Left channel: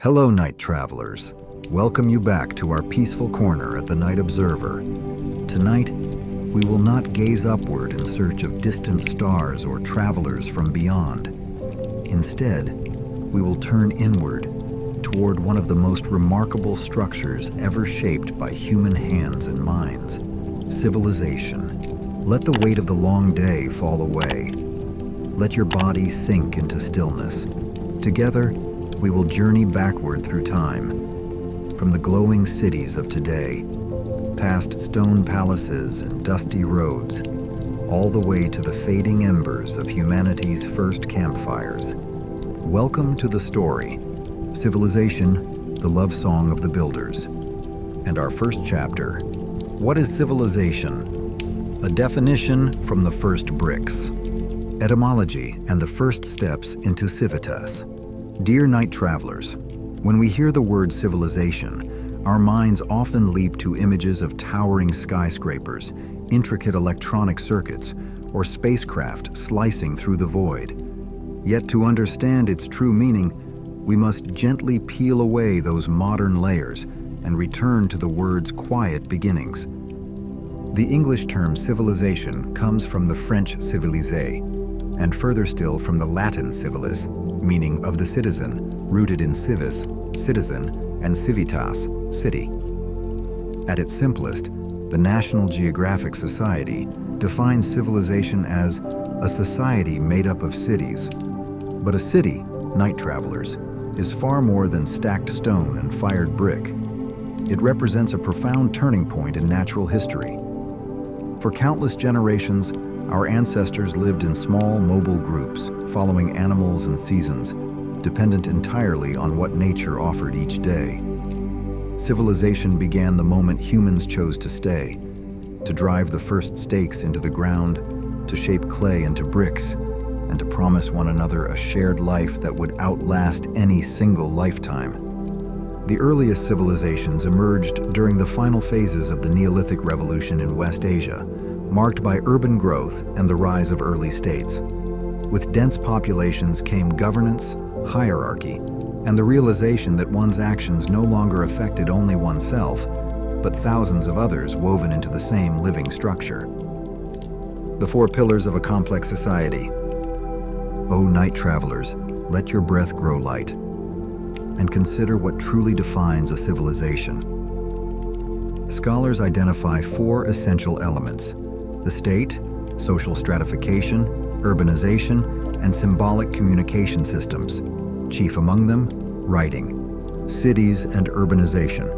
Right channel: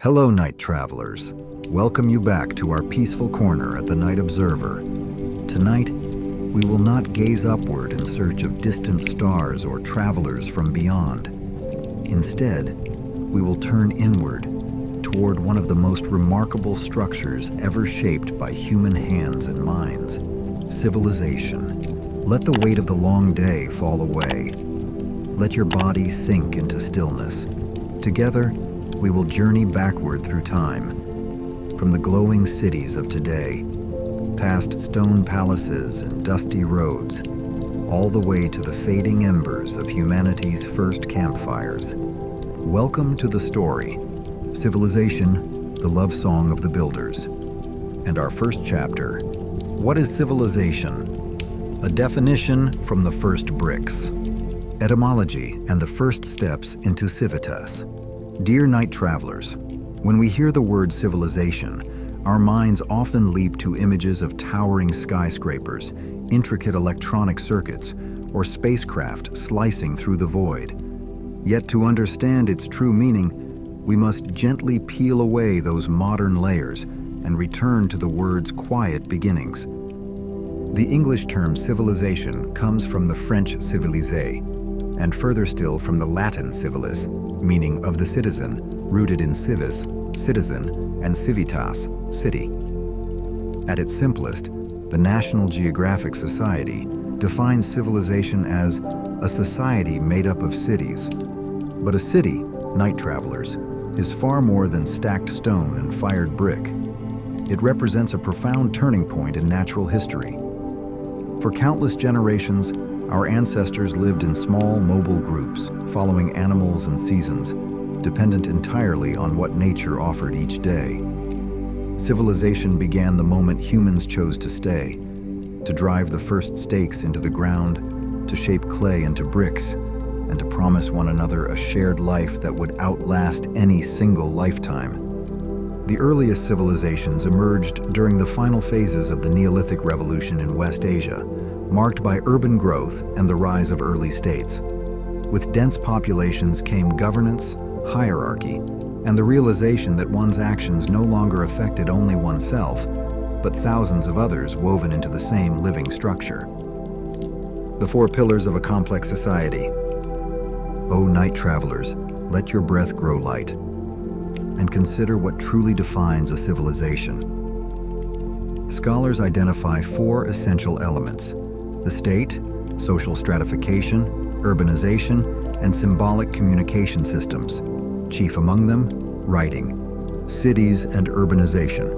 Hello, night travelers. Welcome you back to our peaceful corner at the Night Observer. Tonight, we will not gaze upward in search of distant stars or travelers from beyond. Instead, we will turn inward toward one of the most remarkable structures ever shaped by human hands and minds: civilization. Let the weight of the long day fall away. Let your body sink into stillness. Together, we will journey backward through time, from the glowing cities of today, past stone palaces and dusty roads, all the way to the fading embers of humanity's first campfires. Welcome to the story, Civilization, the Love Song of the Builders. And our first chapter, What is Civilization? A definition from the first bricks. Etymology and the first steps into civitas. Dear night travelers, when we hear the word civilization, our minds often leap to images of towering skyscrapers, intricate electronic circuits, or spacecraft slicing through the void. Yet to understand its true meaning, we must gently peel away those modern layers and return to the word's quiet beginnings. The English term civilization comes from the French civiliser, and further still from the Latin civilis, meaning of the citizen, rooted in civis, citizen, and civitas, city. At its simplest, the National Geographic Society defines civilization as a society made up of cities. But a city, night travelers, is far more than stacked stone and fired brick. It represents a profound turning point in natural history. For countless generations, our ancestors lived in small, mobile groups, following animals and seasons, dependent entirely on what nature offered each day. Civilization began the moment humans chose to stay, to drive the first stakes into the ground, to shape clay into bricks, and to promise one another a shared life that would outlast any single lifetime. The earliest civilizations emerged during the final phases of the Neolithic Revolution in West Asia, marked by urban growth and the rise of early states. With dense populations came governance, hierarchy, and the realization that one's actions no longer affected only oneself, but thousands of others woven into the same living structure. The four pillars of a complex society. O night travelers, let your breath grow light, and consider what truly defines a civilization. Scholars identify four essential elements: the state, social stratification, urbanization, and symbolic communication systems. Chief among them, writing. Cities and urbanization.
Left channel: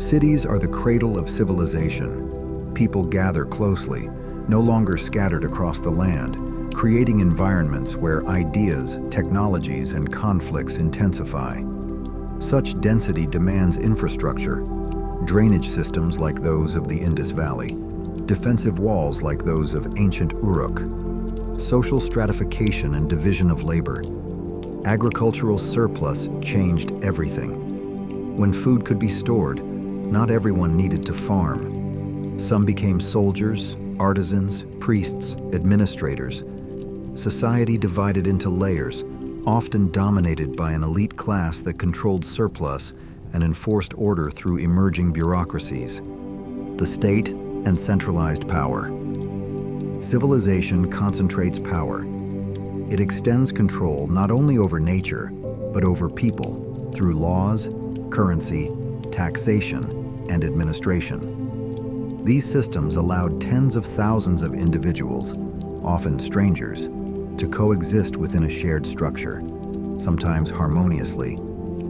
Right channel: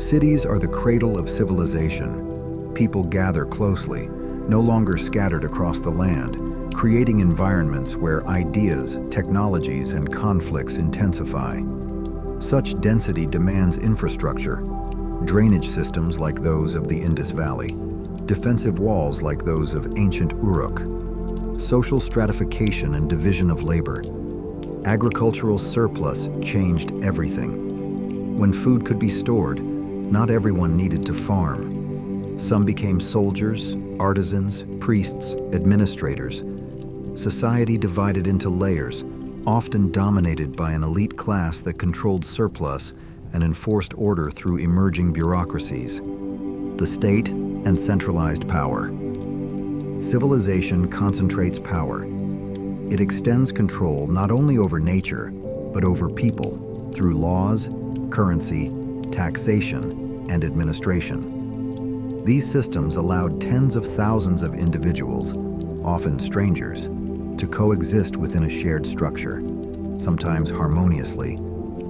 Cities are the cradle of civilization. People gather closely, no longer scattered across the land, creating environments where ideas, technologies, and conflicts intensify. Such density demands infrastructure, drainage systems like those of the Indus Valley, defensive walls like those of ancient Uruk, social stratification and division of labor. Agricultural surplus changed everything. When food could be stored, not everyone needed to farm. Some became soldiers, artisans, priests, administrators. Society divided into layers, often dominated by an elite class that controlled surplus and enforced order through emerging bureaucracies. The state and centralized power. Civilization concentrates power. It extends control not only over nature, but over people through laws, currency, taxation, and administration. These systems allowed tens of thousands of individuals, often strangers, to coexist within a shared structure, sometimes harmoniously,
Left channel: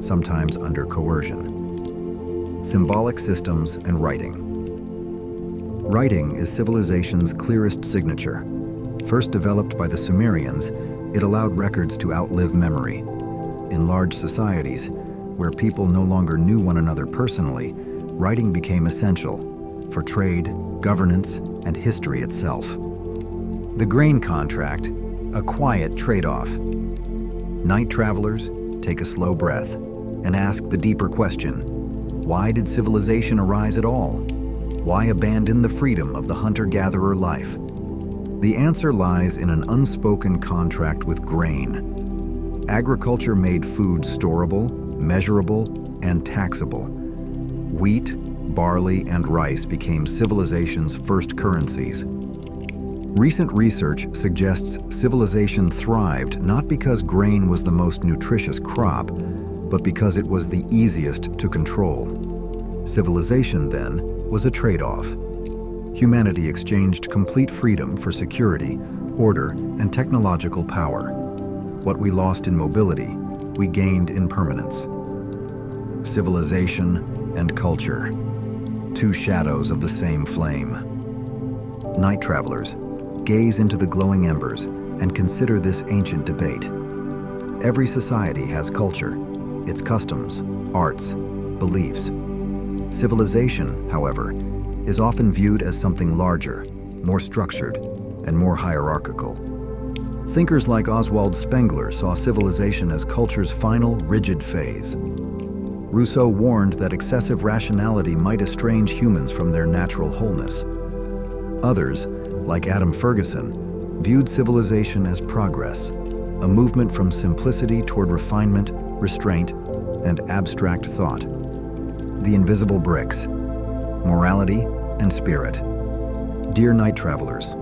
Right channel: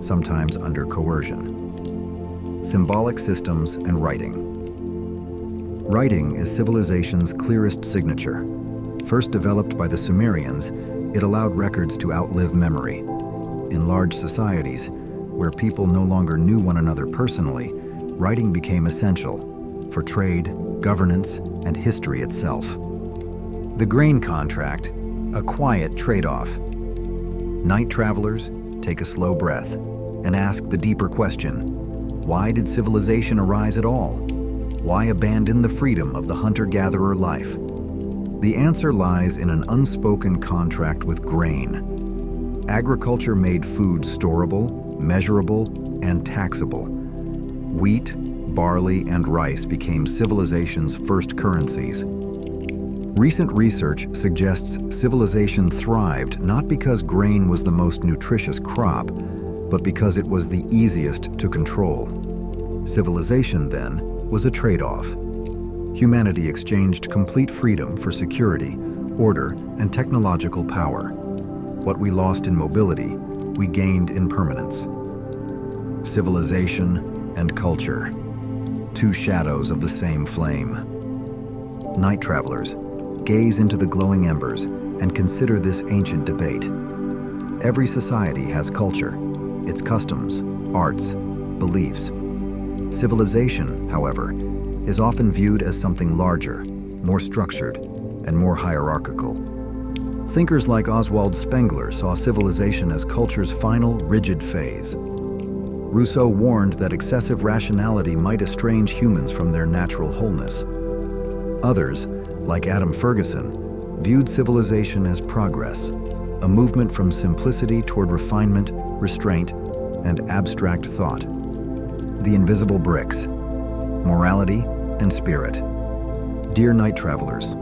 sometimes under coercion. Symbolic systems and writing. Writing is civilization's clearest signature. First developed by the Sumerians, it allowed records to outlive memory. In large societies, where people no longer knew one another personally, writing became essential for trade, governance, and history itself. The grain contract, a quiet trade-off. Night travelers, take a slow breath and ask the deeper question: why did civilization arise at all? Why abandon the freedom of the hunter-gatherer life? The answer lies in an unspoken contract with grain. Agriculture made food storable, measurable and taxable. Wheat, barley, and rice became civilization's first currencies. Recent research suggests civilization thrived not because grain was the most nutritious crop, but because it was the easiest to control. Civilization, then, was a trade-off. Humanity exchanged complete freedom for security, order, and technological power. What we lost in mobility, we gained in permanence. Civilization and culture, two shadows of the same flame. Night travelers, gaze into the glowing embers and consider this ancient debate. Every society has culture, its customs, arts, beliefs. Civilization, however, is often viewed as something larger, more structured, and more hierarchical. Thinkers like Oswald Spengler saw civilization as culture's final, rigid phase. Rousseau warned that excessive rationality might estrange humans from their natural wholeness. Others, like Adam Ferguson, viewed civilization as progress, a movement from simplicity toward refinement, restraint, and abstract thought. The invisible bricks, morality and spirit. Dear night travelers,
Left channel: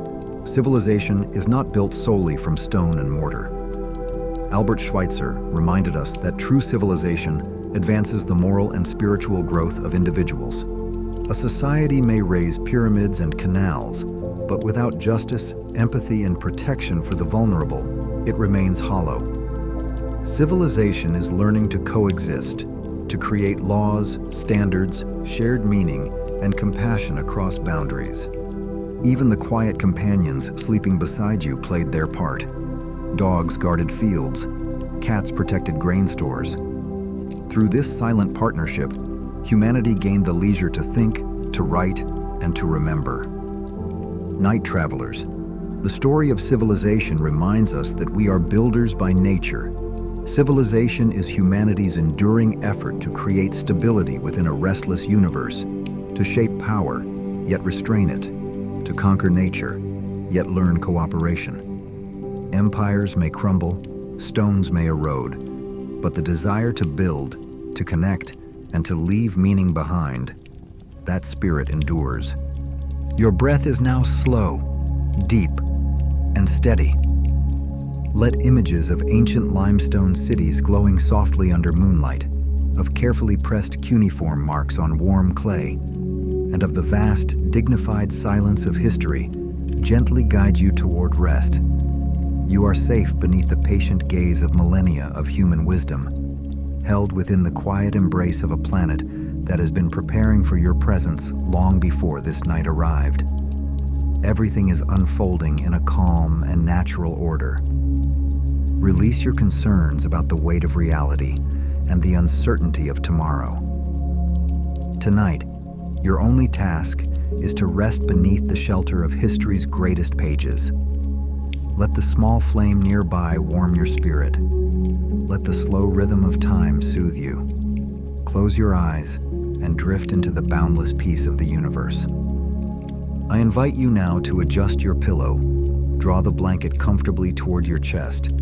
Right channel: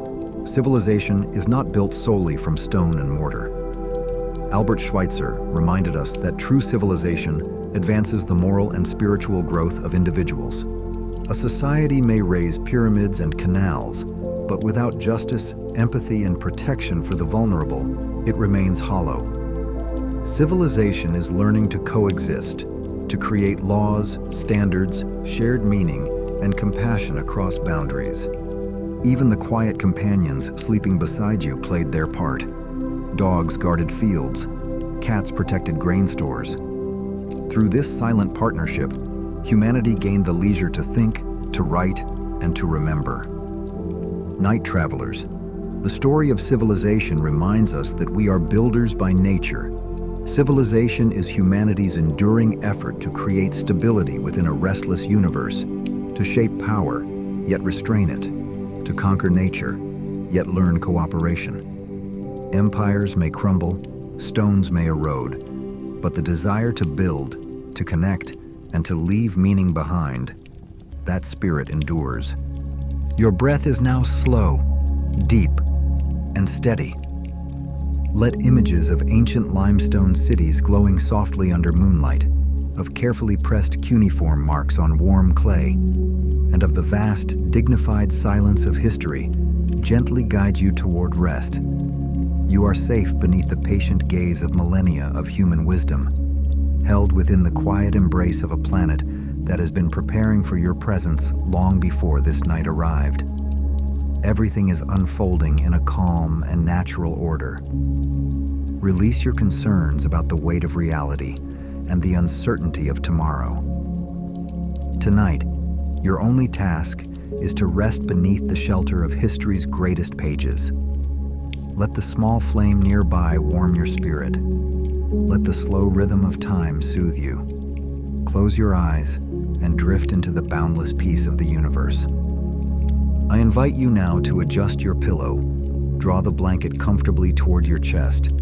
civilization is not built solely from stone and mortar. Albert Schweitzer reminded us that true civilization advances the moral and spiritual growth of individuals. A society may raise pyramids and canals, but without justice, empathy, and protection for the vulnerable, it remains hollow. Civilization is learning to coexist, to create laws, standards, shared meaning, and compassion across boundaries. Even the quiet companions sleeping beside you played their part. Dogs guarded fields, cats protected grain stores. Through this silent partnership, humanity gained the leisure to think, to write, and to remember. Night travelers, the story of civilization reminds us that we are builders by nature. Civilization is humanity's enduring effort to create stability within a restless universe, to shape power, yet restrain it, to conquer nature, yet learn cooperation. Empires may crumble, stones may erode, but the desire to build, to connect, and to leave meaning behind, that spirit endures. Your breath is now slow, deep, and steady. Let images of ancient limestone cities glowing softly under moonlight, of carefully pressed cuneiform marks on warm clay, and of the vast, dignified silence of history gently guide you toward rest. You are safe beneath the patient gaze of millennia of human wisdom, held within the quiet embrace of a planet that has been preparing for your presence long before this night arrived. Everything is unfolding in a calm and natural order. Release your concerns about the weight of reality and the uncertainty of tomorrow. Tonight, your only task is to rest beneath the shelter of history's greatest pages. Let the small flame nearby warm your spirit. Let the slow rhythm of time soothe you. Close your eyes and drift into the boundless peace of the universe. I invite you now to adjust your pillow, draw the blanket comfortably toward your chest,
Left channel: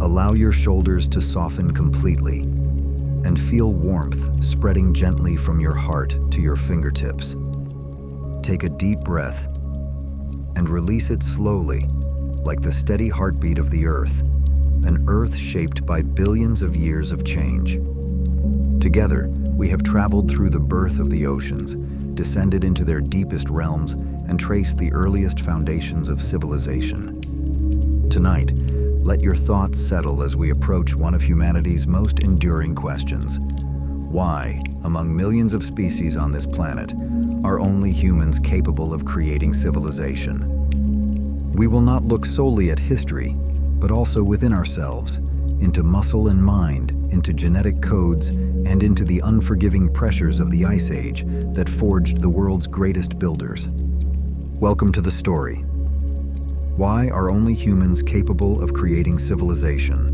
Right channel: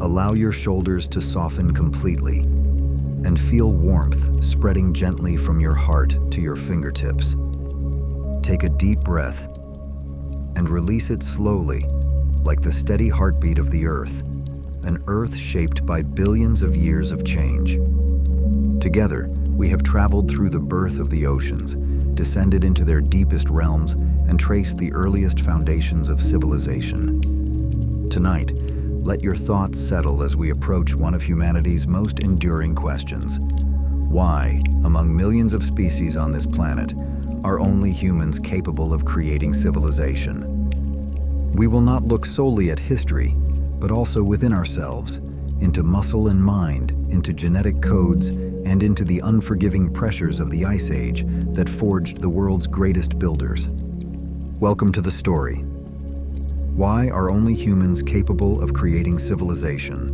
allow your shoulders to soften completely, and feel warmth spreading gently from your heart to your fingertips. Take a deep breath and release it slowly, like the steady heartbeat of the earth, an earth shaped by billions of years of change. Together, we have traveled through the birth of the oceans, descended into their deepest realms, and traced the earliest foundations of civilization. Tonight, let your thoughts settle as we approach one of humanity's most enduring questions. Why, among millions of species on this planet, are only humans capable of creating civilization? We will not look solely at history, but also within ourselves, into muscle and mind, into genetic codes, and into the unforgiving pressures of the Ice Age that forged the world's greatest builders. Welcome to the story. Why are only humans capable of creating civilization?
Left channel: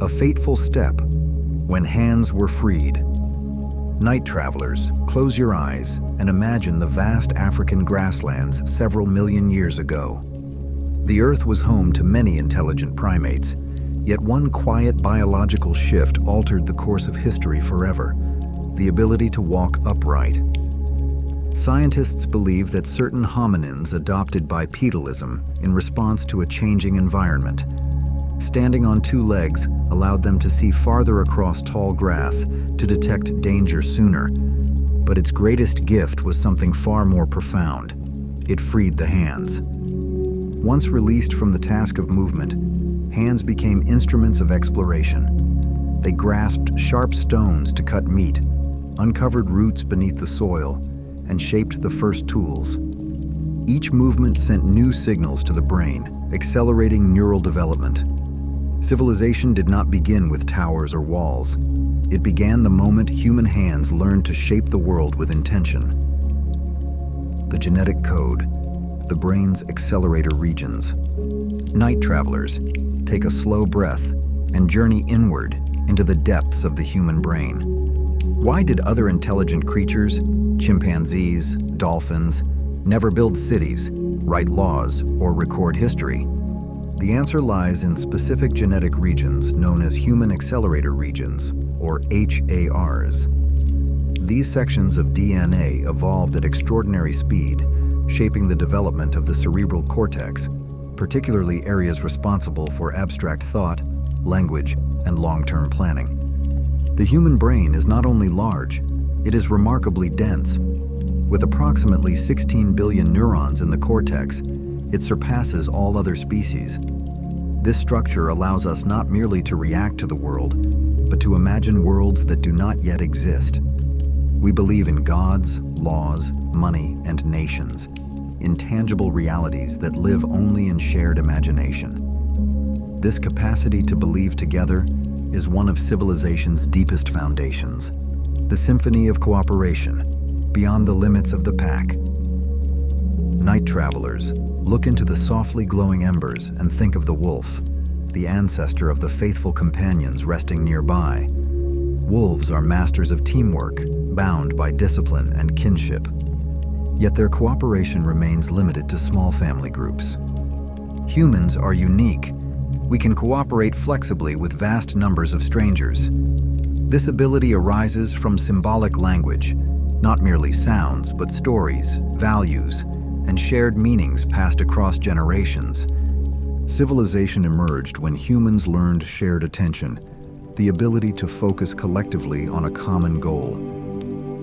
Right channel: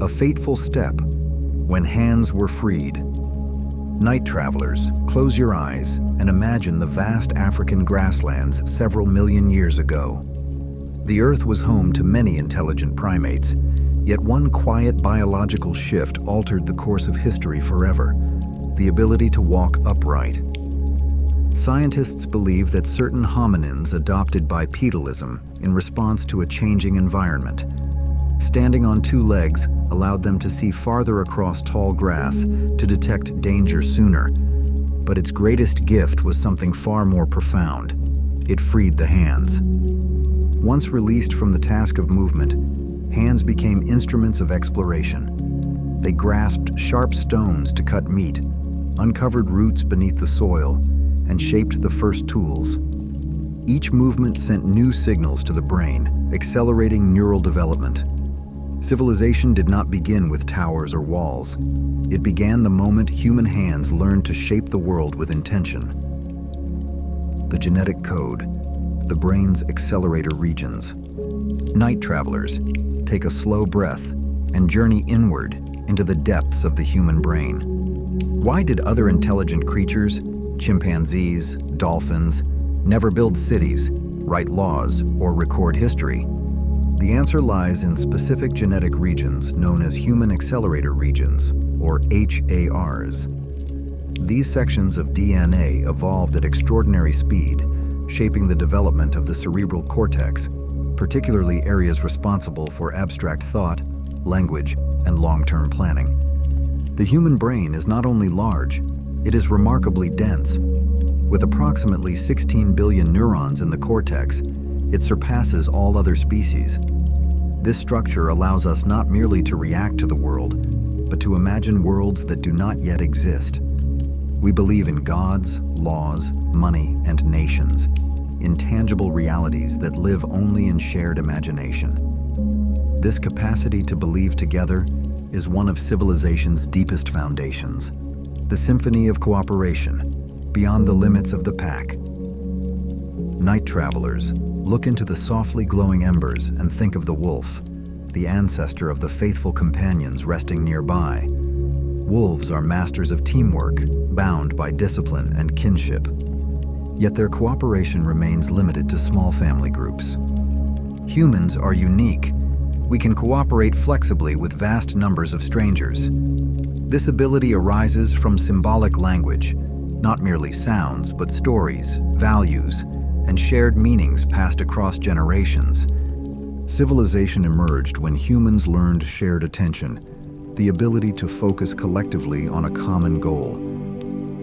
A fateful step, when hands were freed. Night travelers, close your eyes and imagine the vast African grasslands several million years ago. The Earth was home to many intelligent primates, Yet one quiet biological shift altered the course of history forever: the ability to walk upright. Scientists believe that certain hominins adopted bipedalism in response to a changing environment. Standing on two legs allowed them to see farther across tall grass, to detect danger sooner. But its greatest gift was something far more profound. It freed the hands. Once released from the task of movement, hands became instruments of exploration. They grasped sharp stones to cut meat, uncovered roots beneath the soil, and shaped the first tools. Each movement sent new signals to the brain, accelerating neural development. Civilization did not begin with towers or walls. It began the moment human hands learned to shape the world with intention. The genetic code, the brain's accelerator regions. Night travelers, take a slow breath and journey inward into the depths of the human brain. Why did other intelligent creatures, chimpanzees, dolphins, never build cities, write laws, or record history? The answer lies in specific genetic regions known as human accelerator regions, or HARs. These sections of DNA evolved at extraordinary speed, shaping the development of the cerebral cortex, particularly areas responsible for abstract thought, language, and long-term planning. The human brain is not only large, it is remarkably dense. With approximately 16 billion neurons in the cortex, it surpasses all other species. This structure allows us not merely to react to the world, but to imagine worlds that do not yet exist. We believe in gods, laws, money, and nations, intangible realities that live only in shared imagination. This capacity to believe together is one of civilization's deepest foundations, the symphony of cooperation, beyond the limits of the pack. Night travelers, look into the softly glowing embers and think of the wolf, the ancestor of the faithful companions resting nearby. Wolves are masters of teamwork, bound by discipline and kinship. Yet their cooperation remains limited to small family groups. Humans are unique. We can cooperate flexibly with vast numbers of strangers. This ability arises from symbolic language, not merely sounds, but stories, values, and shared meanings passed across generations. Civilization emerged when humans learned shared attention, the ability to focus collectively on a common goal.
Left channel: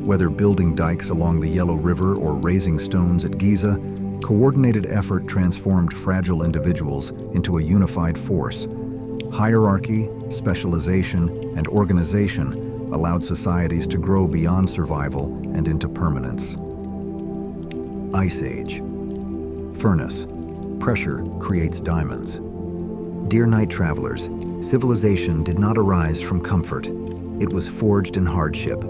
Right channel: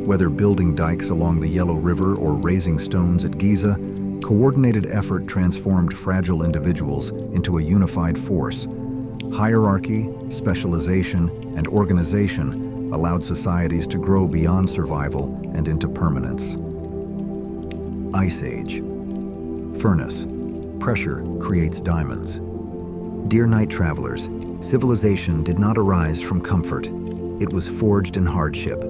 Whether building dikes along the Yellow River or raising stones at Giza, coordinated effort transformed fragile individuals into a unified force. Hierarchy, specialization, and organization allowed societies to grow beyond survival and into permanence. Ice Age. Furnace. Pressure creates diamonds. Dear night travelers, civilization did not arise from comfort. It was forged in hardship.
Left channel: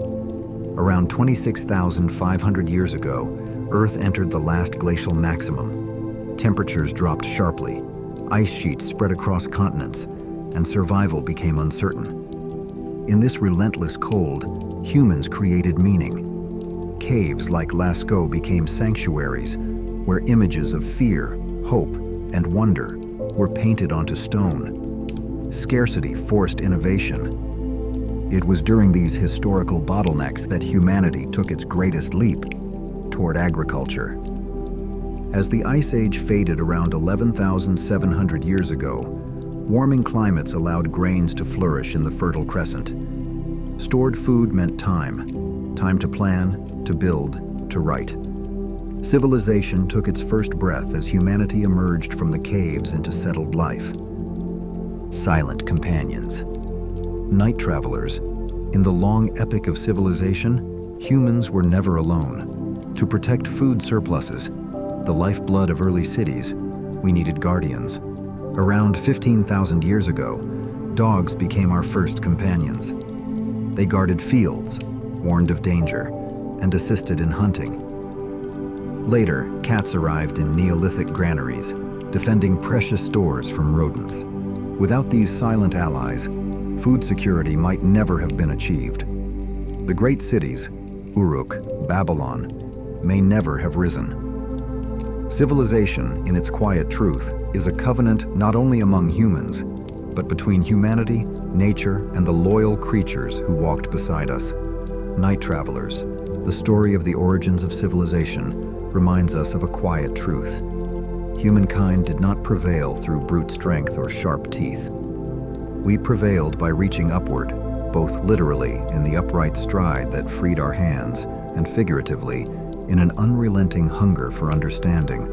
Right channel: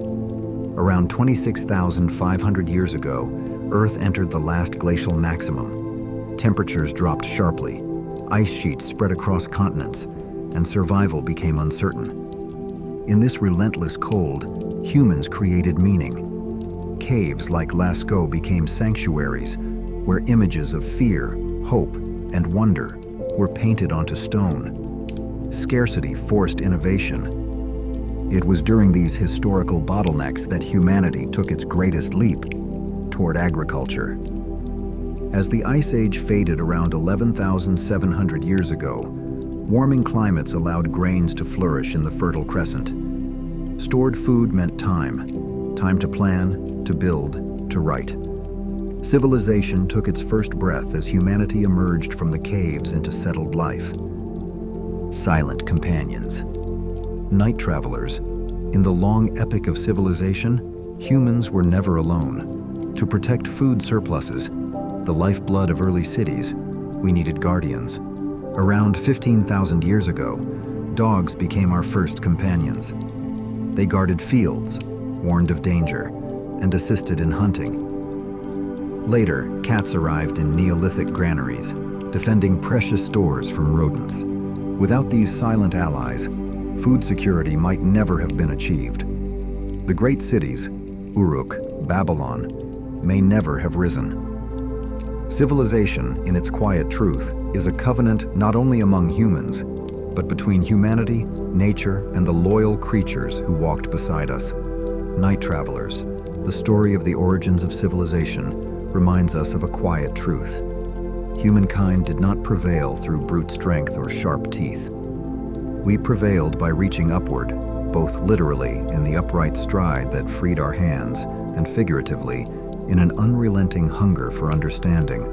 Around 26,500 years ago, Earth entered the last glacial maximum. Temperatures dropped sharply, ice sheets spread across continents, and survival became uncertain. In this relentless cold, humans created meaning. Caves like Lascaux became sanctuaries, where images of fear, hope, and wonder were painted onto stone. Scarcity forced innovation. It was during these historical bottlenecks that humanity took its greatest leap toward agriculture. As the Ice Age faded around 11,700 years ago, warming climates allowed grains to flourish in the Fertile Crescent. Stored food meant time to plan, to build, to write. Civilization took its first breath as humanity emerged from the caves into settled life. Silent companions. Night travelers. In the long epic of civilization, humans were never alone. To protect food surpluses, the lifeblood of early cities, we needed guardians. Around 15,000 years ago, dogs became our first companions. They guarded fields, warned of danger, and assisted in hunting. Later, cats arrived in Neolithic granaries, defending precious stores from rodents. Without these silent allies, food security might never have been achieved. The great cities, Uruk, Babylon, may never have risen. Civilization, in its quiet truth, is a covenant not only among humans, but between humanity, nature, and the loyal creatures who walked beside us. Night Travelers, the story of the origins of civilization, reminds us of a quiet truth. Humankind did not prevail through brute strength or sharp teeth. We prevailed by reaching upward, both literally in the upright stride that freed our hands, and figuratively in an unrelenting hunger for understanding.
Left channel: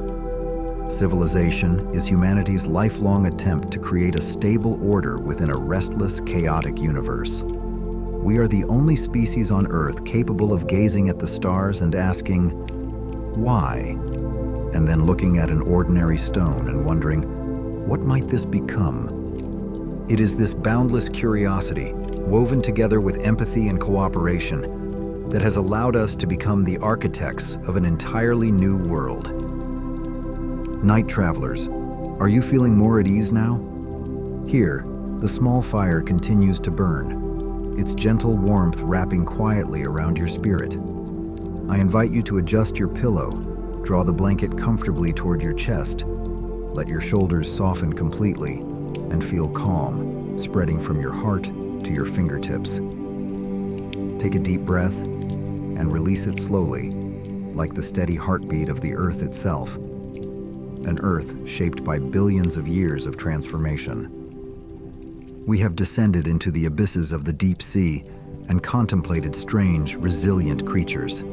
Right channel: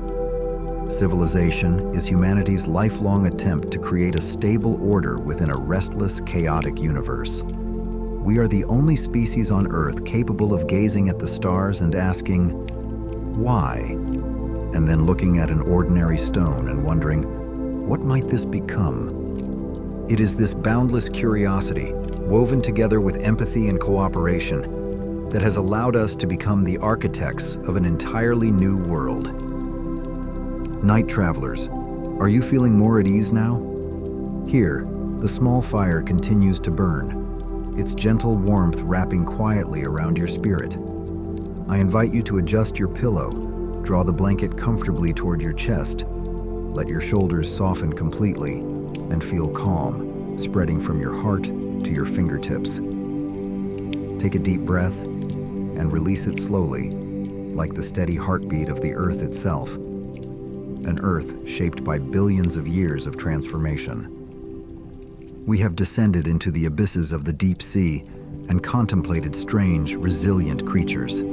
Civilization is humanity's lifelong attempt to create a stable order within a restless, chaotic universe. We are the only species on Earth capable of gazing at the stars and asking, why? And then looking at an ordinary stone and wondering, what might this become? It is this boundless curiosity, woven together with empathy and cooperation, that has allowed us to become the architects of an entirely new world. Night Travelers, are you feeling more at ease now? Here, the small fire continues to burn, its gentle warmth wrapping quietly around your spirit. I invite you to adjust your pillow, draw the blanket comfortably toward your chest, let your shoulders soften completely, and feel calm, spreading from your heart to your fingertips. Take a deep breath and release it slowly, like the steady heartbeat of the Earth itself, an Earth shaped by billions of years of transformation. We have descended into the abysses of the deep sea and contemplated strange, resilient creatures.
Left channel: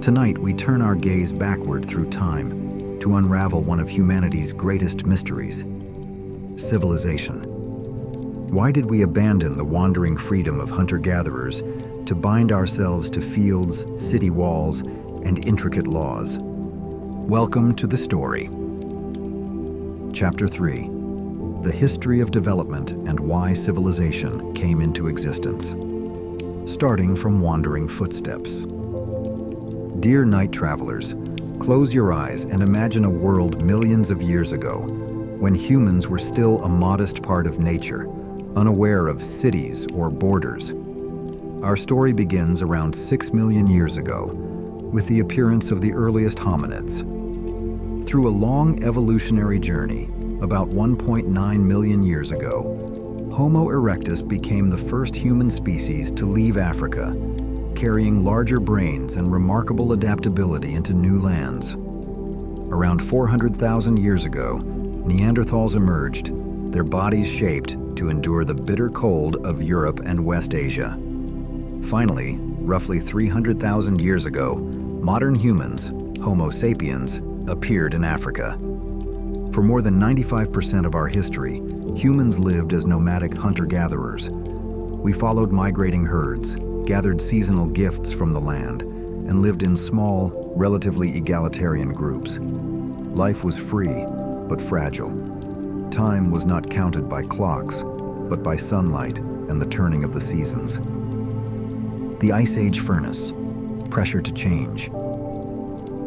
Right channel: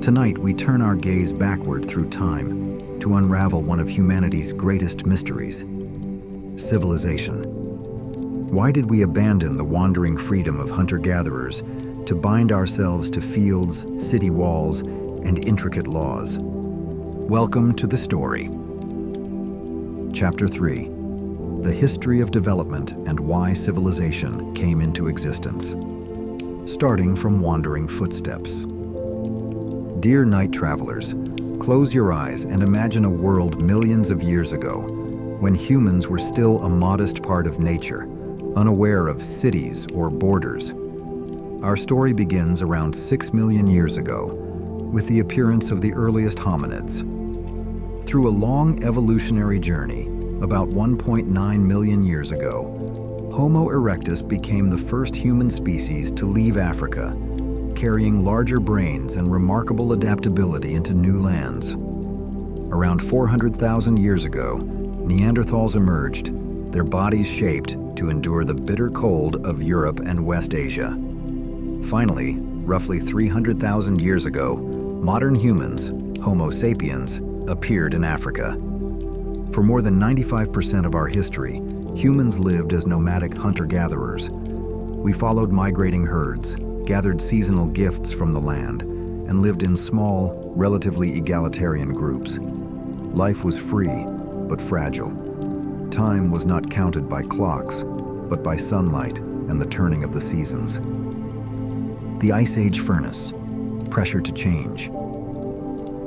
Tonight, we turn our gaze backward through time to unravel one of humanity's greatest mysteries: civilization. Why did we abandon the wandering freedom of hunter-gatherers to bind ourselves to fields, city walls, and intricate laws? Welcome to the story. Chapter 3: The History of Development and Why Civilization Came into Existence. Starting from wandering footsteps. Dear Night Travelers, close your eyes and imagine a world millions of years ago, when humans were still a modest part of nature, unaware of cities or borders. Our story begins around 6 million years ago, with the appearance of the earliest hominids. Through a long evolutionary journey, about 1.9 million years ago, Homo erectus became the first human species to leave Africa, carrying larger brains and remarkable adaptability into new lands. Around 400,000 years ago, Neanderthals emerged, their bodies shaped to endure the bitter cold of Europe and West Asia. Finally, roughly 300,000 years ago, modern humans, Homo sapiens, appeared in Africa. For more than 95% of our history, humans lived as nomadic hunter-gatherers. We followed migrating herds, gathered seasonal gifts from the land, and lived in small, relatively egalitarian groups. Life was free, but fragile. Time was not counted by clocks, but by sunlight and the turning of the seasons. The Ice Age furnace, pressure to change.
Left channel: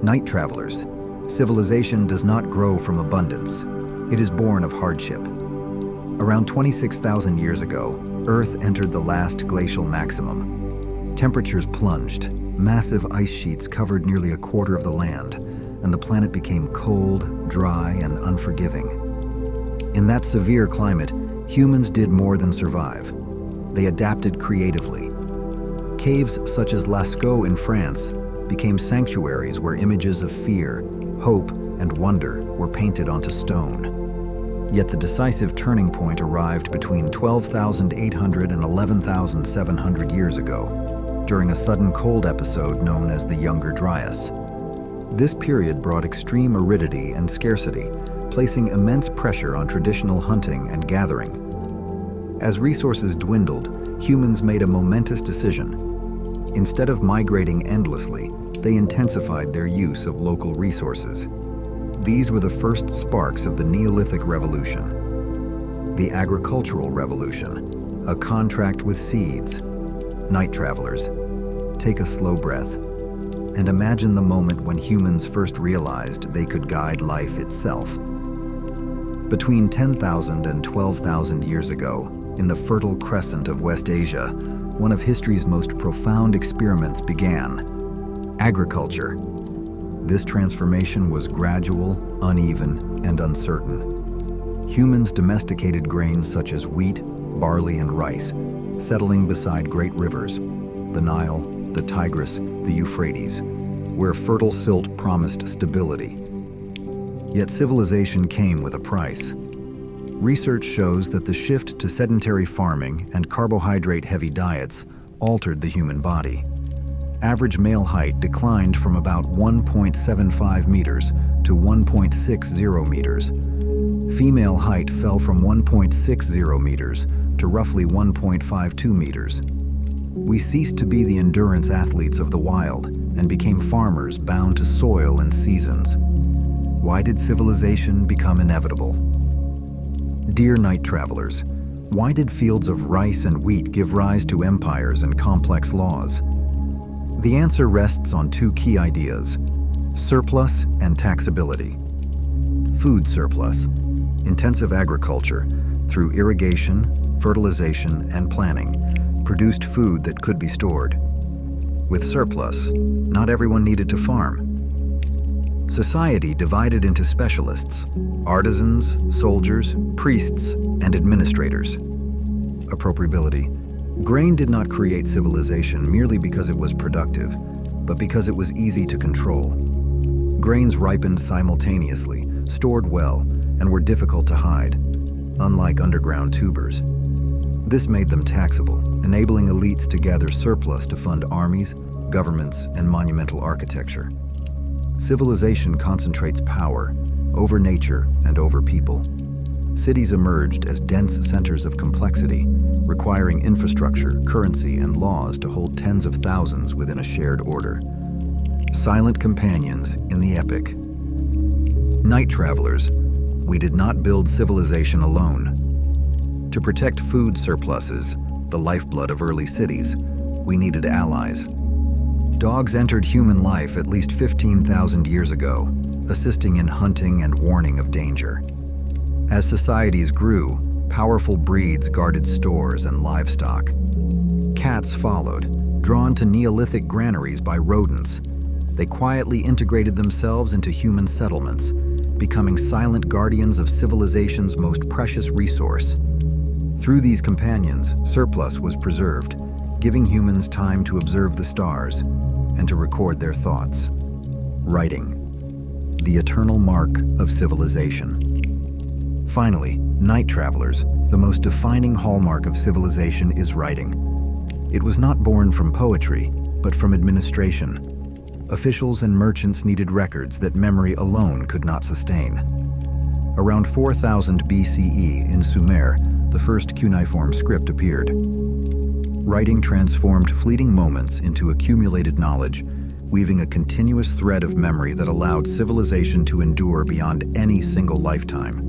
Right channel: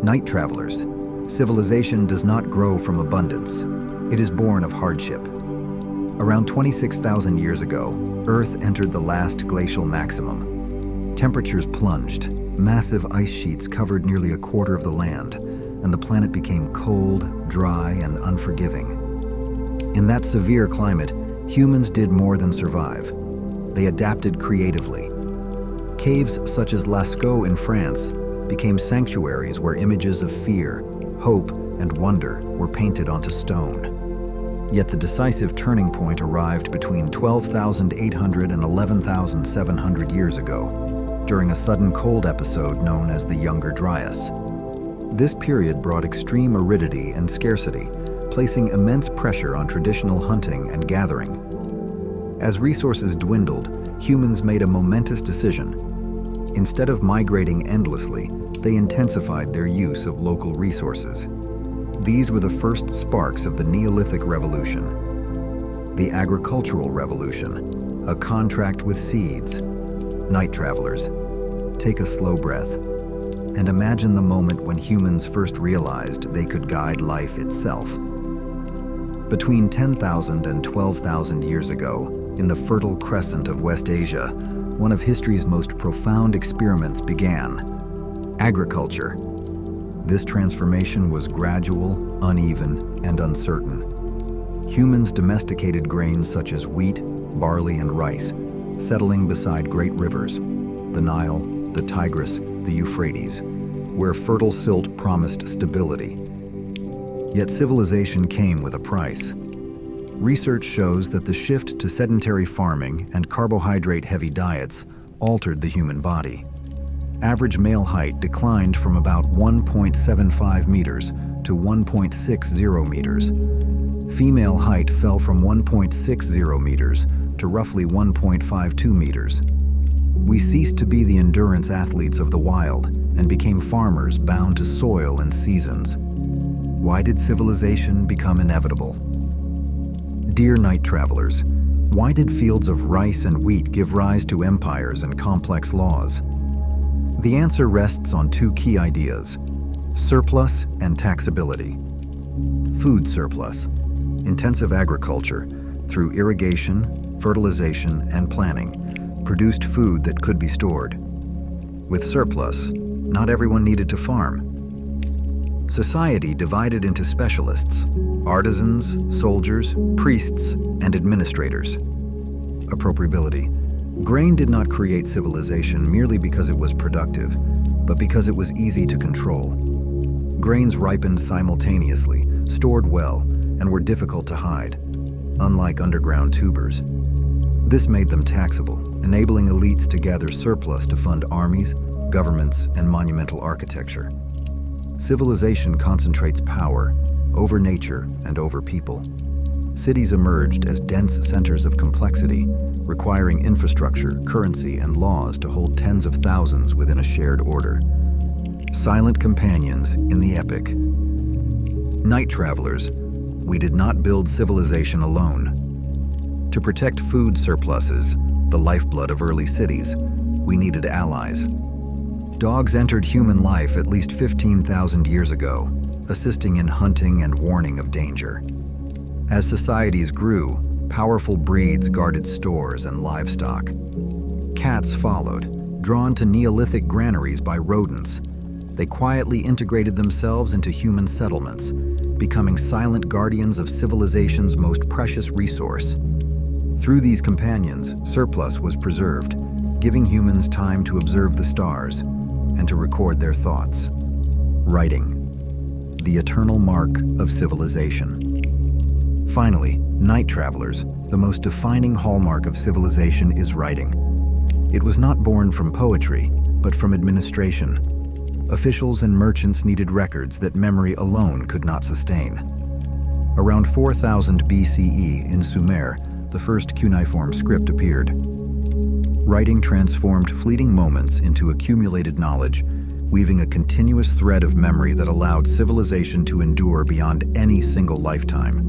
Night Travelers, civilization does not grow from abundance. It is born of hardship. Around 26,000 years ago, Earth entered the last glacial maximum. Temperatures plunged, massive ice sheets covered nearly a quarter of the land, and the planet became cold, dry, and unforgiving. In that severe climate, humans did more than survive. They adapted creatively. Caves such as Lascaux in France became sanctuaries where images of fear, hope, and wonder were painted onto stone. Yet the decisive turning point arrived between 12,800 and 11,700 years ago, during a sudden cold episode known as the Younger Dryas. This period brought extreme aridity and scarcity, placing immense pressure on traditional hunting and gathering. As resources dwindled, humans made a momentous decision. Instead of migrating endlessly, they intensified their use of local resources. These were the first sparks of the Neolithic Revolution. The Agricultural Revolution, a contract with seeds. Night Travelers, take a slow breath and imagine the moment when humans first realized they could guide life itself. Between 10,000 and 12,000 years ago, in the Fertile Crescent of West Asia, one of history's most profound experiments began: agriculture. This transformation was gradual, uneven, and uncertain. humans domesticated grains such as wheat, barley, and rice, settling beside great rivers, the Nile, the Tigris, the Euphrates, where fertile silt promised stability. Yet civilization came with a price. Research shows that the shift to sedentary farming and carbohydrate-heavy diets altered the human body. Average male height declined from about 1.75 meters to 1.60 meters. Female height fell from 1.60 meters to roughly 1.52 meters. We ceased to be the endurance athletes of the wild and became farmers bound to soil and seasons. Why did civilization become inevitable? Dear night travelers, why did fields of rice and wheat give rise to empires and complex laws? The answer rests on two key ideas: surplus and taxability. Food surplus. Intensive agriculture, through irrigation, fertilization, and planning, produced food that could be stored. With surplus, not everyone needed to farm. Society divided into specialists: artisans, soldiers, priests, and administrators. Appropriability. Grain did not create civilization merely because it was productive, but because it was easy to control. Grains ripened simultaneously, stored well, and were difficult to hide, unlike underground tubers. This made them taxable, enabling elites to gather surplus to fund armies, governments, and monumental architecture. Civilization concentrates power over nature and over people. Cities emerged as dense centers of complexity, requiring infrastructure, currency, and laws to hold tens of thousands within a shared order. Silent companions in the epic. Night travelers, we did not build civilization alone. To protect food surpluses, the lifeblood of early cities, we needed allies. Dogs entered human life at least 15,000 years ago, assisting in hunting and warning of danger. As societies grew, powerful breeds guarded stores and livestock. Cats followed, drawn to Neolithic granaries by rodents. They quietly integrated themselves into human settlements, becoming silent guardians of civilization's most precious resource. Through these companions, surplus was preserved, giving humans time to observe the stars and to record their thoughts. Writing, the eternal mark of civilization. Finally, night travelers, the most defining hallmark of civilization is writing. It was not born from poetry, but from administration. Officials and merchants needed records that memory alone could not sustain. Around 4000 BCE in Sumer, the first cuneiform script appeared. Writing transformed fleeting moments into accumulated knowledge, weaving a continuous thread of memory that allowed civilization to endure beyond any single lifetime.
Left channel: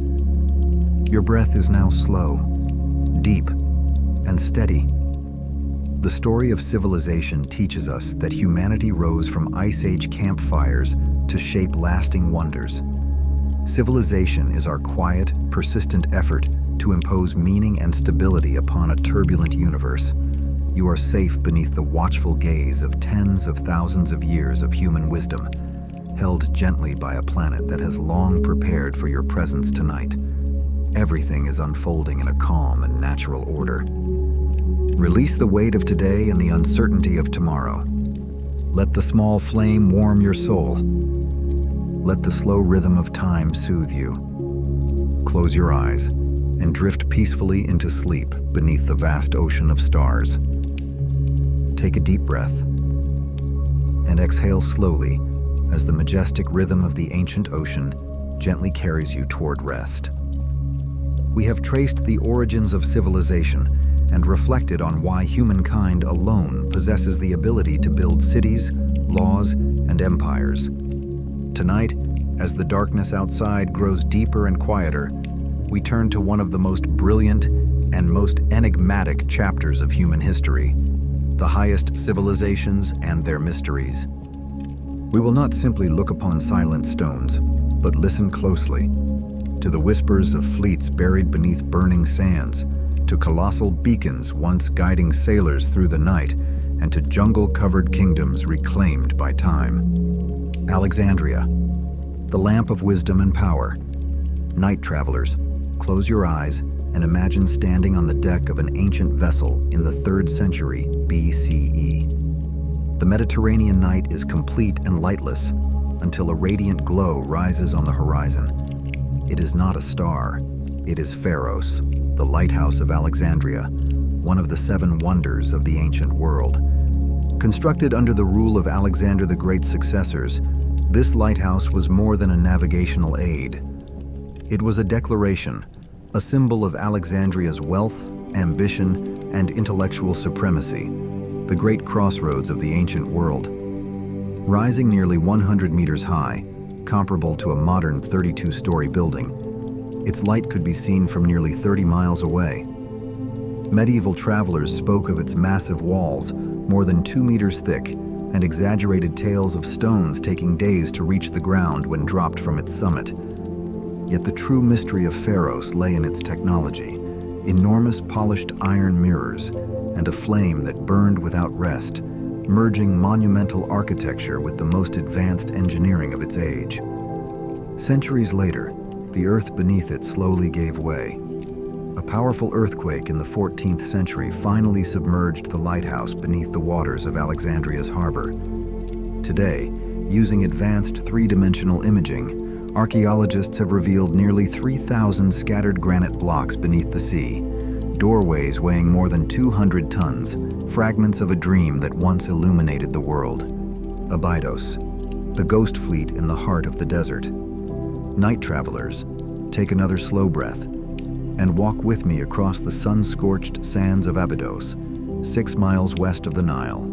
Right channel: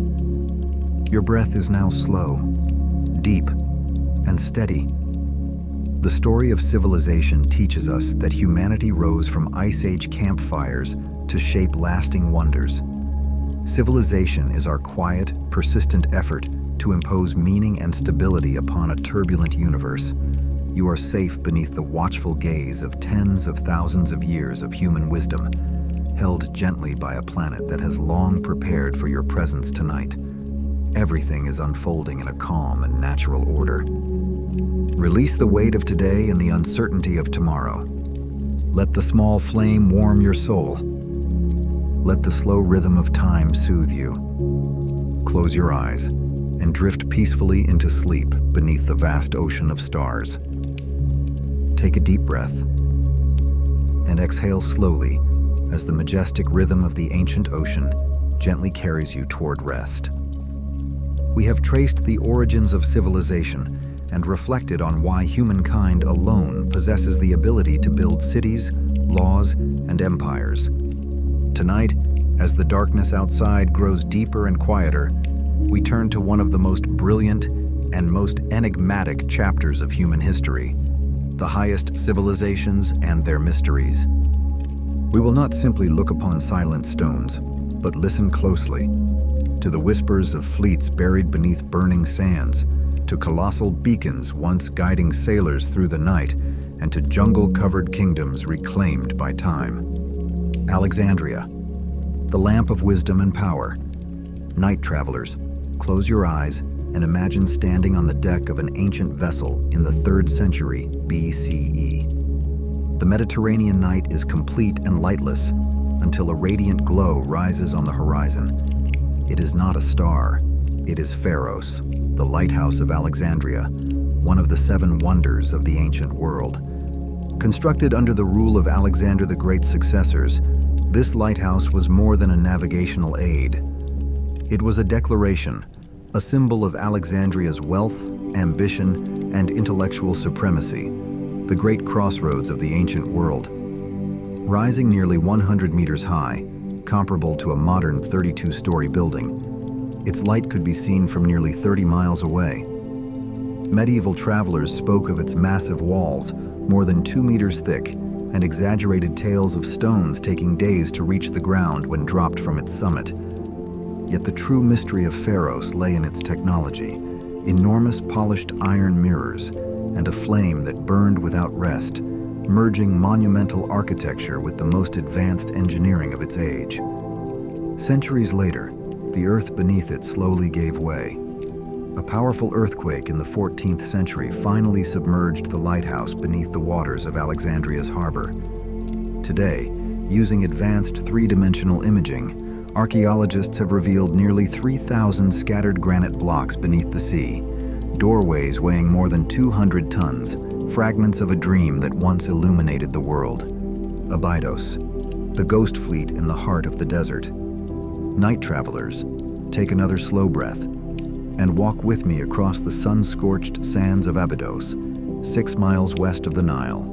Your breath is now slow, deep, and steady. The story of civilization teaches us that humanity rose from Ice Age campfires to shape lasting wonders. Civilization is our quiet, persistent effort to impose meaning and stability upon a turbulent universe. You are safe beneath the watchful gaze of tens of thousands of years of human wisdom, held gently by a planet that has long prepared for your presence tonight. Everything is unfolding in a calm and natural order. Release the weight of today and the uncertainty of tomorrow. Let the small flame warm your soul. Let the slow rhythm of time soothe you. Close your eyes and drift peacefully into sleep beneath the vast ocean of stars. Take a deep breath and exhale slowly as the majestic rhythm of the ancient ocean gently carries you toward rest. We have traced the origins of civilization and reflected on why humankind alone possesses the ability to build cities, laws, and empires. Tonight, as the darkness outside grows deeper and quieter, we turn to one of the most brilliant and most enigmatic chapters of human history, the highest civilizations and their mysteries. We will not simply look upon silent stones, but listen closely to the whispers of fleets buried beneath burning sands, to colossal beacons once guiding sailors through the night, and to jungle-covered kingdoms reclaimed by time. Alexandria, the lamp of wisdom and power. Night travelers, close your eyes and imagine standing on the deck of an ancient vessel in the 3rd century BCE. The Mediterranean night is complete and lightless until a radiant glow rises on the horizon. It is not a star, it is Pharos, the lighthouse of Alexandria, one of the 7 wonders of the ancient world. Constructed under the rule of Alexander the Great's successors, this lighthouse was more than a navigational aid. It was a declaration, a symbol of Alexandria's wealth, ambition, and intellectual supremacy, the great crossroads of the ancient world. Rising nearly 100 meters high, comparable to a modern 32-story building, its light could be seen from nearly 30 miles away. Medieval travelers spoke of its massive walls, more than 2 meters thick, and exaggerated tales of stones taking days to reach the ground when dropped from its summit. Yet the true mystery of Pharos lay in its technology, enormous polished iron mirrors, and a flame that burned without rest, merging monumental architecture with the most advanced engineering of its age. Centuries later, the earth beneath it slowly gave way. A powerful earthquake in the 14th century finally submerged the lighthouse beneath the waters of Alexandria's harbor. Today, using advanced 3-dimensional imaging, archaeologists have revealed nearly 3,000 scattered granite blocks beneath the sea, doorways weighing more than 200 tons, fragments of a dream that once illuminated the world. Abydos, the ghost fleet in the heart of the desert. Night travelers, take another slow breath and walk with me across the sun-scorched sands of Abydos, 6 miles west of the Nile.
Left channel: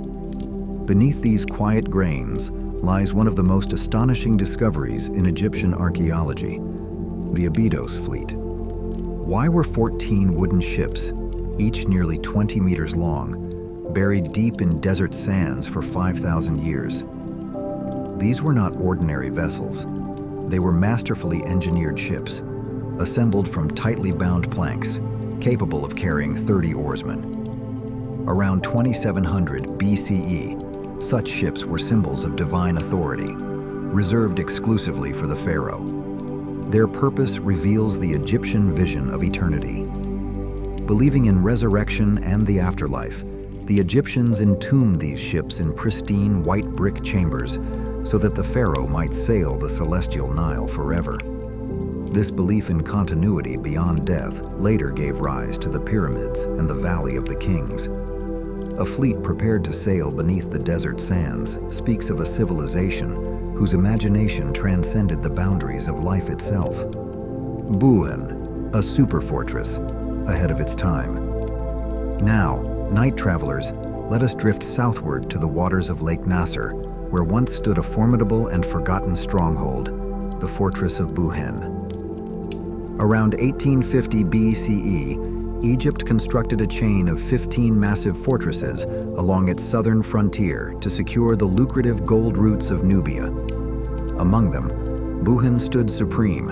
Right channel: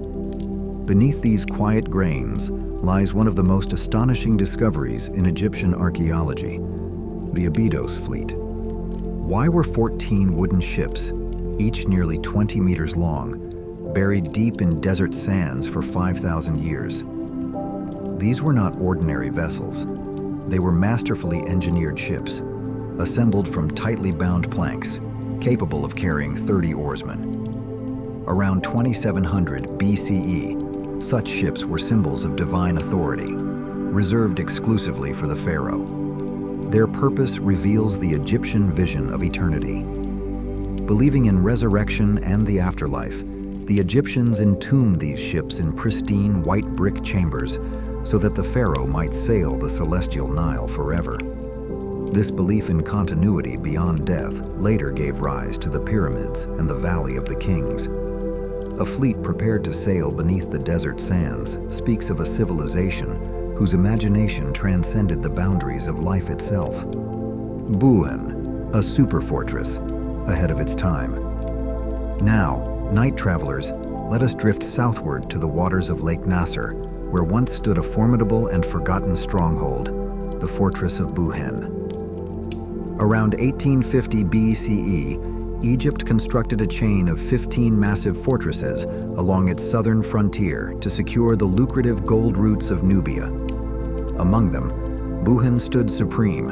Beneath these quiet grains lies one of the most astonishing discoveries in Egyptian archaeology, the Abydos fleet. Why were 14 wooden ships, each nearly 20 meters long, buried deep in desert sands for 5,000 years? These were not ordinary vessels. They were masterfully engineered ships, assembled from tightly bound planks, capable of carrying 30 oarsmen. Around 2700 BCE, such ships were symbols of divine authority, reserved exclusively for the pharaoh. Their purpose reveals the Egyptian vision of eternity. Believing in resurrection and the afterlife, the Egyptians entombed these ships in pristine white brick chambers so that the pharaoh might sail the celestial Nile forever. This belief in continuity beyond death later gave rise to the pyramids and the Valley of the Kings. A fleet prepared to sail beneath the desert sands speaks of a civilization whose imagination transcended the boundaries of life itself. Buin, a super fortress, ahead of its time. Now, night travelers, let us drift southward to the waters of Lake Nasser, where once stood a formidable and forgotten stronghold, the fortress of Buin. Around 1850 BCE, Egypt constructed a chain of 15 massive fortresses along its southern frontier to secure the lucrative gold roots of Nubia. Among them, Buin stood supreme,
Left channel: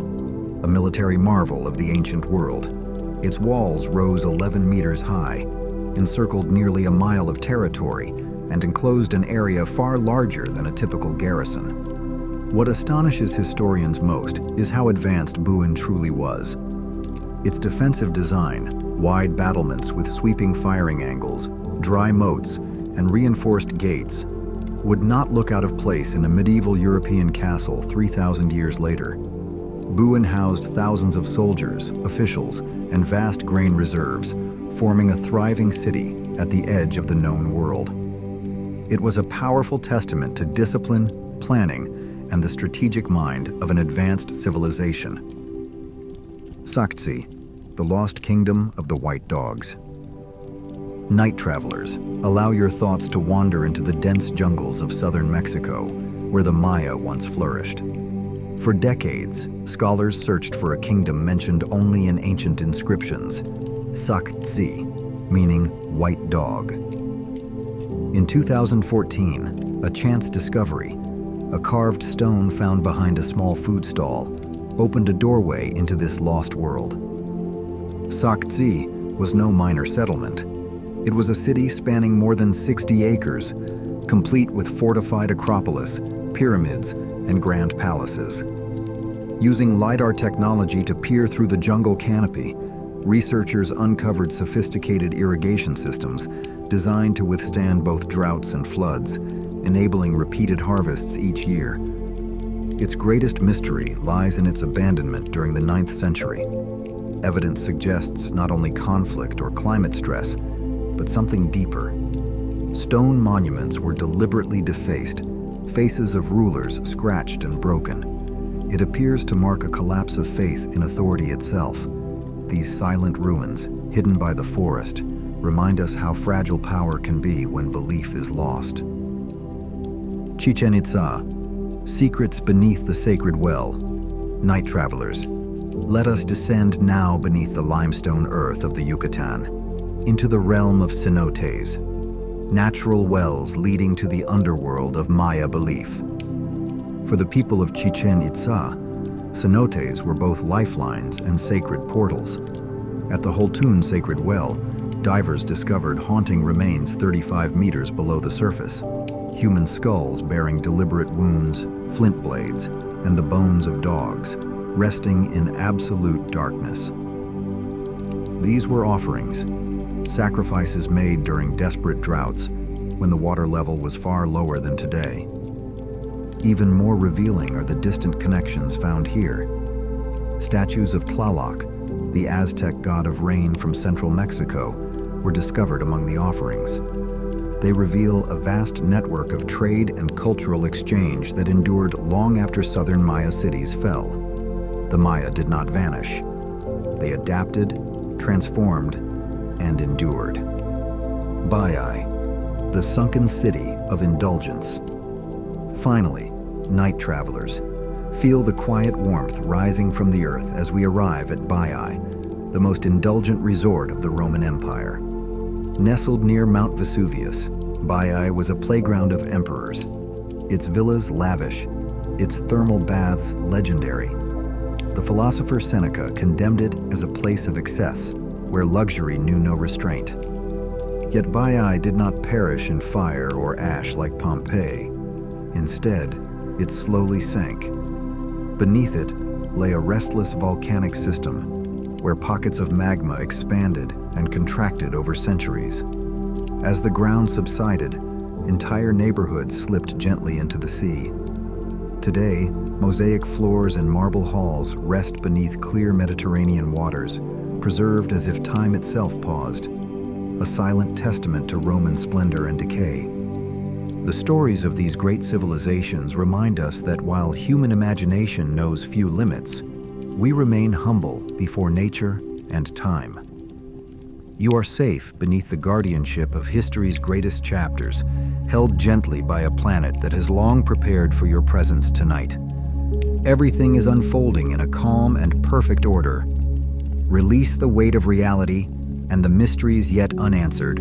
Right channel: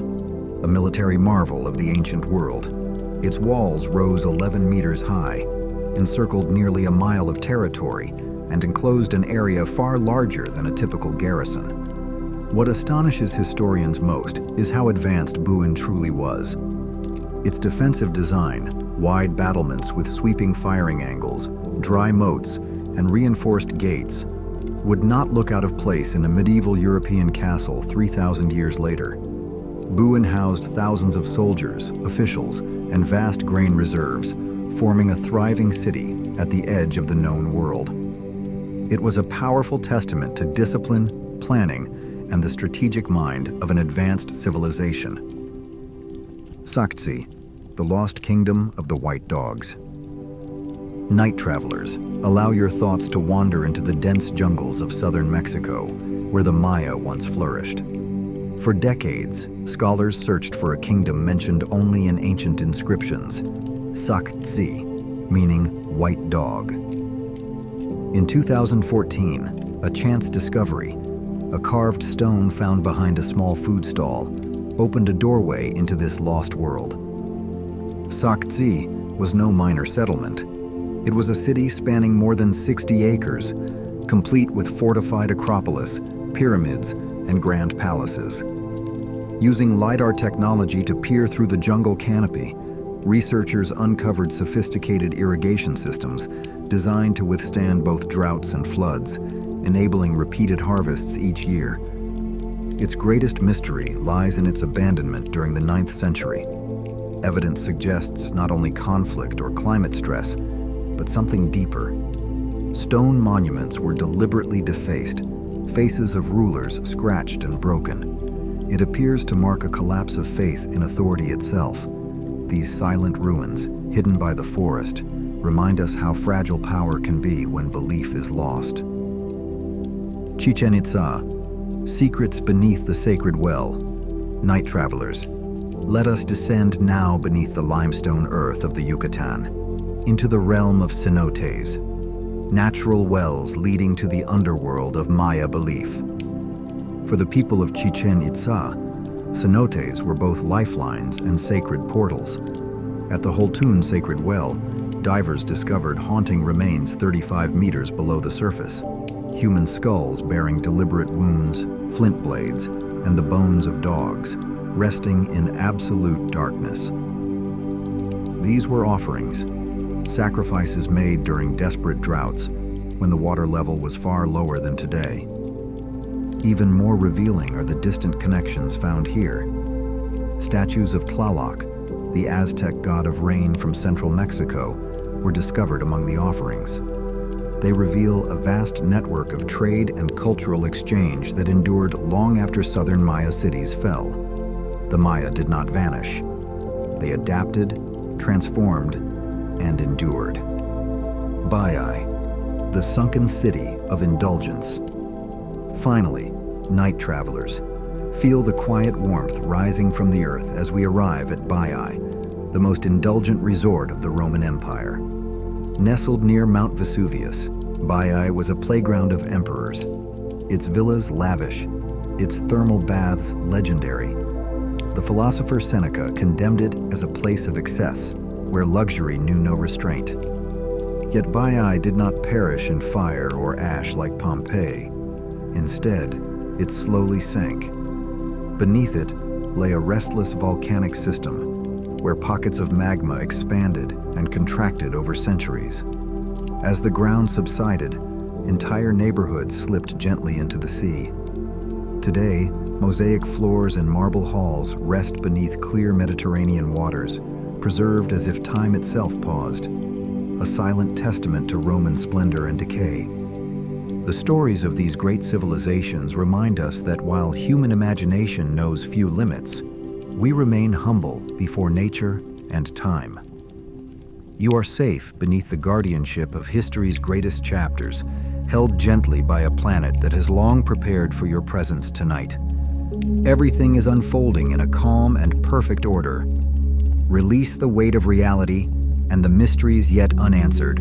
a military marvel of the ancient world. Its walls rose 11 meters high, encircled nearly a mile of territory, and enclosed an area far larger than a typical garrison. What astonishes historians most is how advanced Buin truly was. Its defensive design, wide battlements with sweeping firing angles, dry moats, and reinforced gates, would not look out of place in a medieval European castle 3,000 years later. Buin housed thousands of soldiers, officials, and vast grain reserves, forming a thriving city at the edge of the known world. It was a powerful testament to discipline, planning, and the strategic mind of an advanced civilization. Sakhtsi, the lost kingdom of the white dogs. Night travelers, allow your thoughts to wander into the dense jungles of southern Mexico, where the Maya once flourished. For decades, scholars searched for a kingdom mentioned only in ancient inscriptions, Sakhtsi, meaning white dog. In 2014, a chance discovery, a carved stone found behind a small food stall, opened a doorway into this lost world. Sakhtsi was no minor settlement. It was a city spanning more than 60 acres, complete with fortified acropolis, pyramids, and grand palaces. Using LiDAR technology to peer through the jungle canopy, researchers uncovered sophisticated irrigation systems designed to withstand both droughts and floods, enabling repeated harvests each year. Its greatest mystery lies in its abandonment during the 9th century. Evidence suggests not only conflict or climate stress, but something deeper. Stone monuments were deliberately defaced, faces of rulers scratched and broken. It appears to mark a collapse of faith in authority itself. These silent ruins, hidden by the forest, remind us how fragile power can be when belief is lost. Chichen Itza, secrets beneath the sacred well. Night travelers, let us descend now beneath the limestone earth of the Yucatan, into the realm of cenotes, natural wells leading to the underworld of Maya belief. For the people of Chichen Itza, cenotes were both lifelines and sacred portals. At the Holtun sacred well, divers discovered haunting remains 35 meters below the surface. Human skulls bearing deliberate wounds, flint blades, and the bones of dogs, resting in absolute darkness. These were offerings, sacrifices made during desperate droughts when the water level was far lower than today. Even more revealing are the distant connections found here. Statues of Tlaloc, the Aztec god of rain from central Mexico, were discovered among the offerings. They reveal a vast network of trade and cultural exchange that endured long after southern Maya cities fell. The Maya did not vanish. They adapted, transformed, and endured. Baiai, the sunken city of indulgence. Finally, night travelers, feel the quiet warmth rising from the earth as we arrive at Baiai, the most indulgent resort of the Roman Empire. Nestled near Mount Vesuvius, Baiai was a playground of emperors. Its villas lavish, its thermal baths legendary. The philosopher Seneca condemned it as a place of excess, where luxury knew no restraint. Yet Baiai did not perish in fire or ash like Pompeii. Instead, it slowly sank. Beneath it lay a restless volcanic system, where pockets of magma expanded and contracted over centuries. As the ground subsided, entire neighborhoods slipped gently into the sea. Today, mosaic floors and marble halls rest beneath clear Mediterranean waters, preserved as if time itself paused, a silent testament to Roman splendor and decay. The stories of these great civilizations remind us that while human imagination knows few limits, we remain humble before nature and time. You are safe beneath the guardianship of history's greatest chapters, held gently by a planet that has long prepared for your presence tonight. Everything is unfolding in a calm and perfect order. Release the weight of reality and the mysteries yet unanswered.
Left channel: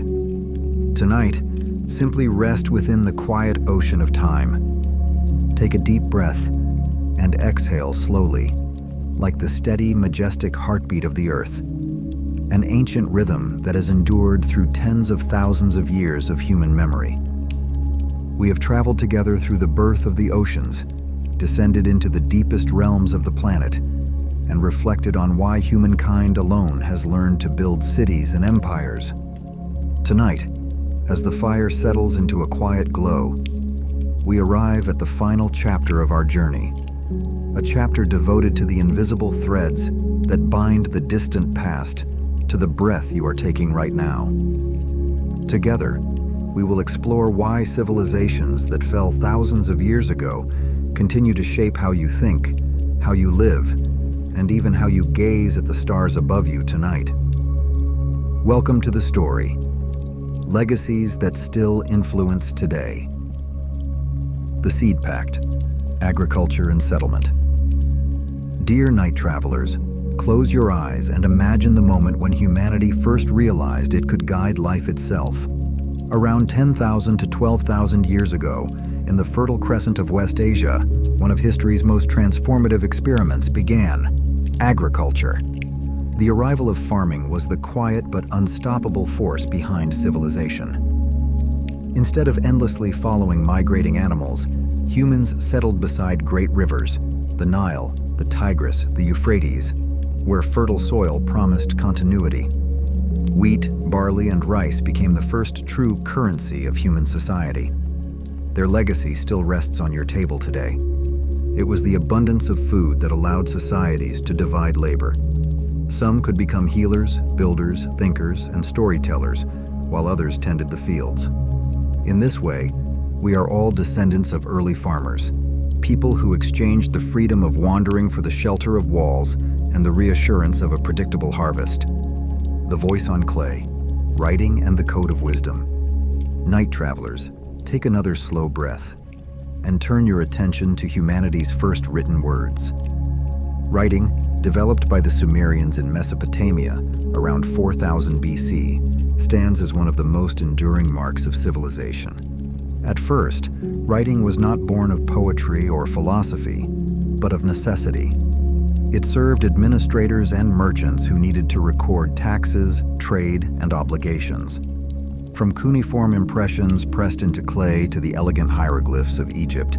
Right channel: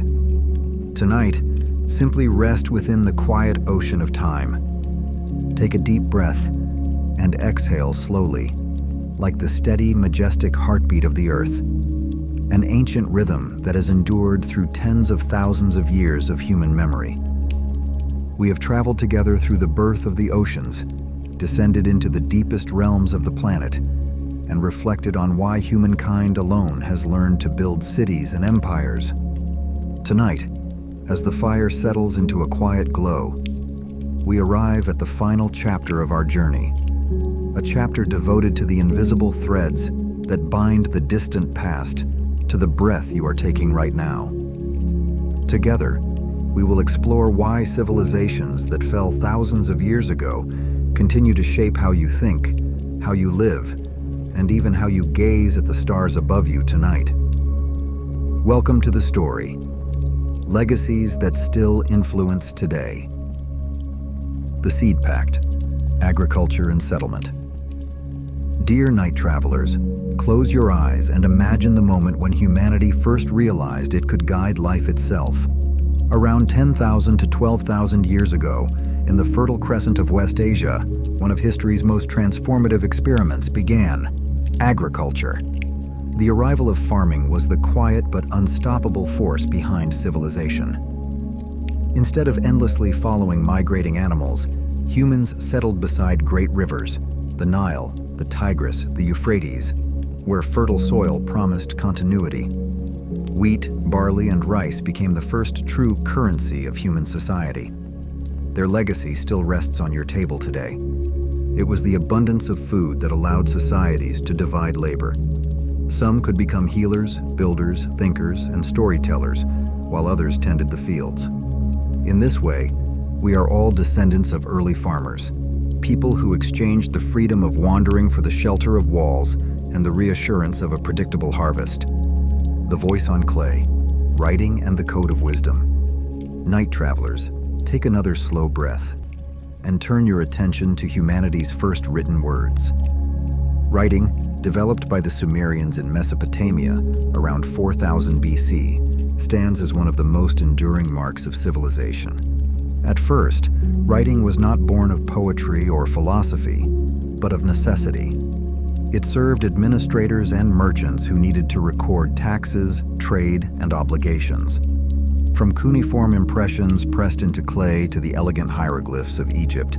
Tonight, simply rest within the quiet ocean of time. Take a deep breath and exhale slowly, like the steady, majestic heartbeat of the earth, an ancient rhythm that has endured through tens of thousands of years of human memory. We have traveled together through the birth of the oceans, descended into the deepest realms of the planet, and reflected on why humankind alone has learned to build cities and empires. Tonight, as the fire settles into a quiet glow, we arrive at the final chapter of our journey, a chapter devoted to the invisible threads that bind the distant past to the breath you are taking right now. Together, we will explore why civilizations that fell thousands of years ago continue to shape how you think, how you live, and even how you gaze at the stars above you tonight. Welcome to the story, legacies that still influence today. The Seed Pact, Agriculture and Settlement. Dear night travelers, close your eyes and imagine the moment when humanity first realized it could guide life itself. Around 10,000 to 12,000 years ago, in the Fertile Crescent of West Asia, one of history's most transformative experiments began: agriculture. The arrival of farming was the quiet but unstoppable force behind civilization. Instead of endlessly following migrating animals, humans settled beside great rivers, the Nile, the Tigris, the Euphrates, where fertile soil promised continuity. Wheat, barley, and rice became the first true currency of human society. Their legacy still rests on your table today. It was the abundance of food that allowed societies to divide labor. Some could become healers, builders, thinkers, and storytellers, while others tended the fields. In this way, we are all descendants of early farmers, people who exchanged the freedom of wandering for the shelter of walls and the reassurance of a predictable harvest. The voice on clay, writing and the code of wisdom. Night travelers, take another slow breath and turn your attention to humanity's first written words. Writing, developed by the Sumerians in Mesopotamia around 4000 BC, stands as one of the most enduring marks of civilization. At first, writing was not born of poetry or philosophy, but of necessity. It served administrators and merchants who needed to record taxes, trade, and obligations. From cuneiform impressions pressed into clay to the elegant hieroglyphs of Egypt,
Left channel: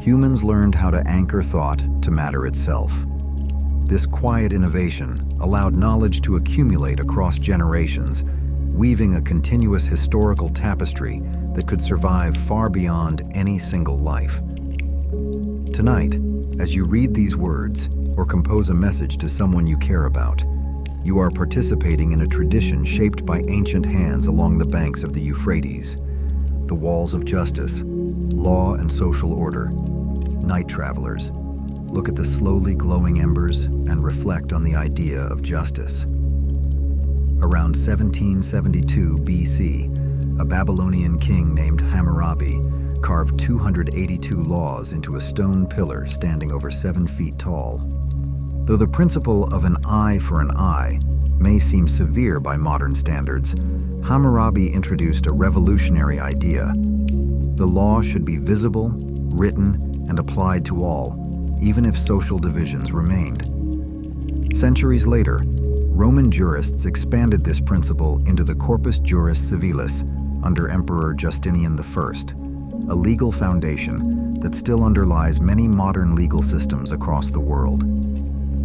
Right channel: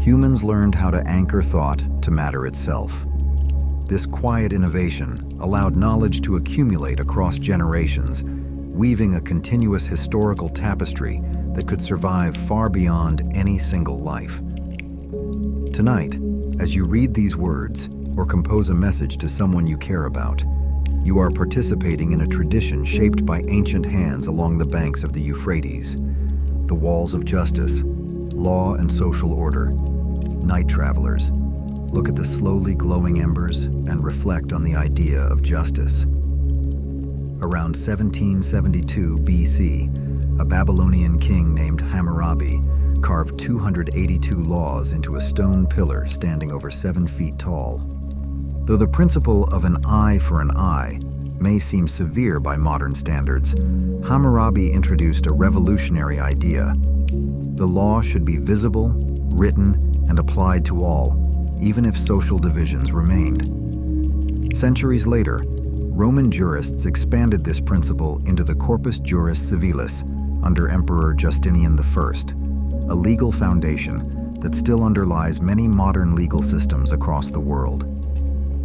humans learned how to anchor thought to matter itself. This quiet innovation allowed knowledge to accumulate across generations, weaving a continuous historical tapestry that could survive far beyond any single life. Tonight, as you read these words or compose a message to someone you care about, you are participating in a tradition shaped by ancient hands along the banks of the Euphrates. The walls of justice, law and social order. Night travelers, look at the slowly glowing embers and reflect on the idea of justice. Around 1772 BC, a Babylonian king named Hammurabi carved 282 laws into a stone pillar standing over 7 feet tall. Though the principle of an eye for an eye may seem severe by modern standards, Hammurabi introduced a revolutionary idea. The law should be visible, written, and applied to all, even if social divisions remained. Centuries later, Roman jurists expanded this principle into the Corpus Juris Civilis under Emperor Justinian I, a legal foundation that still underlies many modern legal systems across the world.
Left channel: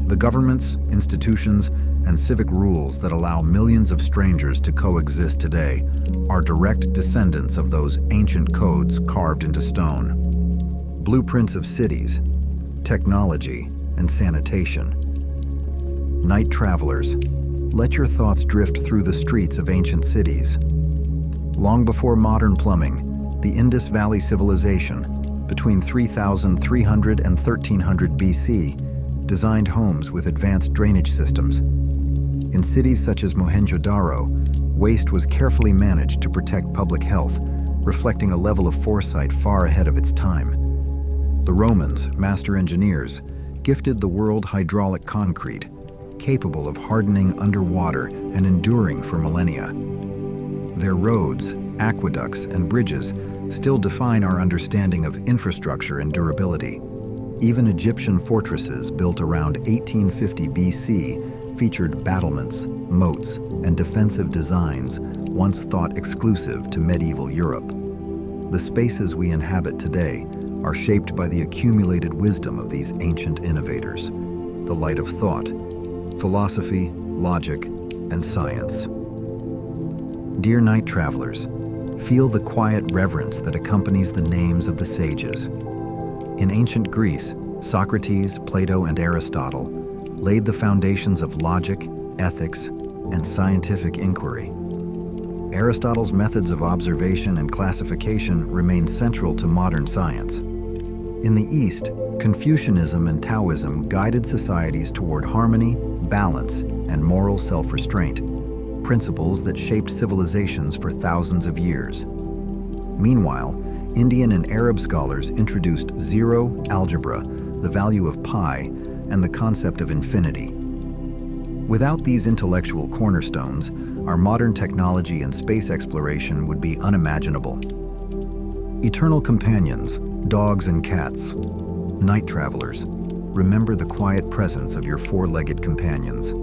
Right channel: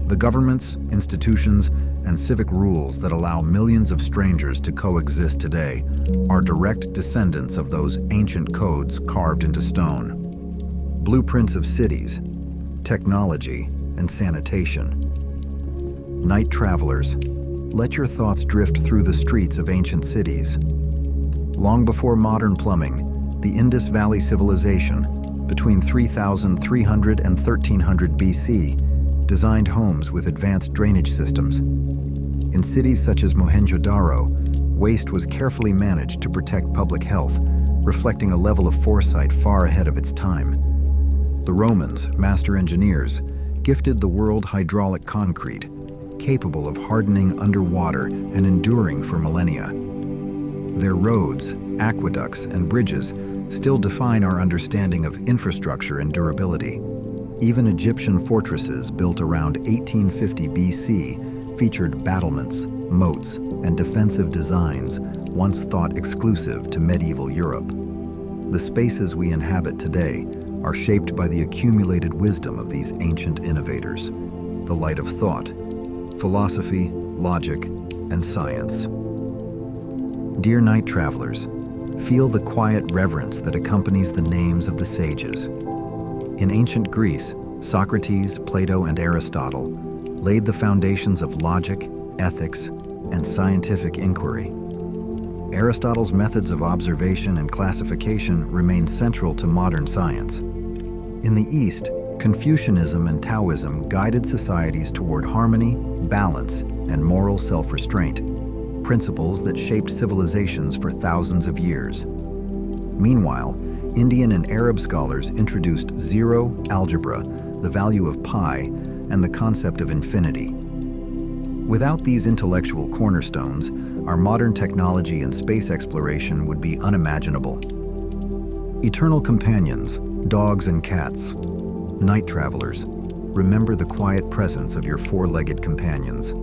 The governments, institutions, and civic rules that allow millions of strangers to coexist today are direct descendants of those ancient codes carved into stone. Blueprints of cities, technology, and sanitation. Night travelers, let your thoughts drift through the streets of ancient cities. Long before modern plumbing, the Indus Valley civilization, between 3300 and 1300 BC, designed homes with advanced drainage systems. In cities such as Mohenjo-Daro, waste was carefully managed to protect public health, reflecting a level of foresight far ahead of its time. The Romans, master engineers, gifted the world hydraulic concrete, capable of hardening underwater and enduring for millennia. Their roads, aqueducts, and bridges still define our understanding of infrastructure and durability. Even Egyptian fortresses built around 1850 BC featured battlements, moats, and defensive designs once thought exclusive to medieval Europe. The spaces we inhabit today are shaped by the accumulated wisdom of these ancient innovators, the light of thought, philosophy, logic, and science. Dear night travelers, feel the quiet reverence that accompanies the names of the sages. In ancient Greece, Socrates, Plato, and Aristotle laid the foundations of logic, ethics, and scientific inquiry. Aristotle's methods of observation and classification remain central to modern science. In the East, Confucianism and Taoism guided societies toward harmony, balance, and moral self-restraint, principles that shaped civilizations for thousands of years. Meanwhile, Indian and Arab scholars introduced zero, algebra, the value of pi, and the concept of infinity. Without these intellectual cornerstones, our modern technology and space exploration would be unimaginable. Eternal companions, dogs and cats, night travelers, remember the quiet presence of your four-legged companions.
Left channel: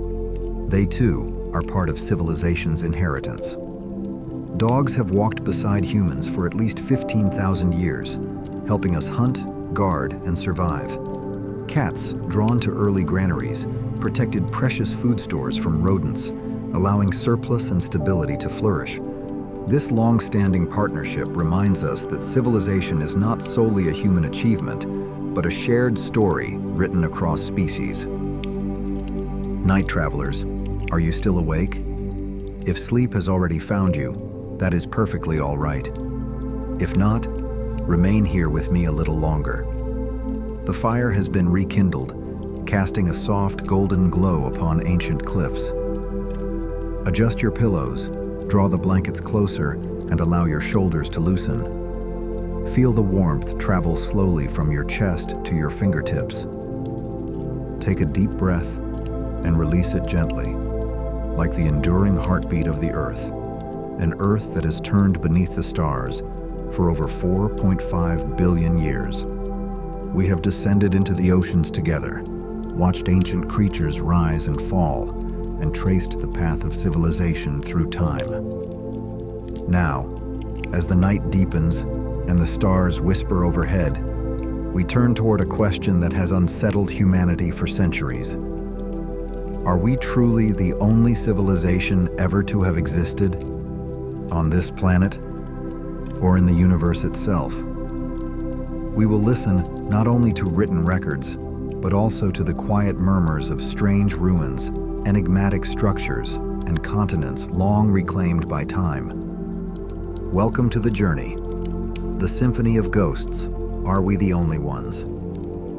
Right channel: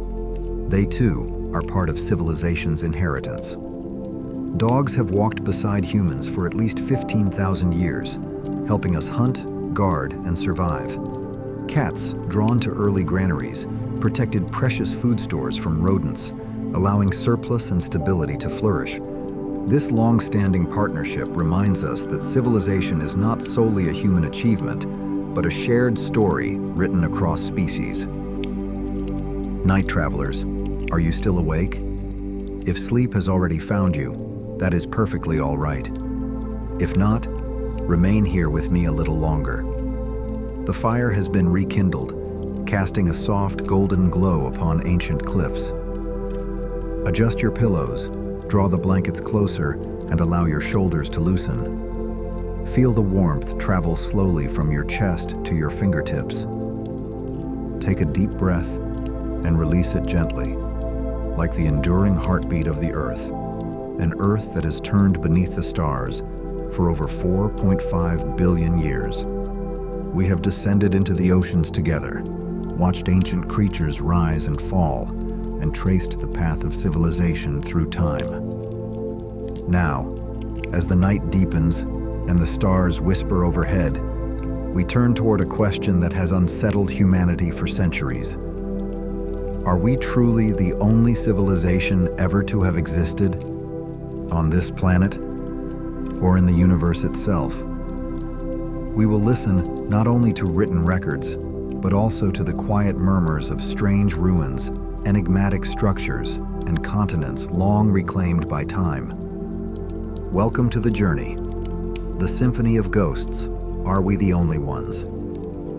They, too, are part of civilization's inheritance. Dogs have walked beside humans for at least 15,000 years, helping us hunt, guard, and survive. Cats, drawn to early granaries, protected precious food stores from rodents, allowing surplus and stability to flourish. This long-standing partnership reminds us that civilization is not solely a human achievement, but a shared story written across species. Night travelers, are you still awake? If sleep has already found you, that is perfectly all right. If not, remain here with me a little longer. The fire has been rekindled, casting a soft golden glow upon ancient cliffs. Adjust your pillows, draw the blankets closer, and allow your shoulders to loosen. Feel the warmth travel slowly from your chest to your fingertips. Take a deep breath and release it gently, like the enduring heartbeat of the Earth, an Earth that has turned beneath the stars for over 4.5 billion years. We have descended into the oceans together, watched ancient creatures rise and fall, and traced the path of civilization through time. Now, as the night deepens and the stars whisper overhead, we turn toward a question that has unsettled humanity for centuries. Are we truly the only civilization ever to have existed on this planet or in the universe itself? We will listen not only to written records, but also to the quiet murmurs of strange ruins, enigmatic structures, and continents long reclaimed by time. Welcome to the journey, the symphony of ghosts. Are we the only ones?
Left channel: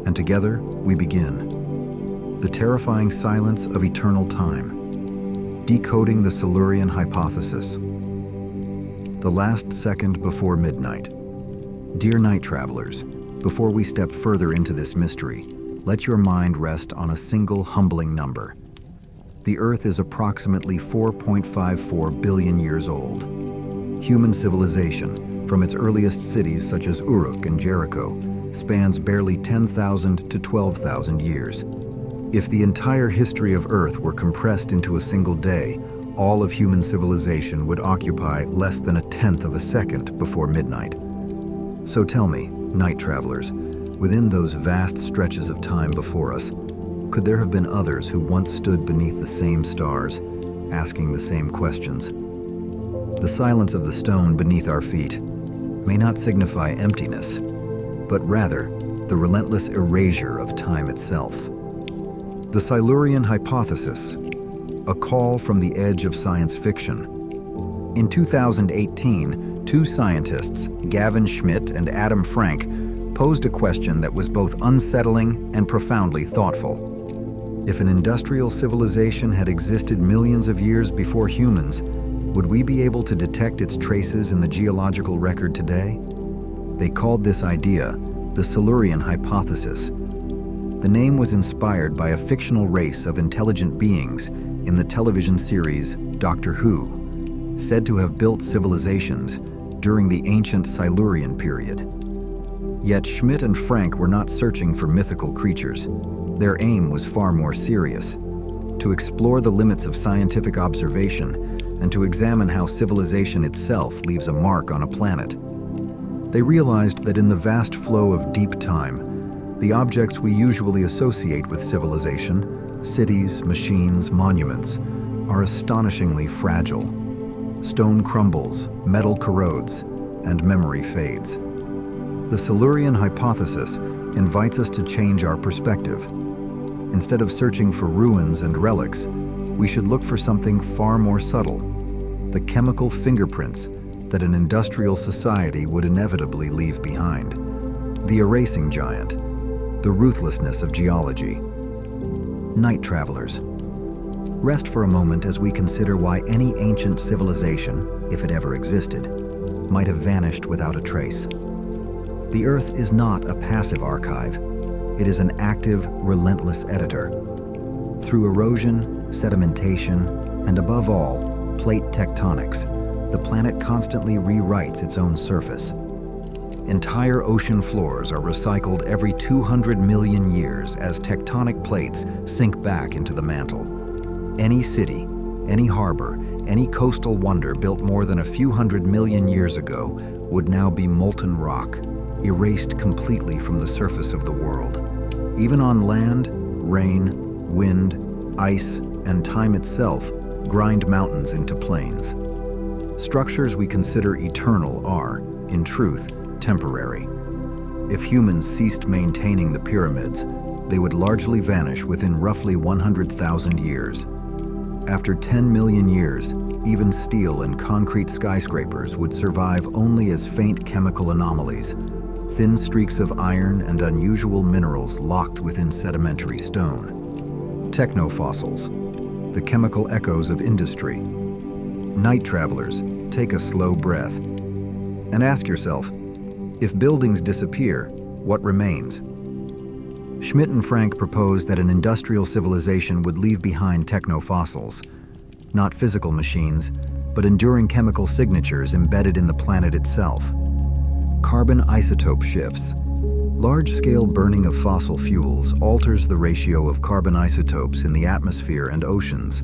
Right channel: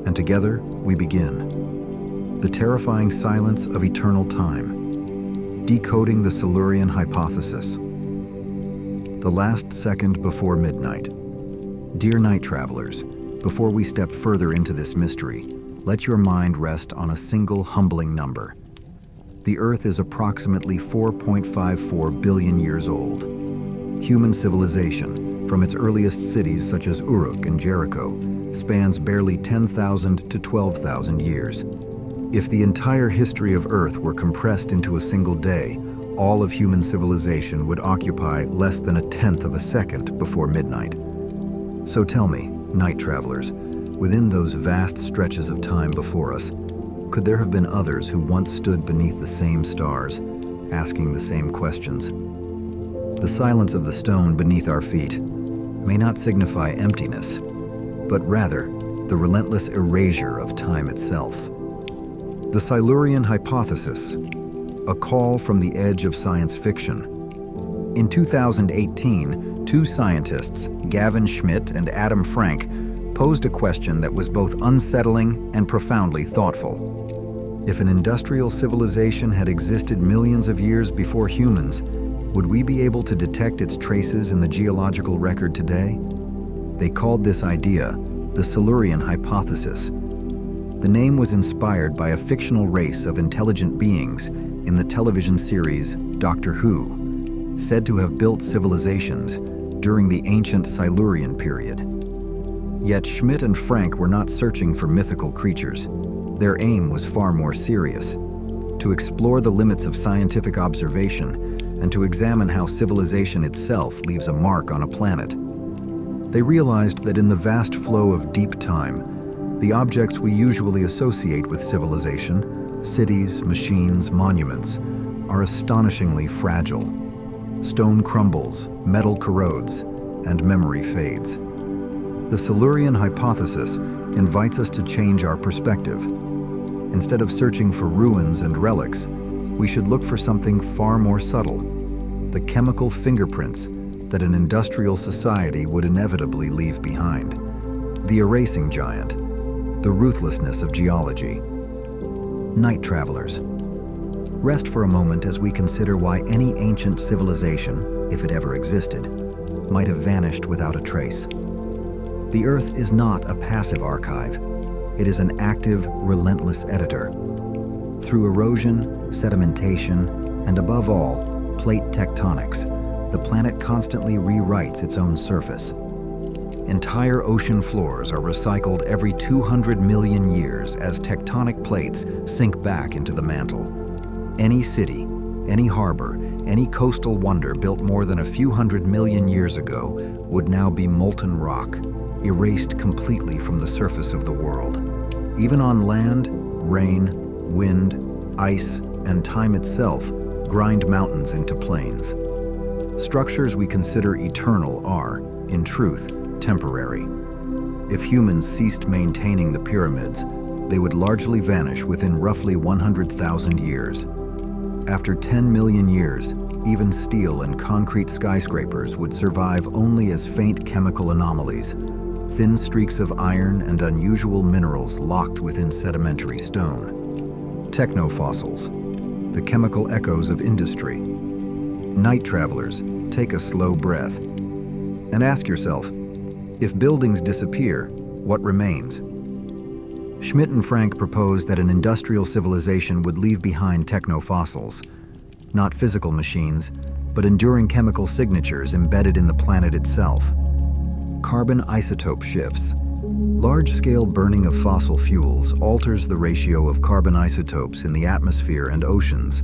And together we begin. The terrifying silence of eternal time, decoding the Silurian hypothesis. The last second before midnight. Dear night travelers, before we step further into this mystery, let your mind rest on a single humbling number. The Earth is approximately 4.54 billion years old. Human civilization, from its earliest cities such as Uruk and Jericho, spans barely 10,000 to 12,000 years. If the entire history of Earth were compressed into a single day, all of human civilization would occupy less than a tenth of a second before midnight. So tell me, night travelers, within those vast stretches of time before us, could there have been others who once stood beneath the same stars, asking the same questions? The silence of the stone beneath our feet may not signify emptiness, but rather the relentless erasure of time itself. The Silurian hypothesis, a call from the edge of science fiction. In 2018, two scientists, Gavin Schmidt and Adam Frank, posed a question that was both unsettling and profoundly thoughtful. If an industrial civilization had existed millions of years before humans, would we be able to detect its traces in the geological record today? They called this idea the Silurian hypothesis. The name was inspired by a fictional race of intelligent beings in the television series Doctor Who, said to have built civilizations during the ancient Silurian period. Yet Schmidt and Frank were not searching for mythical creatures. Their aim was far more serious: to explore the limits of scientific observation and to examine how civilization itself leaves a mark on a planet. They realized that in the vast flow of deep time, the objects we usually associate with civilization, cities, machines, monuments, are astonishingly fragile. Stone crumbles, metal corrodes, and memory fades. The Silurian hypothesis invites us to change our perspective. Instead of searching for ruins and relics, we should look for something far more subtle: the chemical fingerprints that an industrial society would inevitably leave behind. The erasing giant, the ruthlessness of geology. Night travelers, rest for a moment as we consider why any ancient civilization, if it ever existed, might have vanished without a trace. The Earth is not a passive archive. It is an active, relentless editor. Through erosion, sedimentation, and above all, plate tectonics, the planet constantly rewrites its own surface. Entire ocean floors are recycled every 200 million years as tectonic plates sink back into the mantle. Any city, any harbor, any coastal wonder built more than a few hundred million years ago would now be molten rock, erased completely from the surface of the world. Even on land, rain, wind, ice, and time itself grind mountains into plains. Structures we consider eternal are, in truth, temporary. If humans ceased maintaining the pyramids, they would largely vanish within roughly 100,000 years. After 10 million years, even steel and concrete skyscrapers would survive only as faint chemical anomalies, thin streaks of iron and unusual minerals locked within sedimentary stone. Technofossils, the chemical echoes of industry. Night travelers, take a slow breath and ask yourself, if buildings disappear, what remains? Schmidt and Frank proposed that an industrial civilization would leave behind technofossils, not physical machines, but enduring chemical signatures embedded in the planet itself. Carbon isotope shifts. Large-scale burning of fossil fuels alters the ratio of carbon isotopes in the atmosphere and oceans.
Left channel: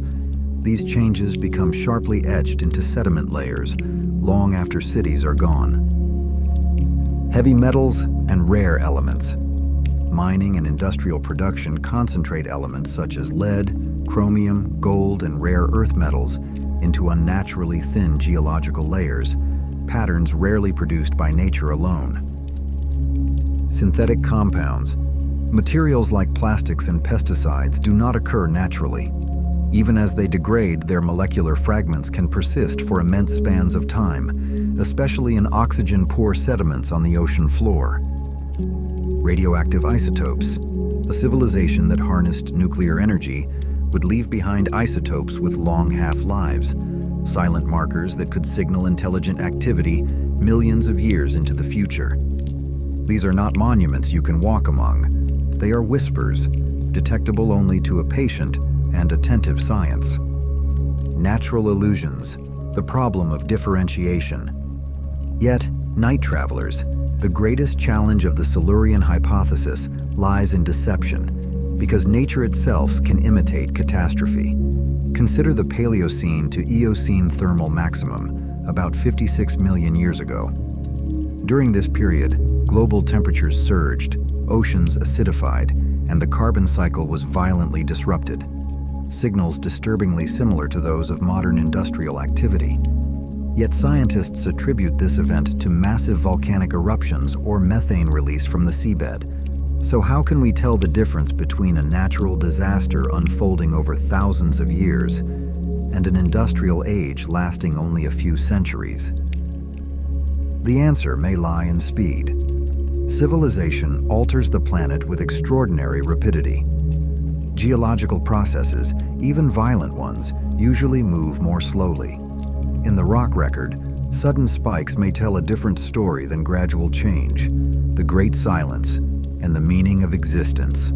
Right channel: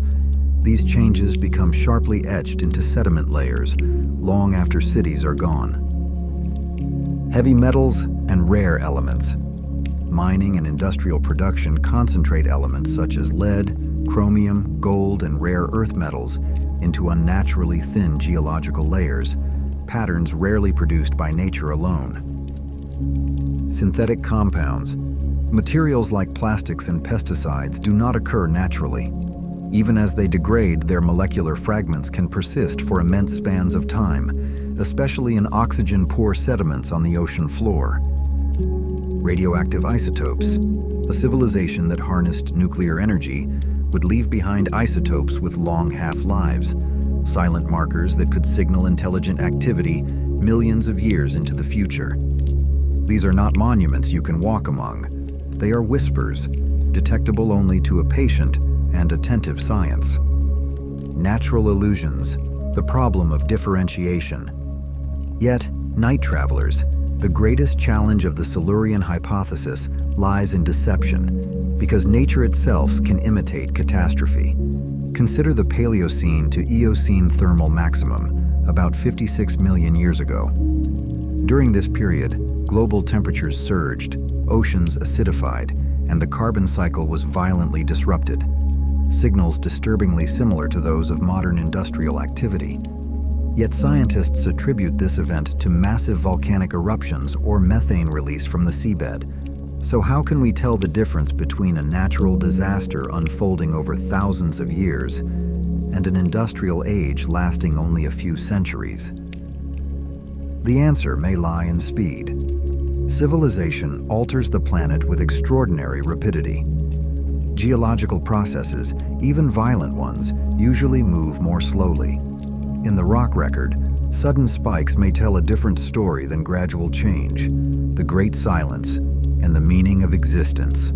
These changes become sharply etched into sediment layers long after cities are gone. Heavy metals and rare elements. Mining and industrial production concentrate elements such as lead, chromium, gold, and rare earth metals into unnaturally thin geological layers, patterns rarely produced by nature alone. Synthetic compounds. Materials like plastics and pesticides do not occur naturally. Even as they degrade, their molecular fragments can persist for immense spans of time, especially in oxygen-poor sediments on the ocean floor. Radioactive isotopes. A civilization that harnessed nuclear energy would leave behind isotopes with long half-lives, silent markers that could signal intelligent activity millions of years into the future. These are not monuments you can walk among. They are whispers, detectable only to a patient and attentive science. Natural illusions, the problem of differentiation. Yet, night travelers, the greatest challenge of the Silurian hypothesis lies in deception, because nature itself can imitate catastrophe. Consider the Paleocene to Eocene thermal maximum, about 56 million years ago. During this period, global temperatures surged, oceans acidified, and the carbon cycle was violently disrupted. Signals disturbingly similar to those of modern industrial activity. Yet scientists attribute this event to massive volcanic eruptions or methane release from the seabed. So how can we tell the difference between a natural disaster unfolding over thousands of years and an industrial age lasting only a few centuries? The answer may lie in speed. Civilization alters the planet with extraordinary rapidity. Geological processes, even violent ones, usually move more slowly. In the rock record, sudden spikes may tell a different story than gradual change, the great silence, and the meaning of existence.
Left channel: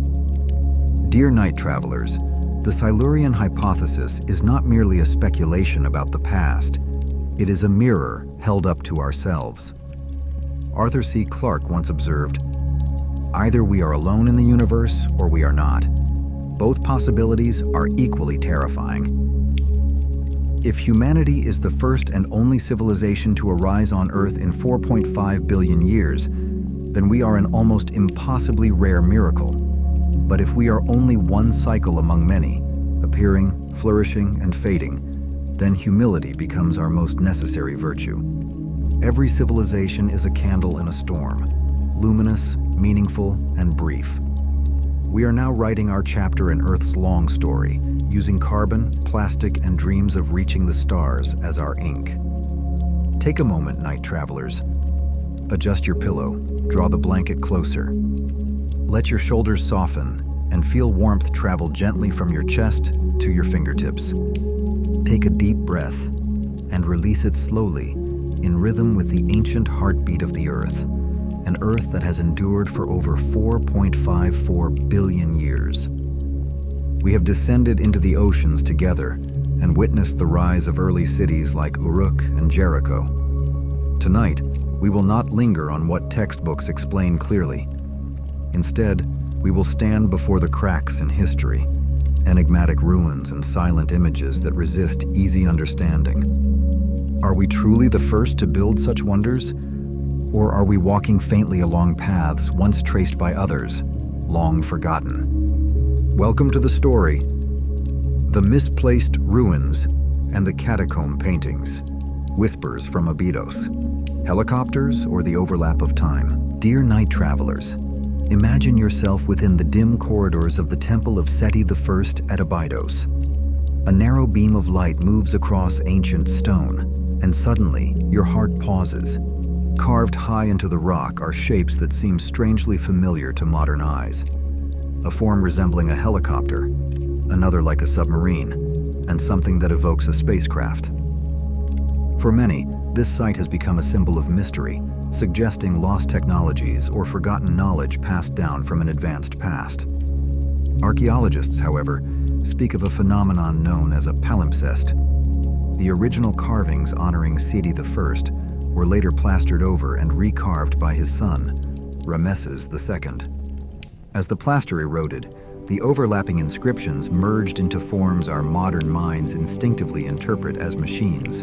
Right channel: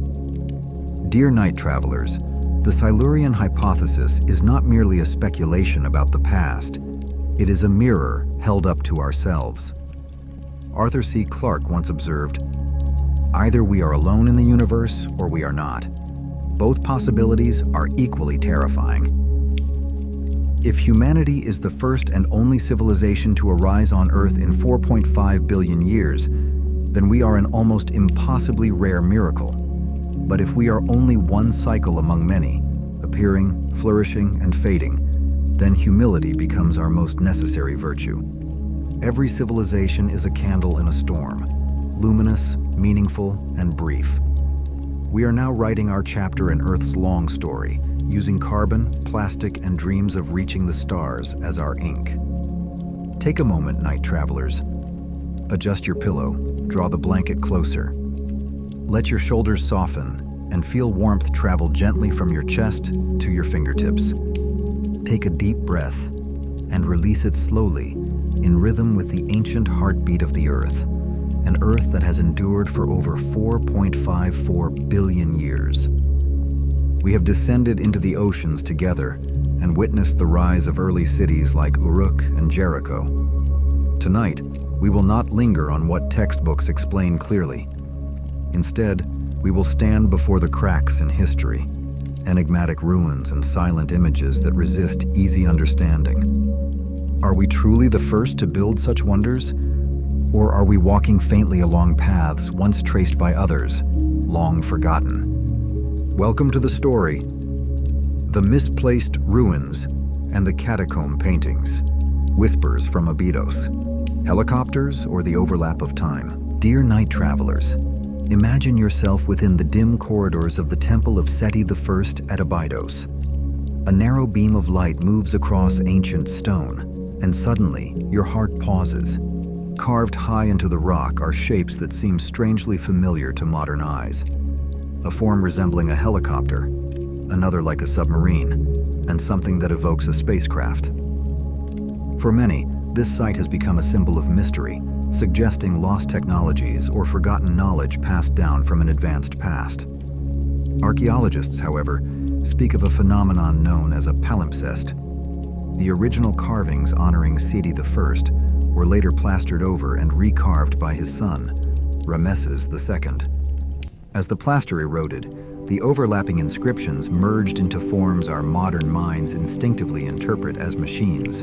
Dear night travelers, the Silurian hypothesis is not merely a speculation about the past. It is a mirror held up to ourselves. Arthur C. Clarke once observed, "Either we are alone in the universe or we are not. Both possibilities are equally terrifying." If humanity is the first and only civilization to arise on Earth in 4.5 billion years, then we are an almost impossibly rare miracle. But if we are only one cycle among many, appearing, flourishing, and fading, then humility becomes our most necessary virtue. Every civilization is a candle in a storm, luminous, meaningful, and brief. We are now writing our chapter in Earth's long story, using carbon, plastic, and dreams of reaching the stars as our ink. Take a moment, night travelers. Adjust your pillow, draw the blanket closer. Let your shoulders soften and feel warmth travel gently from your chest to your fingertips. Take a deep breath and release it slowly, in rhythm with the ancient heartbeat of the Earth, an Earth that has endured for over 4.54 billion years. We have descended into the oceans together and witnessed the rise of early cities like Uruk and Jericho. Tonight, we will not linger on what textbooks explain clearly. Instead, we will stand before the cracks in history, enigmatic ruins and silent images that resist easy understanding. Are we truly the first to build such wonders? Or are we walking faintly along paths once traced by others? long forgotten. Welcome to the story, The Misplaced Ruins and the Catacomb Paintings. Whispers from Abydos. Helicopters or the overlap of time? Dear night travelers, imagine yourself within the dim corridors of the Temple of Seti I at Abydos. A narrow beam of light moves across ancient stone, and suddenly your heart pauses. Carved high into the rock are shapes that seem strangely familiar to modern eyes. A form resembling a helicopter, another like a submarine, and something that evokes a spacecraft. For many, this site has become a symbol of mystery, suggesting lost technologies or forgotten knowledge passed down from an advanced past. Archaeologists, however, speak of a phenomenon known as a palimpsest. The original carvings honoring Seti I were later plastered over and recarved by his son, Ramesses II. As the plaster eroded, the overlapping inscriptions merged into forms our modern minds instinctively interpret as machines.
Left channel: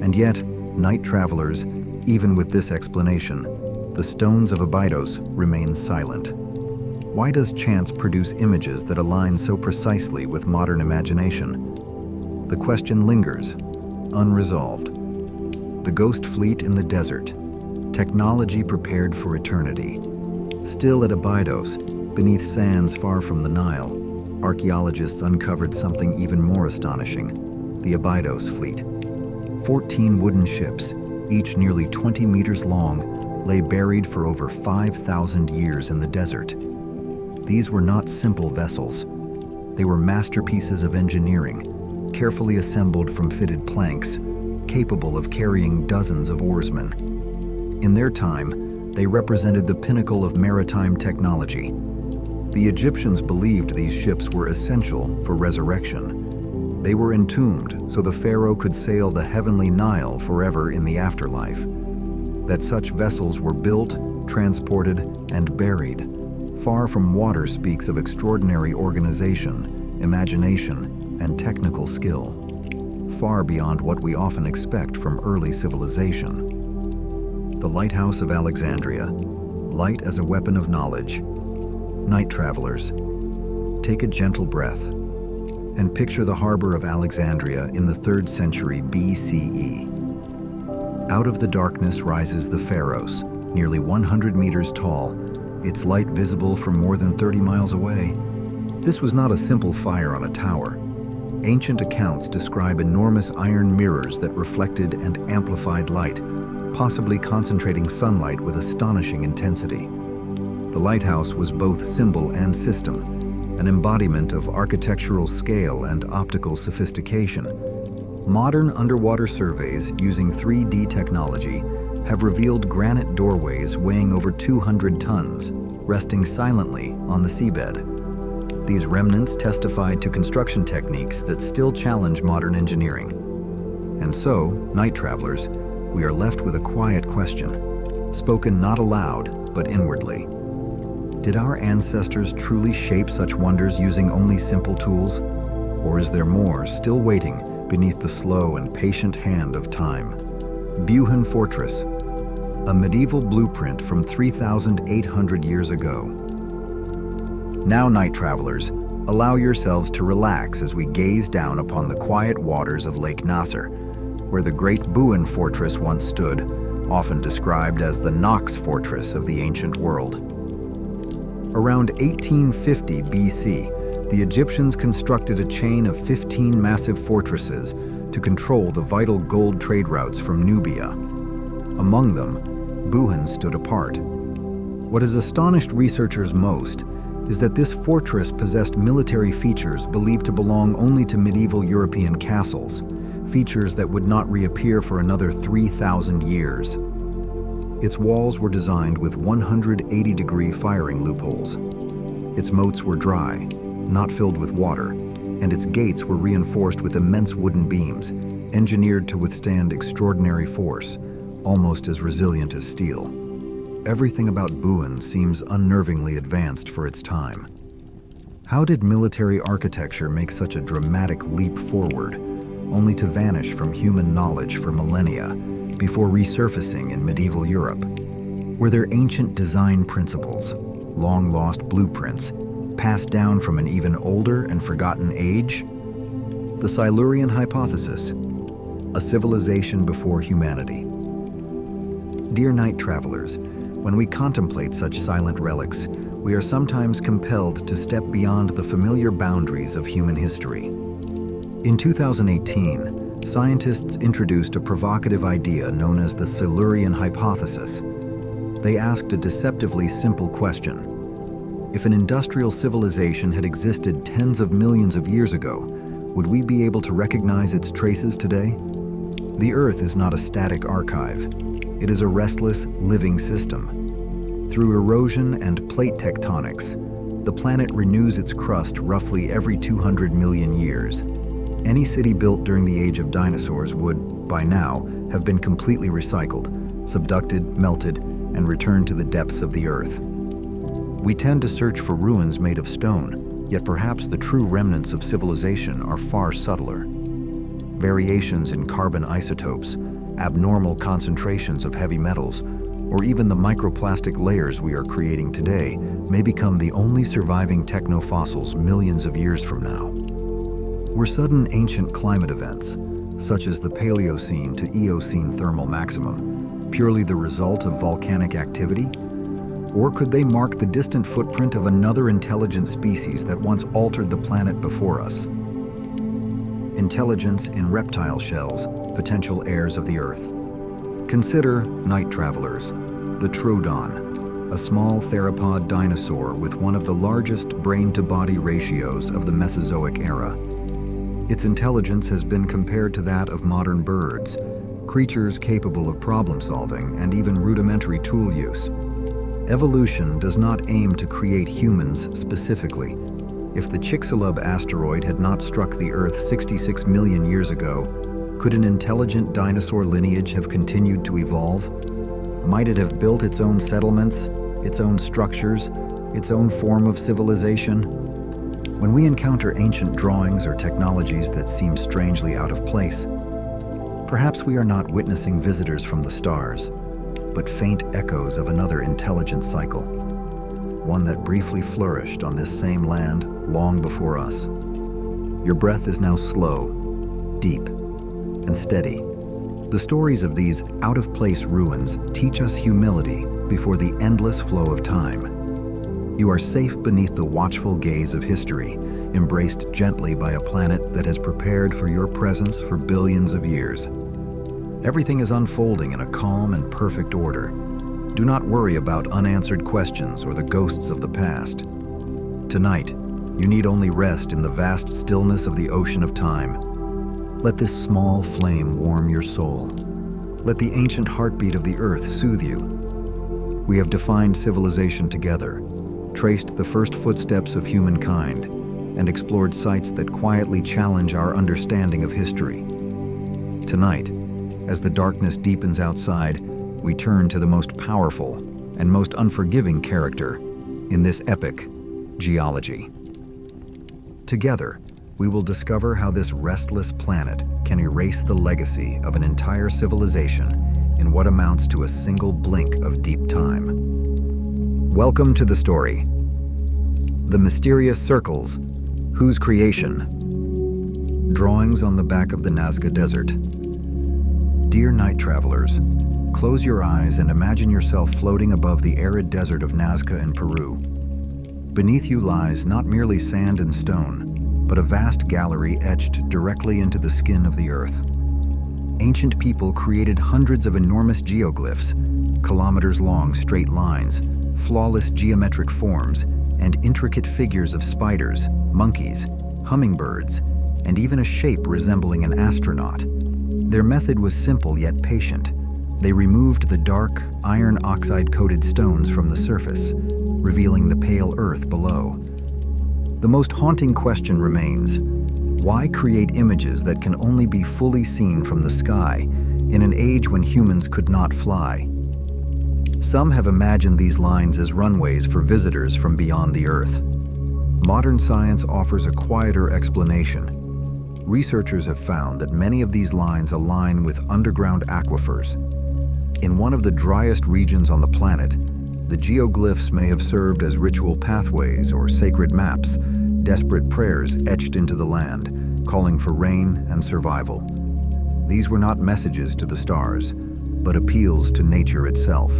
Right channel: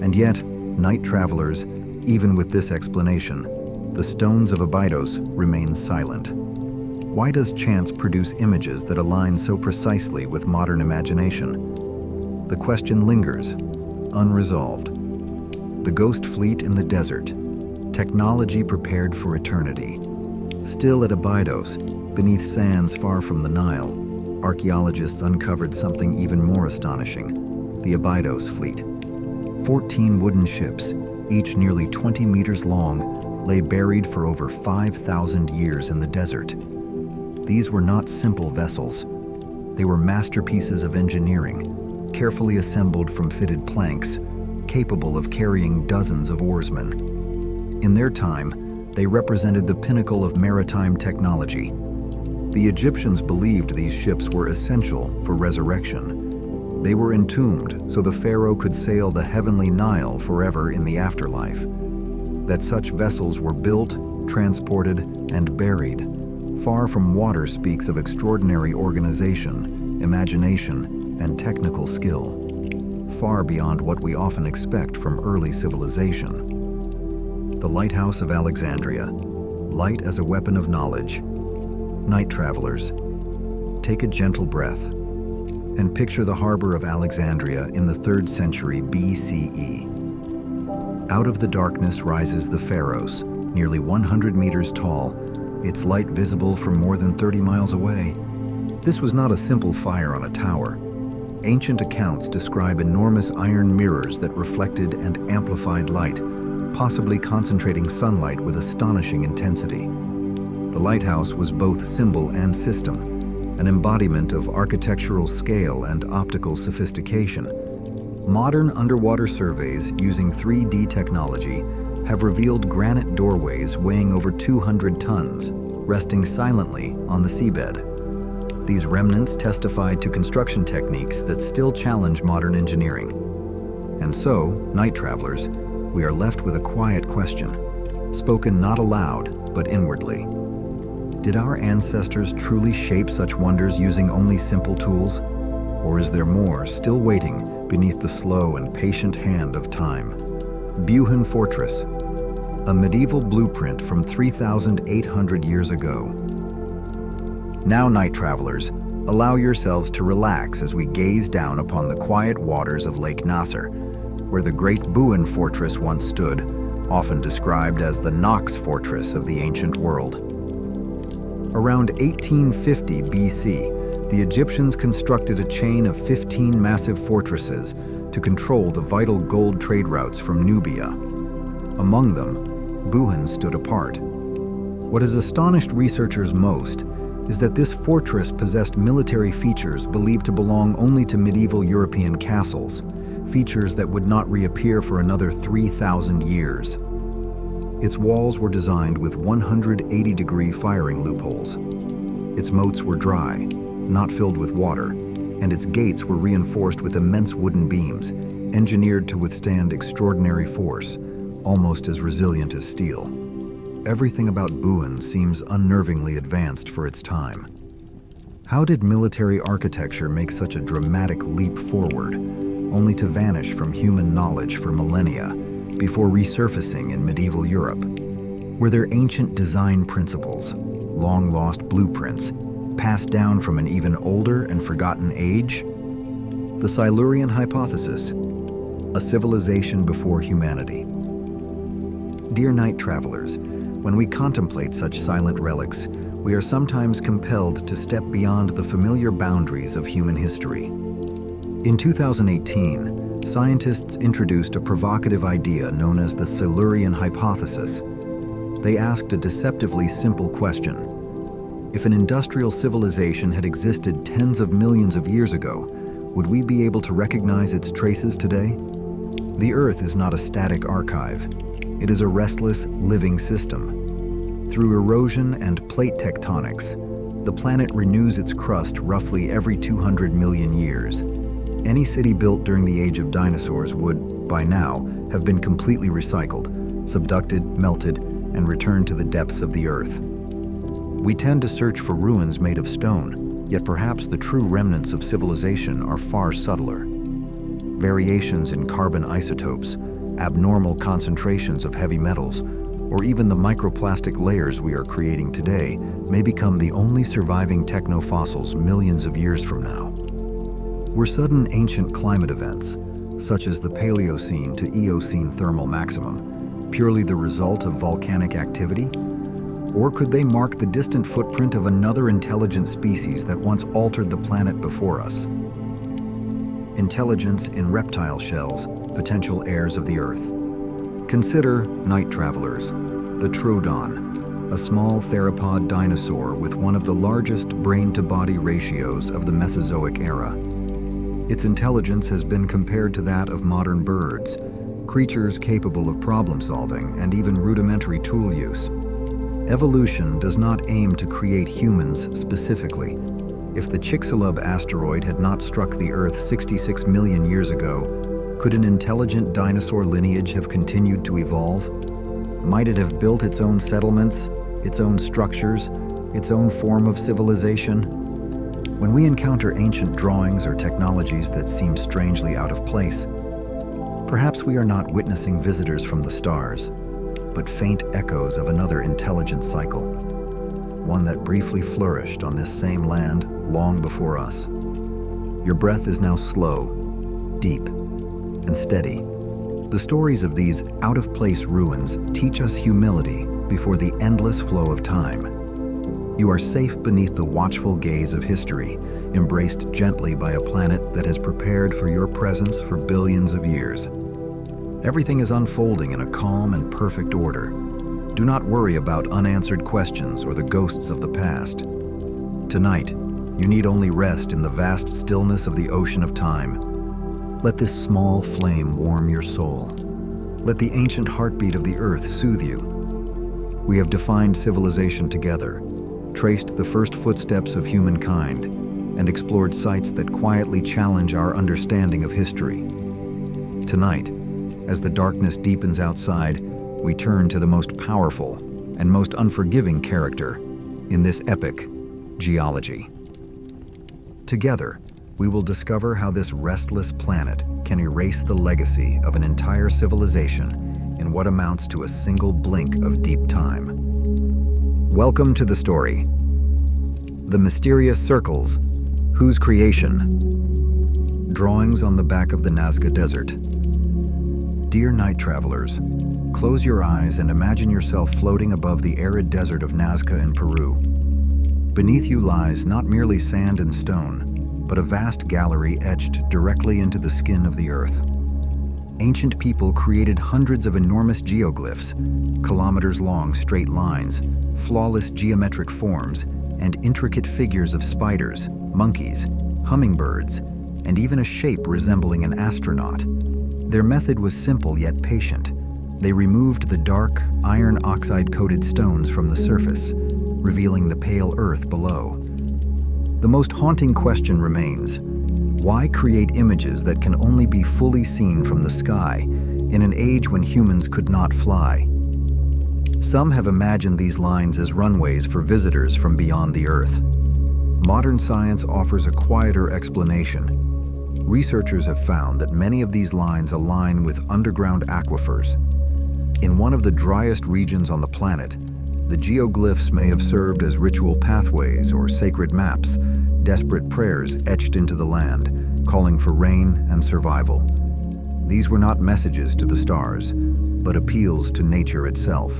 And yet, night travelers, even with this explanation, the stones of Abydos remain silent. Why does chance produce images that align so precisely with modern imagination? The question lingers, unresolved. The ghost fleet in the desert, technology prepared for eternity. Still at Abydos, beneath sands far from the Nile, archaeologists uncovered something even more astonishing: the Abydos fleet. 14 wooden ships, each nearly 20 meters long, lay buried for over 5,000 years in the desert. These were not simple vessels. They were masterpieces of engineering, carefully assembled from fitted planks, capable of carrying dozens of oarsmen. In their time, they represented the pinnacle of maritime technology. The Egyptians believed these ships were essential for resurrection. They were entombed so the pharaoh could sail the heavenly Nile forever in the afterlife. That such vessels were built, transported, and buried far from water speaks of extraordinary organization, imagination, and technical skill, far beyond what we often expect from early civilization. The Lighthouse of Alexandria, light as a weapon of knowledge. Night travelers, take a gentle breath and picture the harbor of Alexandria in the 3rd century BCE. Out of the darkness rises the Pharos, nearly 100 meters tall, its light visible from more than 30 miles away. This was not a simple fire on a tower. Ancient accounts describe enormous iron mirrors that reflected and amplified light, possibly concentrating sunlight with astonishing intensity. The lighthouse was both symbol and system, an embodiment of architectural scale and optical sophistication. Modern underwater surveys using 3D technology have revealed granite doorways weighing over 200 tons, resting silently on the seabed. These remnants testified to construction techniques that still challenge modern engineering. And so, night travelers, we are left with a quiet question, spoken not aloud, but inwardly. Did our ancestors truly shape such wonders using only simple tools? Or is there more still waiting beneath the slow and patient hand of time? Buhan Fortress, a medieval blueprint from 3,800 years ago. Now, night travelers, allow yourselves to relax as we gaze down upon the quiet waters of Lake Nasser, where the great Buhan Fortress once stood, often described as the Nox Fortress of the ancient world. Around 1850 BC, the Egyptians constructed a chain of 15 massive fortresses to control the vital gold trade routes from Nubia. Among them, Buhan stood apart. What has astonished researchers most is that this fortress possessed military features believed to belong only to medieval European castles, features that would not reappear for another 3,000 years. Its walls were designed with 180-degree firing loopholes. Its moats were dry, not filled with water, and its gates were reinforced with immense wooden beams, engineered to withstand extraordinary force, almost as resilient as steel. Everything about Buhan seems unnervingly advanced for its time. How did military architecture make such a dramatic leap forward, only to vanish from human knowledge for millennia before resurfacing in medieval Europe? Were there ancient design principles, long-lost blueprints, passed down from an even older and forgotten age? The Silurian hypothesis, a civilization before humanity. Dear night travelers, when we contemplate such silent relics, we are sometimes compelled to step beyond the familiar boundaries of human history. In 2018, scientists introduced a provocative idea known as the Silurian hypothesis. They asked a deceptively simple question. If an industrial civilization had existed tens of millions of years ago, would we be able to recognize its traces today? The Earth is not a static archive. It is a restless, living system. Through erosion and plate tectonics, the planet renews its crust roughly every 200 million years. Any city built during the age of dinosaurs would, by now, have been completely recycled, subducted, melted, and returned to the depths of the Earth. We tend to search for ruins made of stone, yet perhaps the true remnants of civilization are far subtler. Variations in carbon isotopes, abnormal concentrations of heavy metals, or even the microplastic layers we are creating today may become the only surviving technofossils millions of years from now. Were sudden ancient climate events, such as the Paleocene to Eocene thermal maximum, purely the result of volcanic activity? Or could they mark the distant footprint of another intelligent species that once altered the planet before us? Intelligence in reptile shells, potential heirs of the Earth. Consider, night travelers, the Troodon, a small theropod dinosaur with one of the largest brain-to-body ratios of the Mesozoic era. Its intelligence has been compared to that of modern birds, creatures capable of problem-solving and even rudimentary tool use. Evolution does not aim to create humans specifically. If the Chicxulub asteroid had not struck the Earth 66 million years ago, could an intelligent dinosaur lineage have continued to evolve? Might it have built its own settlements, its own structures, its own form of civilization? When we encounter ancient drawings or technologies that seem strangely out of place, perhaps we are not witnessing visitors from the stars, but faint echoes of another intelligent cycle, one that briefly flourished on this same land long before us. Your breath is now slow, deep, and steady. The stories of these out-of-place ruins teach us humility before the endless flow of time. You are safe beneath the watchful gaze of history, embraced gently by a planet that has prepared for your presence for billions of years. Everything is unfolding in a calm and perfect order. Do not worry about unanswered questions or the ghosts of the past. Tonight, you need only rest in the vast stillness of the ocean of time. Let this small flame warm your soul. Let the ancient heartbeat of the Earth soothe you. We have defined civilization together, traced the first footsteps of humankind, and explored sites that quietly challenge our understanding of history. Tonight, as the darkness deepens outside, we turn to the most powerful and most unforgiving character in this epic, geology. Together, we will discover how this restless planet can erase the legacy of an entire civilization in what amounts to a single blink of deep time. Welcome to the story. The mysterious circles, whose creation? Drawings on the back of the Nazca Desert. Dear night travelers, close your eyes and imagine yourself floating above the arid desert of Nazca in Peru. Beneath you lies not merely sand and stone, but a vast gallery etched directly into the skin of the Earth. Ancient people created hundreds of enormous geoglyphs, kilometers-long straight lines, flawless geometric forms, and intricate figures of spiders, monkeys, hummingbirds, and even a shape resembling an astronaut. Their method was simple yet patient. They removed the dark, iron oxide-coated stones from the surface, revealing the pale earth below. The most haunting question remains: why create images that can only be fully seen from the sky in an age when humans could not fly? Some have imagined these lines as runways for visitors from beyond the Earth. Modern science offers a quieter explanation. Researchers have found that many of these lines align with underground aquifers. In one of the driest regions on the planet, The geoglyphs may have served as ritual pathways or sacred maps, desperate prayers etched into the land, calling for rain and survival. These were not messages to the stars, but appeals to nature itself.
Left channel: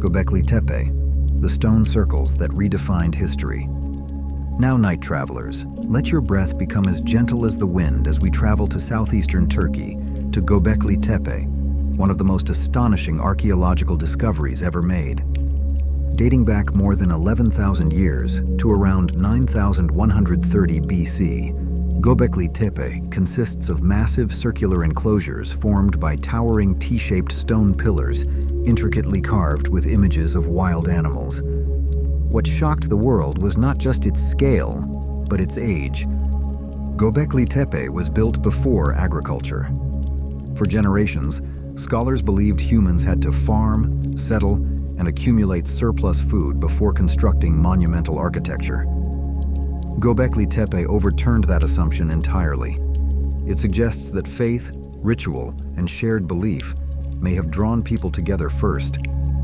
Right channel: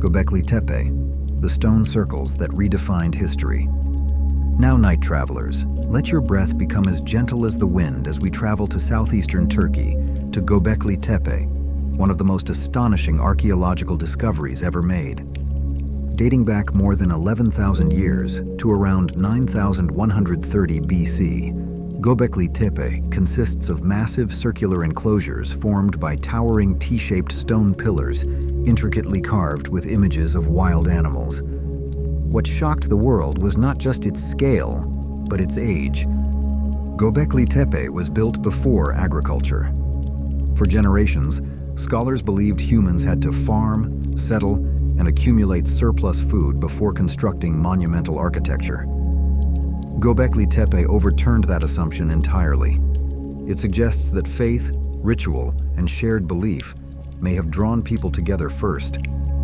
Göbekli Tepe, the stone circles that redefined history. Now, night travelers, let your breath become as gentle as the wind as we travel to southeastern Turkey, to Göbekli Tepe, one of the most astonishing archaeological discoveries ever made. Dating back more than 11,000 years to around 9,130 BC, Göbekli Tepe consists of massive circular enclosures formed by towering T-shaped stone pillars, intricately carved with images of wild animals. What shocked the world was not just its scale, but its age. Göbekli Tepe was built before agriculture. For generations, scholars believed humans had to farm, settle, and accumulate surplus food before constructing monumental architecture. Göbekli Tepe overturned that assumption entirely. It suggests that faith, ritual, and shared belief may have drawn people together first,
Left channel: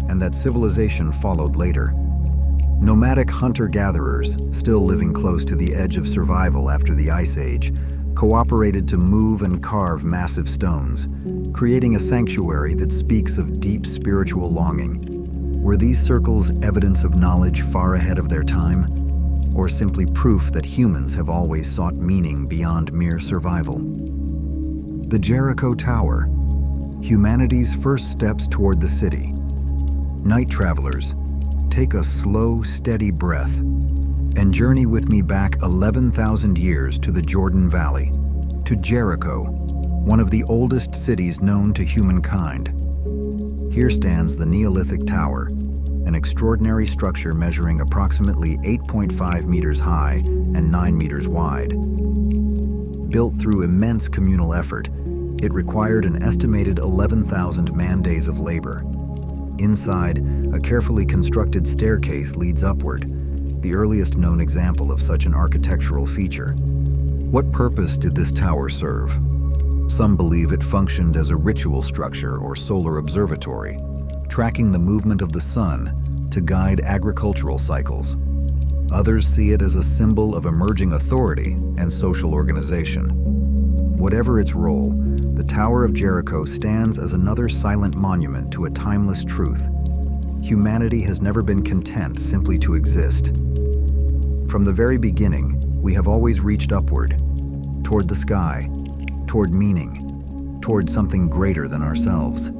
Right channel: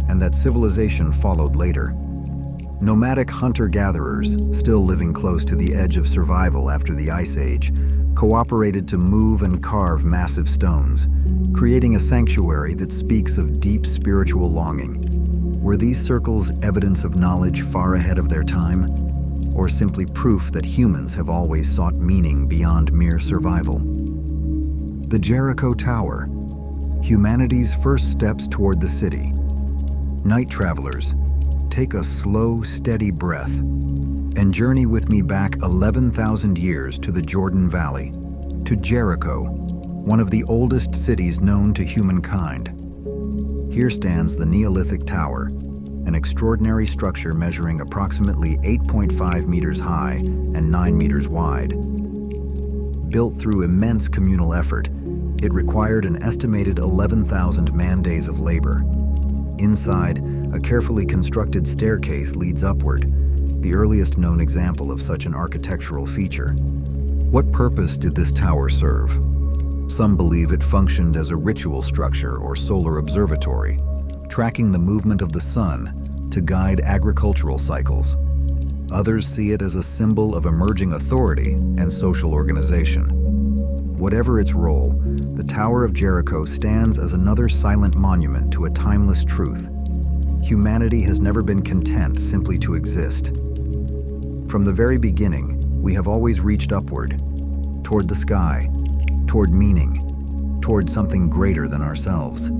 and that civilization followed later. Nomadic hunter-gatherers, still living close to the edge of survival after the Ice Age, cooperated to move and carve massive stones, creating a sanctuary that speaks of deep spiritual longing. Were these circles evidence of knowledge far ahead of their time, or simply proof that humans have always sought meaning beyond mere survival? The Jericho Tower, humanity's first steps toward the city. Night travelers, take a slow, steady breath and journey with me back 11,000 years to the Jordan Valley, to Jericho, one of the oldest cities known to humankind. Here stands the Neolithic Tower, an extraordinary structure measuring approximately 8.5 meters high and 9 meters wide. Built through immense communal effort, it required an estimated 11,000 man-days of labor. Inside, a carefully constructed staircase leads upward, the earliest known example of such an architectural feature. What purpose did this tower serve? Some believe it functioned as a ritual structure or solar observatory, tracking the movement of the sun to guide agricultural cycles. Others see it as a symbol of emerging authority and social organization. Whatever its role, the Tower of Jericho stands as another silent monument to a timeless truth. Humanity has never been content simply to exist. From the very beginning, we have always reached upward, toward the sky, toward meaning, toward something greater than ourselves.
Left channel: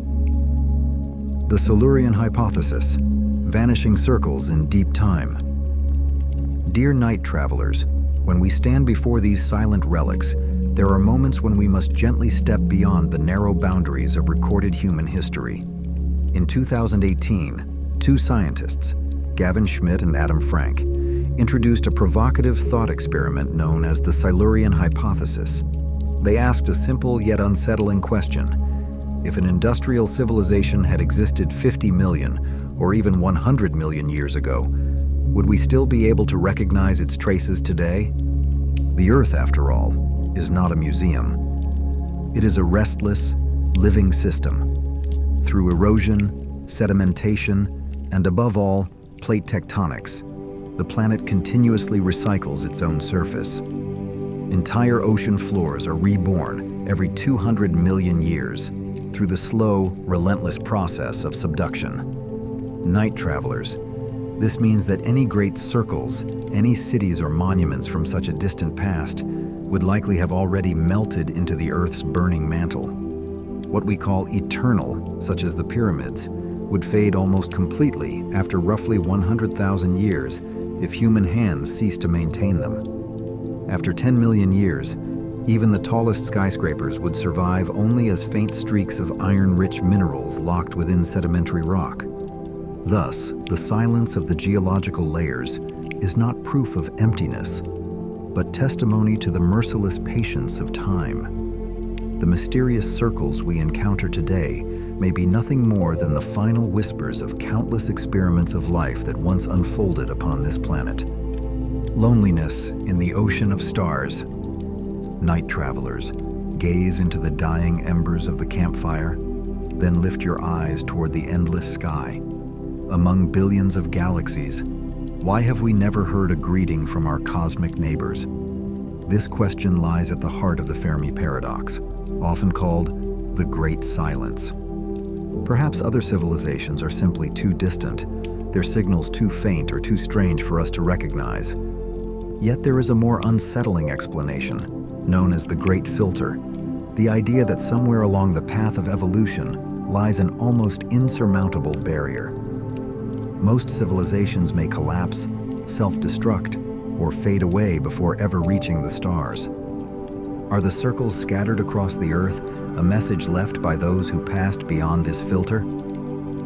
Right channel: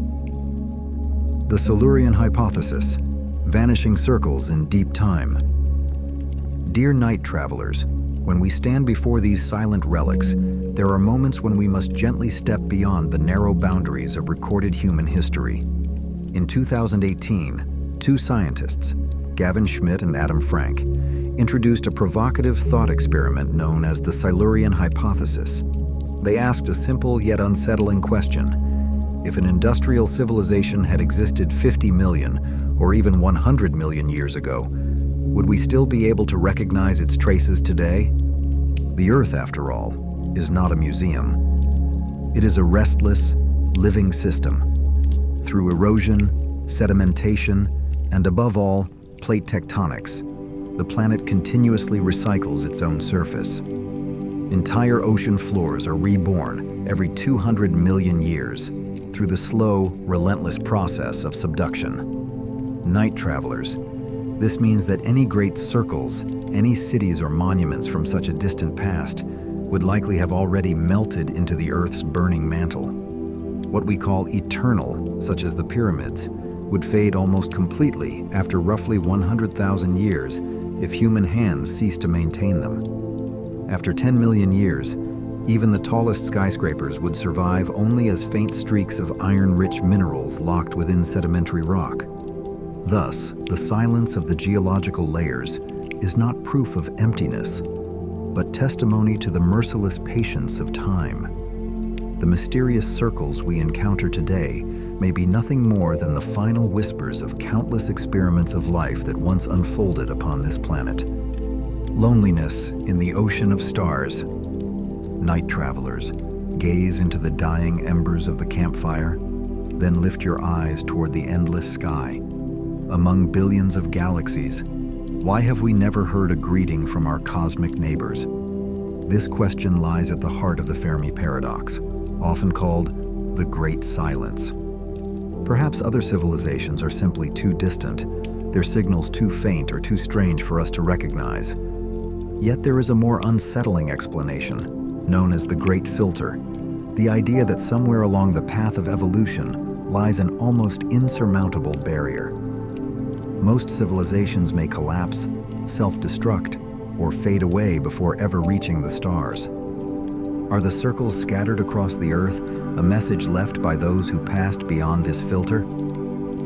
The Silurian hypothesis, vanishing circles in deep time. Dear night travelers, when we stand before these silent relics, there are moments when we must gently step beyond the narrow boundaries of recorded human history. In 2018, two scientists, Gavin Schmidt and Adam Frank, introduced a provocative thought experiment known as the Silurian hypothesis. They asked a simple yet unsettling question. If an industrial civilization had existed 50 million or even 100 million years ago, would we still be able to recognize its traces today? The Earth, after all, is not a museum. It is a restless, living system. Through erosion, sedimentation, and above all, plate tectonics, the planet continuously recycles its own surface. Entire ocean floors are reborn every 200 million years through the slow, relentless process of subduction. Night travelers, this means that any great circles, any cities or monuments from such a distant past would likely have already melted into the Earth's burning mantle. What we call eternal, such as the pyramids, would fade almost completely after roughly 100,000 years if human hands cease to maintain them. After 10 million years, even the tallest skyscrapers would survive only as faint streaks of iron-rich minerals locked within sedimentary rock. Thus, the silence of the geological layers is not proof of emptiness, but testimony to the merciless patience of time. The mysterious circles we encounter today may be nothing more than the final whispers of countless experiments of life that once unfolded upon this planet. Loneliness in the ocean of stars. Night travelers, gaze into the dying embers of the campfire, then lift your eyes toward the endless sky. Among billions of galaxies, why have we never heard a greeting from our cosmic neighbors? This question lies at the heart of the Fermi paradox, often called the Great Silence. Perhaps other civilizations are simply too distant, their signals too faint or too strange for us to recognize. Yet there is a more unsettling explanation, known as the Great Filter, the idea that somewhere along the path of evolution lies an almost insurmountable barrier. Most civilizations may collapse, self-destruct, or fade away before ever reaching the stars. Are the circles scattered across the Earth a message left by those who passed beyond this filter?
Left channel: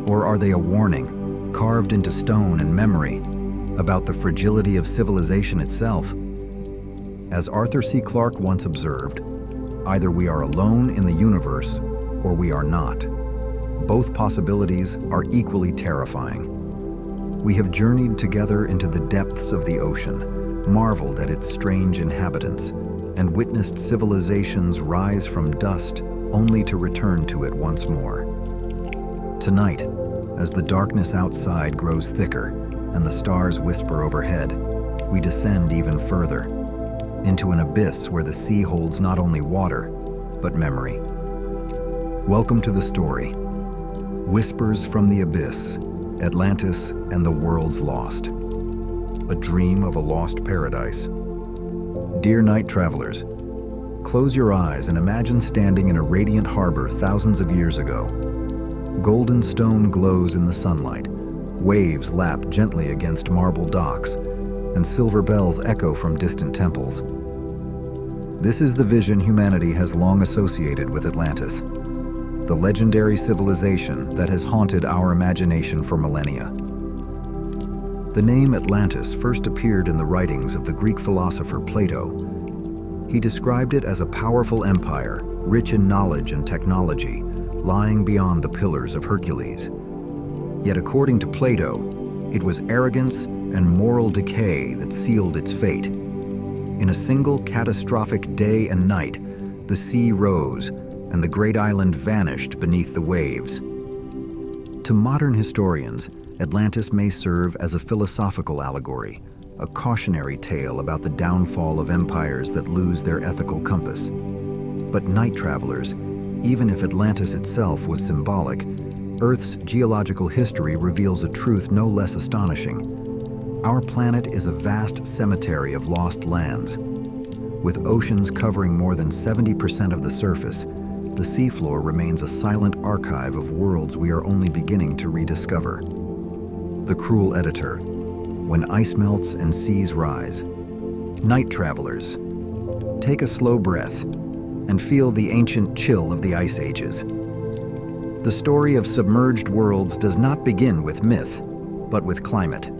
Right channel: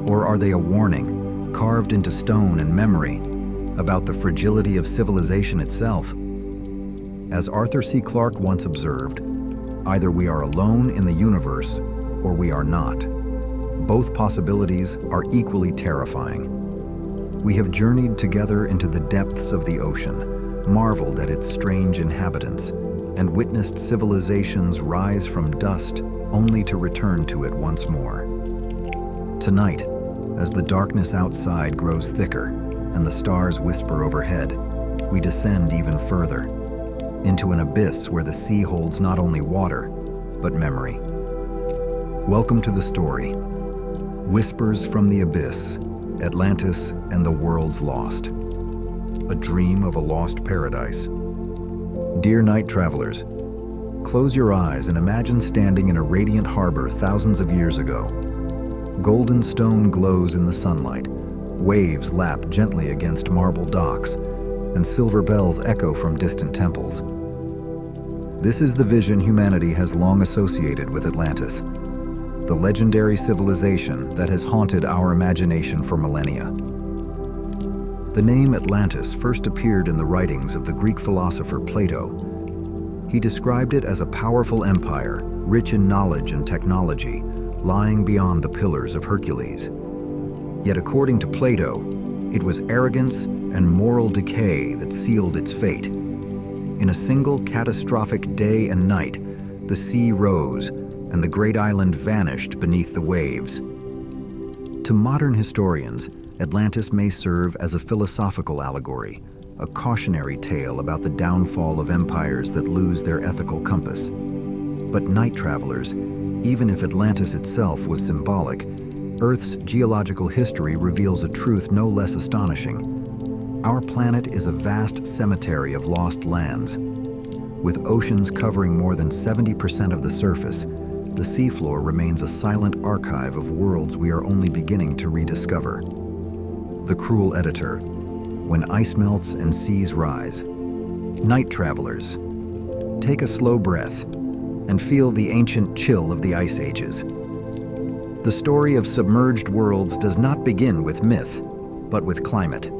Or are they a warning, carved into stone and memory, about the fragility of civilization itself? As Arthur C. Clarke once observed, either we are alone in the universe or we are not. Both possibilities are equally terrifying. We have journeyed together into the depths of the ocean, marveled at its strange inhabitants, and witnessed civilizations rise from dust only to return to it once more. Tonight, as the darkness outside grows thicker and the stars whisper overhead, we descend even further, into an abyss where the sea holds not only water, but memory. Welcome to the story. Whispers from the Abyss, Atlantis and the World's Lost. A dream of a lost paradise. Dear night travelers, close your eyes and imagine standing in a radiant harbor thousands of years ago. Golden stone glows in the sunlight, waves lap gently against marble docks, and silver bells echo from distant temples. This is the vision humanity has long associated with Atlantis, the legendary civilization that has haunted our imagination for millennia. The name Atlantis first appeared in the writings of the Greek philosopher Plato. He described it as a powerful empire, rich in knowledge and technology, lying beyond the Pillars of Hercules. Yet according to Plato, it was arrogance and moral decay that sealed its fate. In a single catastrophic day and night, the sea rose and the great island vanished beneath the waves. To modern historians, Atlantis may serve as a philosophical allegory, a cautionary tale about the downfall of empires that lose their ethical compass. But night travelers, even if Atlantis itself was symbolic, Earth's geological history reveals a truth no less astonishing. Our planet is a vast cemetery of lost lands. With oceans covering more than 70% of the surface, the seafloor remains a silent archive of worlds we are only beginning to rediscover. The cruel editor. When ice melts and seas rise. Night travelers, take a slow breath and feel the ancient chill of the ice ages. The story of submerged worlds does not begin with myth, but with climate.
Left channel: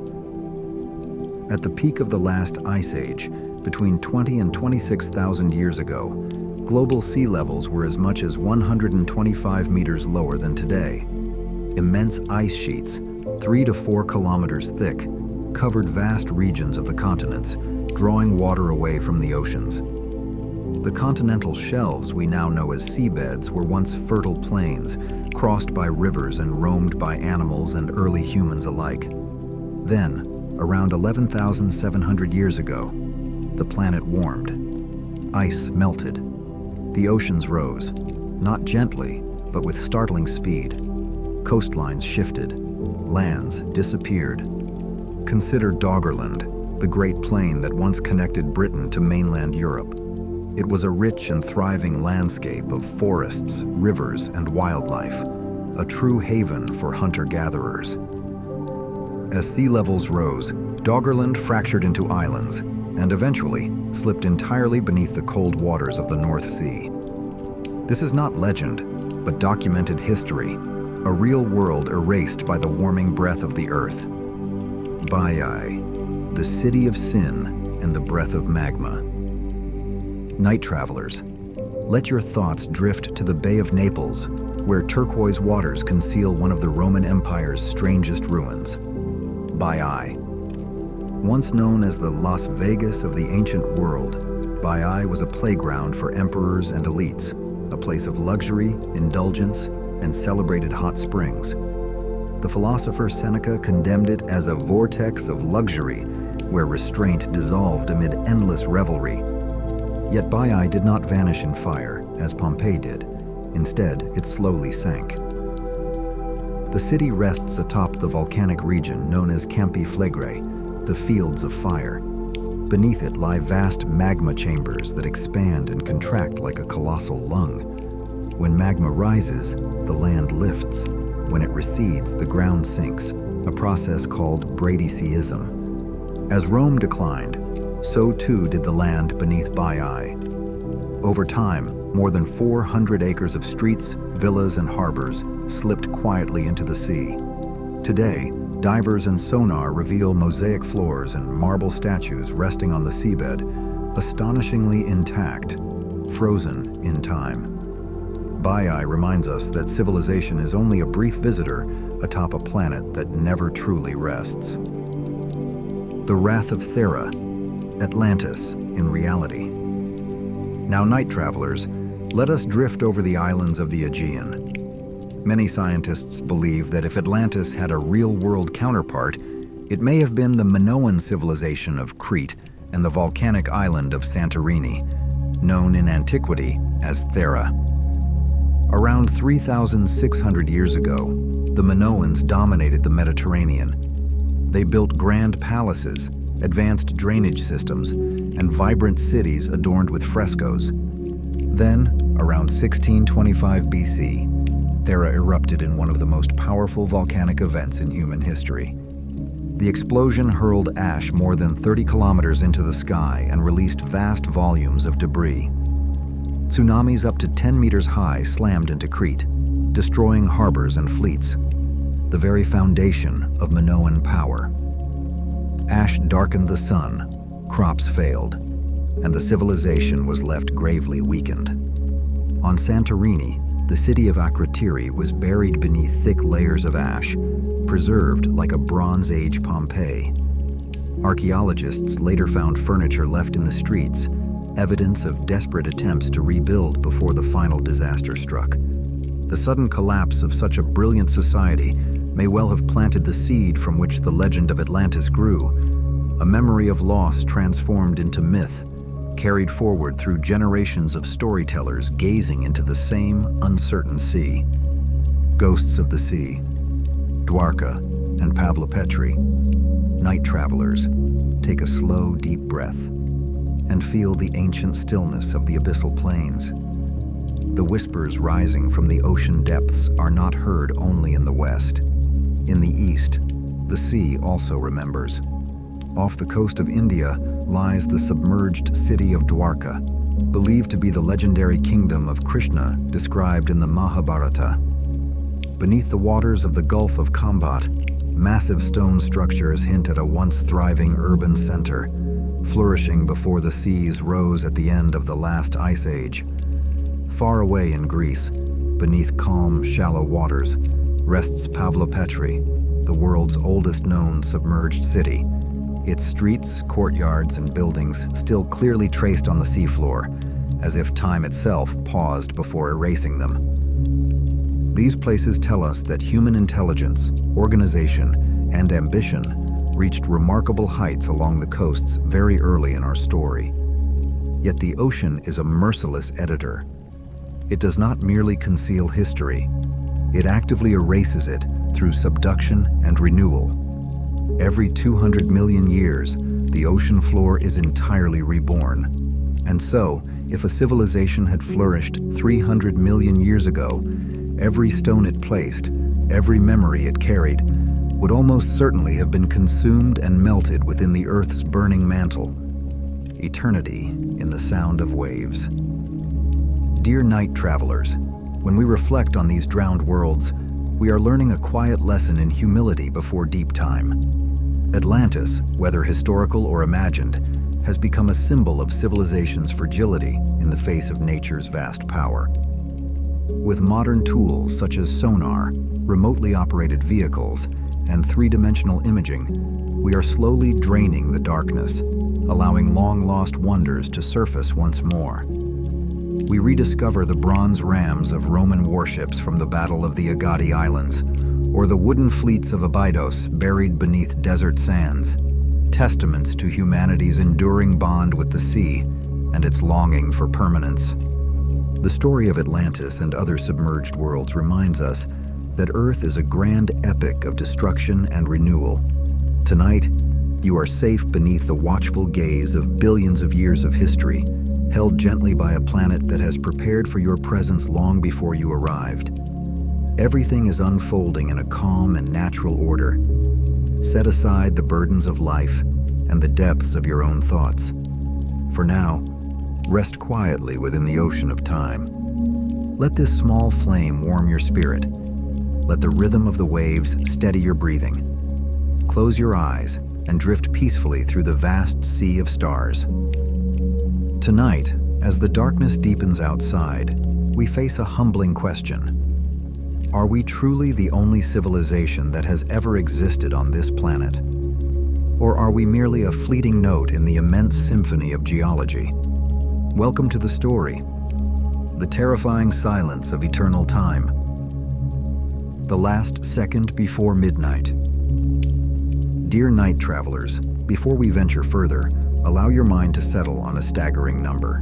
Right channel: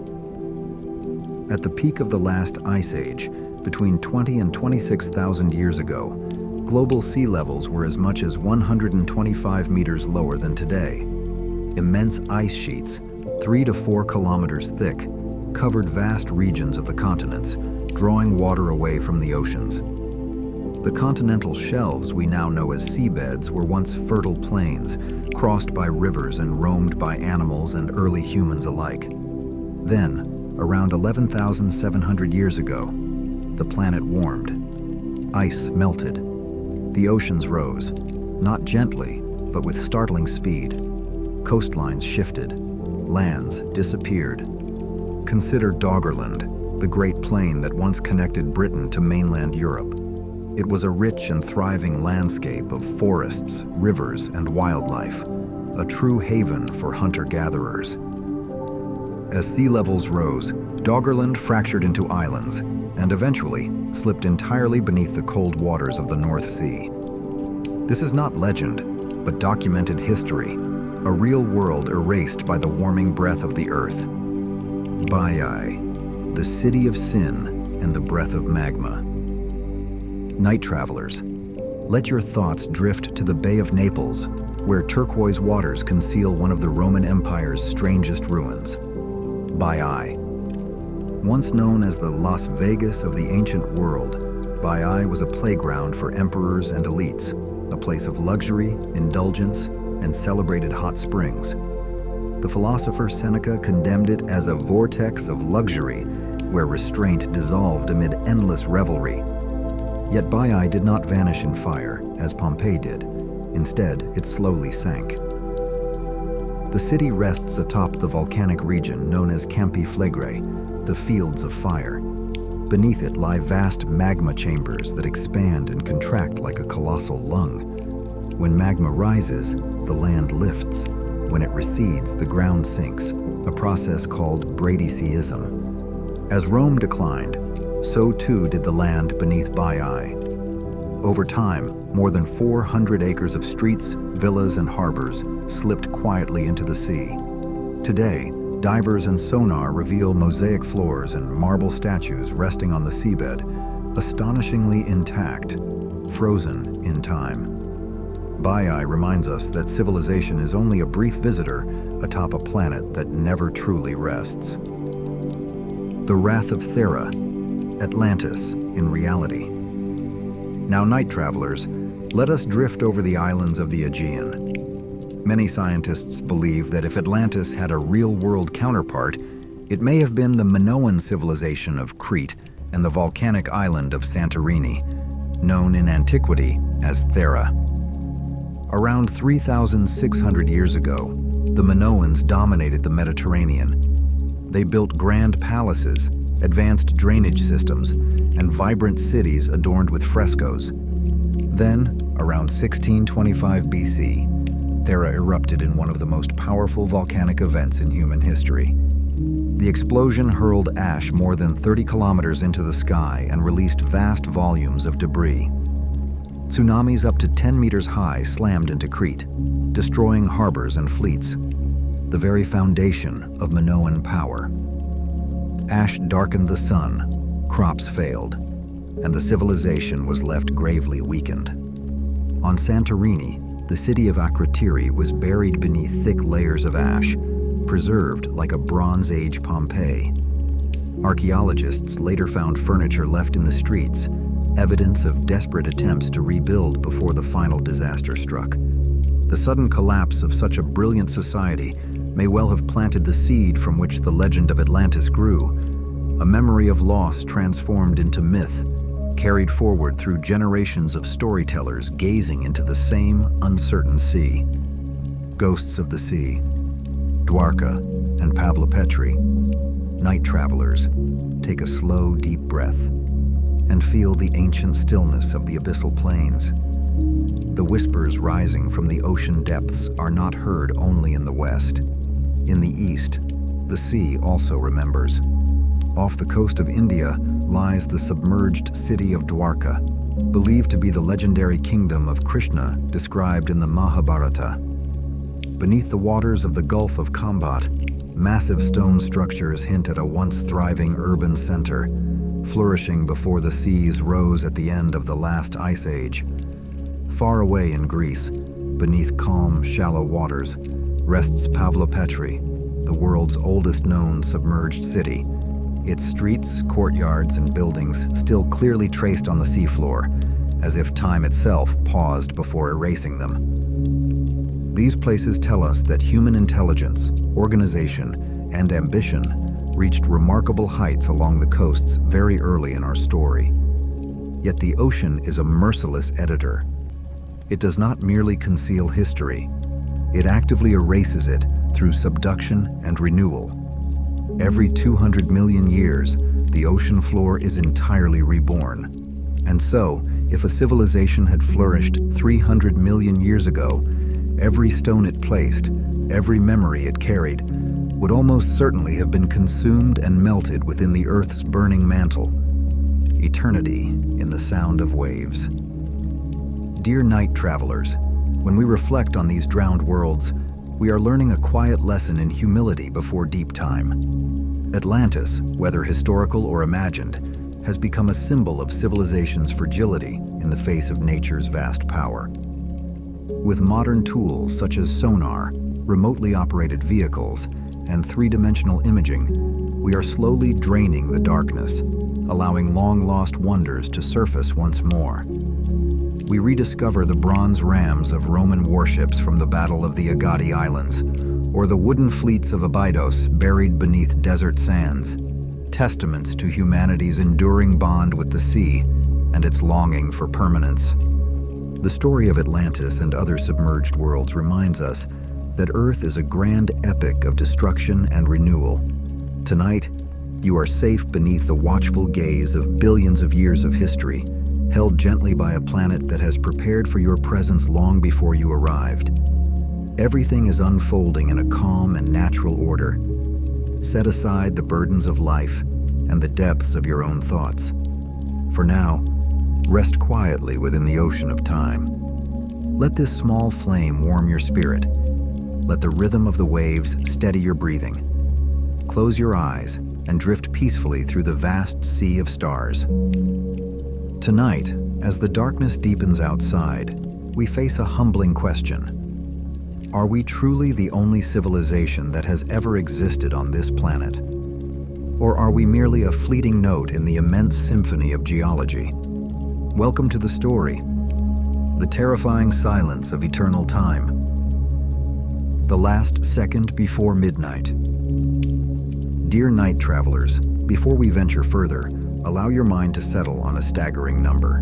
At the peak of the last ice age, between 20 and 26,000 years ago, global sea levels were as much as 125 meters lower than today. Immense ice sheets, 3 to 4 kilometers thick, covered vast regions of the continents, drawing water away from the oceans. The continental shelves we now know as seabeds were once fertile plains, crossed by rivers and roamed by animals and early humans alike. Then, around 11,700 years ago, the planet warmed. Ice melted. The oceans rose, not gently, but with startling speed. Coastlines shifted. Lands disappeared. Consider Doggerland, the Great Plain that once connected Britain to mainland Europe. It was a rich and thriving landscape of forests, rivers, and wildlife, a true haven for hunter-gatherers. As sea levels rose, Doggerland fractured into islands and eventually slipped entirely beneath the cold waters of the North Sea. This is not legend, but documented history, a real world erased by the warming breath of the earth. Baiae, the city of sin and the breath of magma. Night travelers, let your thoughts drift to the Bay of Naples, where turquoise waters conceal one of the Roman Empire's strangest ruins. Baiae. Once known as the Las Vegas of the ancient world, Baiae was a playground for emperors and elites, a place of luxury, indulgence, and celebrated hot springs. The philosopher Seneca condemned it as a vortex of luxury where restraint dissolved amid endless revelry. Yet Baiae did not vanish in fire, as Pompeii did. Instead, it slowly sank. The city rests atop the volcanic region known as Campi Flegrae, the fields of fire. Beneath it lie vast magma chambers that expand and contract like a colossal lung. When magma rises, the land lifts. When it recedes, the ground sinks, a process called bradyseism. As Rome declined, so too did the land beneath Baiae. Over time, more than 400 acres of streets, villas, and harbors slipped quietly into the sea. Today, divers and sonar reveal mosaic floors and marble statues resting on the seabed, astonishingly intact, frozen in time. Baiae reminds us that civilization is only a brief visitor atop a planet that never truly rests. The Wrath of Thera, Atlantis in reality. Now, night travelers, let us drift over the islands of the Aegean. Many scientists believe that if Atlantis had a real-world counterpart, it may have been the Minoan civilization of Crete and the volcanic island of Santorini, known in antiquity as Thera. Around 3,600 years ago, the Minoans dominated the Mediterranean. They built grand palaces, advanced drainage systems, and vibrant cities adorned with frescoes. Then, around 1625 BC, Thera erupted in one of the most powerful volcanic events in human history. The explosion hurled ash more than 30 kilometers into the sky and released vast volumes of debris. Tsunamis up to 10 meters high slammed into Crete, destroying harbors and fleets, the very foundation of Minoan power. Ash darkened the sun, crops failed, and the civilization was left gravely weakened. On Santorini, the city of Akrotiri was buried beneath thick layers of ash, preserved like a Bronze Age Pompeii. Archaeologists later found furniture left in the streets, evidence of desperate attempts to rebuild before the final disaster struck. The sudden collapse of such a brilliant society may well have planted the seed from which the legend of Atlantis grew, a memory of loss transformed into myth, carried forward through generations of storytellers gazing into the same uncertain sea. Ghosts of the sea, Dwarka and Pavlopetri, night travelers, take a slow, deep breath and feel the ancient stillness of the abyssal plains. The whispers rising from the ocean depths are not heard only in the west. In the east, the sea also remembers. Off the coast of India lies the submerged city of Dwarka, believed to be the legendary kingdom of Krishna described in the Mahabharata. Beneath the waters of the Gulf of Kambat, massive stone structures hint at a once thriving urban center, flourishing before the seas rose at the end of the last ice age. Far away in Greece, beneath calm, shallow waters, rests Pavlopetri, the world's oldest known submerged city, its streets, courtyards, and buildings still clearly traced on the seafloor, as if time itself paused before erasing them. These places tell us that human intelligence, organization, and ambition reached remarkable heights along the coasts very early in our story. Yet the ocean is a merciless editor. It does not merely conceal history, it actively erases it through subduction and renewal. Every 200 million years, the ocean floor is entirely reborn. And so, if a civilization had flourished 300 million years ago, every stone it placed, every memory it carried, would almost certainly have been consumed and melted within the Earth's burning mantle. Eternity in the sound of waves. Dear night travelers, when we reflect on these drowned worlds, we are learning a quiet lesson in humility before deep time. Atlantis, whether historical or imagined, has become a symbol of civilization's fragility in the face of nature's vast power. With modern tools such as sonar, remotely operated vehicles, and three-dimensional imaging, we are slowly draining the darkness, allowing long-lost wonders to surface once more. We rediscover the bronze rams of Roman warships from the Battle of the Agadi Islands, or the wooden fleets of Abydos buried beneath desert sands, testaments to humanity's enduring bond with the sea and its longing for permanence. The story of Atlantis and other submerged worlds reminds us that Earth is a grand epic of destruction and renewal. Tonight, you are safe beneath the watchful gaze of billions of years of history, held gently by a planet that has prepared for your presence long before you arrived. Everything is unfolding in a calm and natural order. Set aside the burdens of life and the depths of your own thoughts. For now, rest quietly within the ocean of time. Let this small flame warm your spirit. Let the rhythm of the waves steady your breathing. Close your eyes and drift peacefully through the vast sea of stars. Tonight, as the darkness deepens outside, we face a humbling question. Are we truly the only civilization that has ever existed on this planet? Or are we merely a fleeting note in the immense symphony of geology? Welcome to the story, the terrifying silence of eternal time. The last second before midnight. Dear night travelers, before we venture further, allow your mind to settle on a staggering number.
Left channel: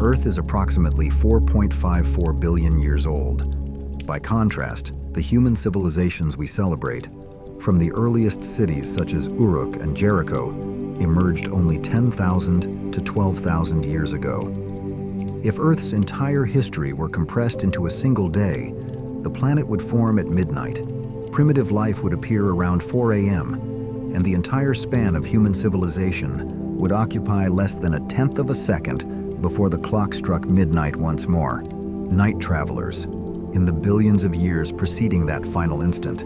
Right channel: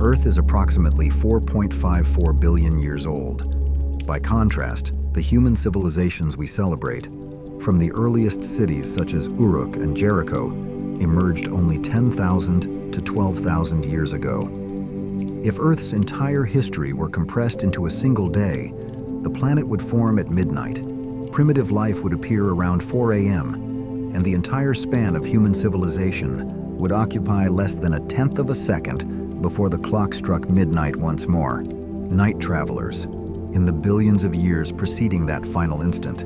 Earth is approximately 4.54 billion years old. By contrast, the human civilizations we celebrate, from the earliest cities such as Uruk and Jericho, emerged only 10,000 to 12,000 years ago. If Earth's entire history were compressed into a single day, the planet would form at midnight. Primitive life would appear around 4 a.m., and the entire span of human civilization would occupy less than a tenth of a second before the clock struck midnight once more. Night travelers, in the billions of years preceding that final instant,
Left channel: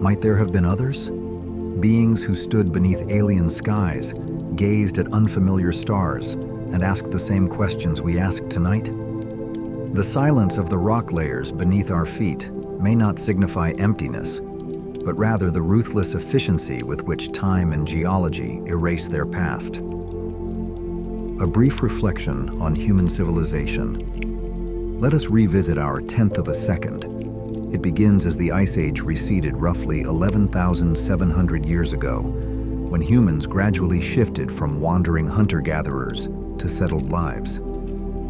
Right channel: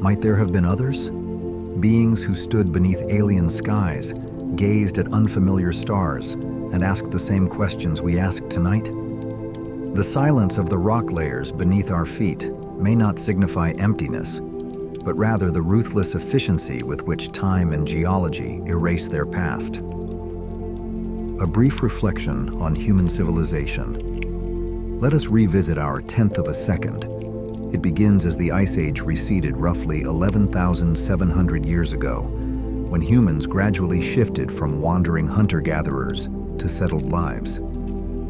might there have been others? Beings who stood beneath alien skies, gazed at unfamiliar stars, and asked the same questions we ask tonight? The silence of the rock layers beneath our feet may not signify emptiness, but rather the ruthless efficiency with which time and geology erase their past. A brief reflection on human civilization. Let us revisit our tenth of a second. It begins as the Ice Age receded roughly 11,700 years ago, when humans gradually shifted from wandering hunter-gatherers to settled lives.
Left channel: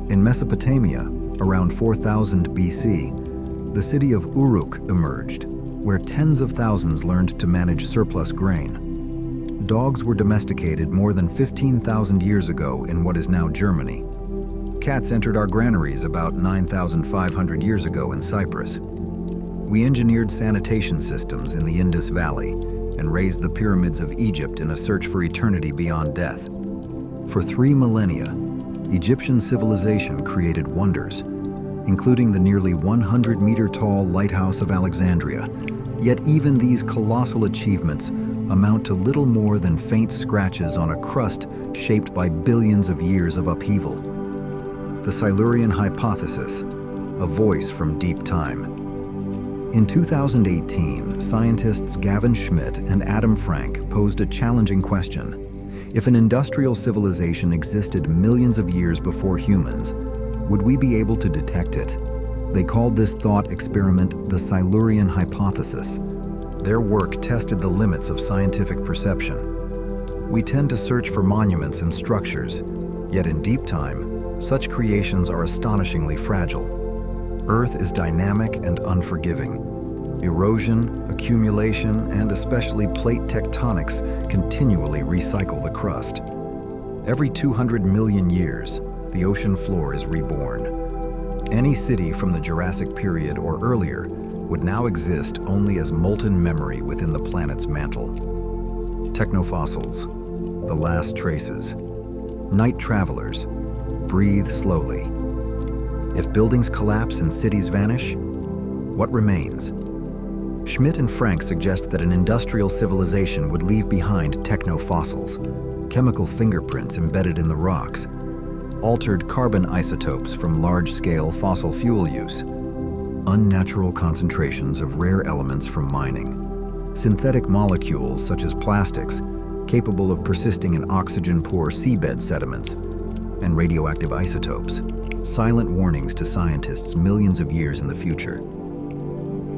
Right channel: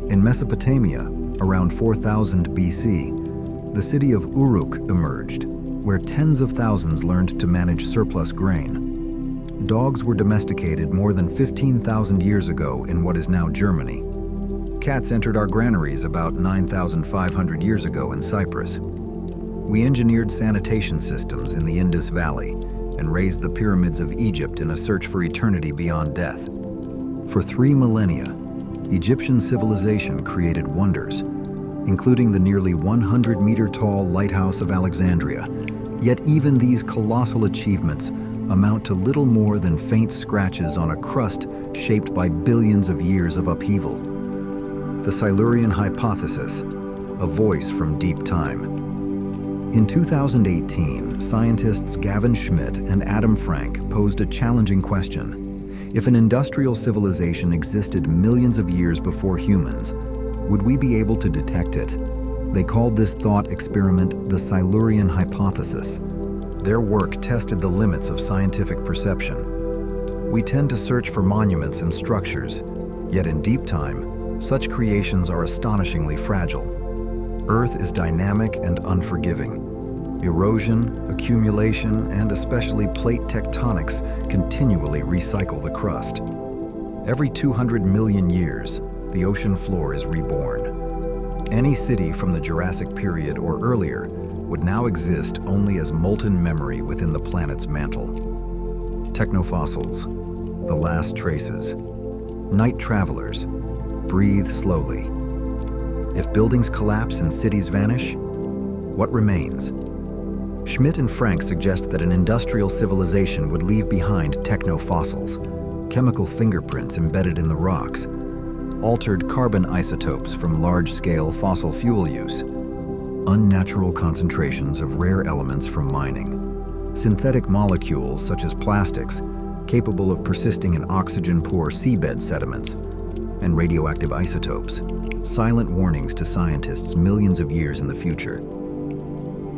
In Mesopotamia, around 4000 BC, the city of Uruk emerged, where tens of thousands learned to manage surplus grain. Dogs were domesticated more than 15,000 years ago in what is now Germany. Cats entered our granaries about 9,500 years ago in Cyprus. We engineered sanitation systems in the Indus Valley and raised the pyramids of Egypt in a search for eternity beyond death. For 3 millennia, Egyptian civilization created wonders, including the nearly 100-meter-tall Lighthouse of Alexandria. Yet even these colossal achievements amount to little more than faint scratches on a crust shaped by billions of years of upheaval. The Silurian hypothesis, a voice from deep time. In 2018, scientists Gavin Schmidt and Adam Frank posed a challenging question. If an industrial civilization existed millions of years before humans, would we be able to detect it? They called this thought experiment the Silurian hypothesis. Their work tested the limits of scientific perception. We tend to search for monuments and structures, yet in deep time, such creations are astonishingly fragile. Earth is dynamic and unforgiving. Erosion, accumulation, and especially plate tectonics continually recycle the crust. Every 200 million years, the ocean floor is reborn. Any city from the Jurassic period or earlier would now exist only as molten memory within the planet's mantle. Technofossils, the last traces. Night travelers, breathe slowly. If buildings collapse and cities vanish, what remains? Schmidt and Frank suggest that an industrial civilization would leave behind technofossils, chemical fingerprints embedded in the rocks, altered carbon isotopes from large-scale fossil fuel use, unnatural concentrations of rare elements from mining, synthetic molecules such as plastics capable of persisting in oxygen-poor seabed sediments, and radioactive isotopes, silent warnings to scientists millions of years in the future.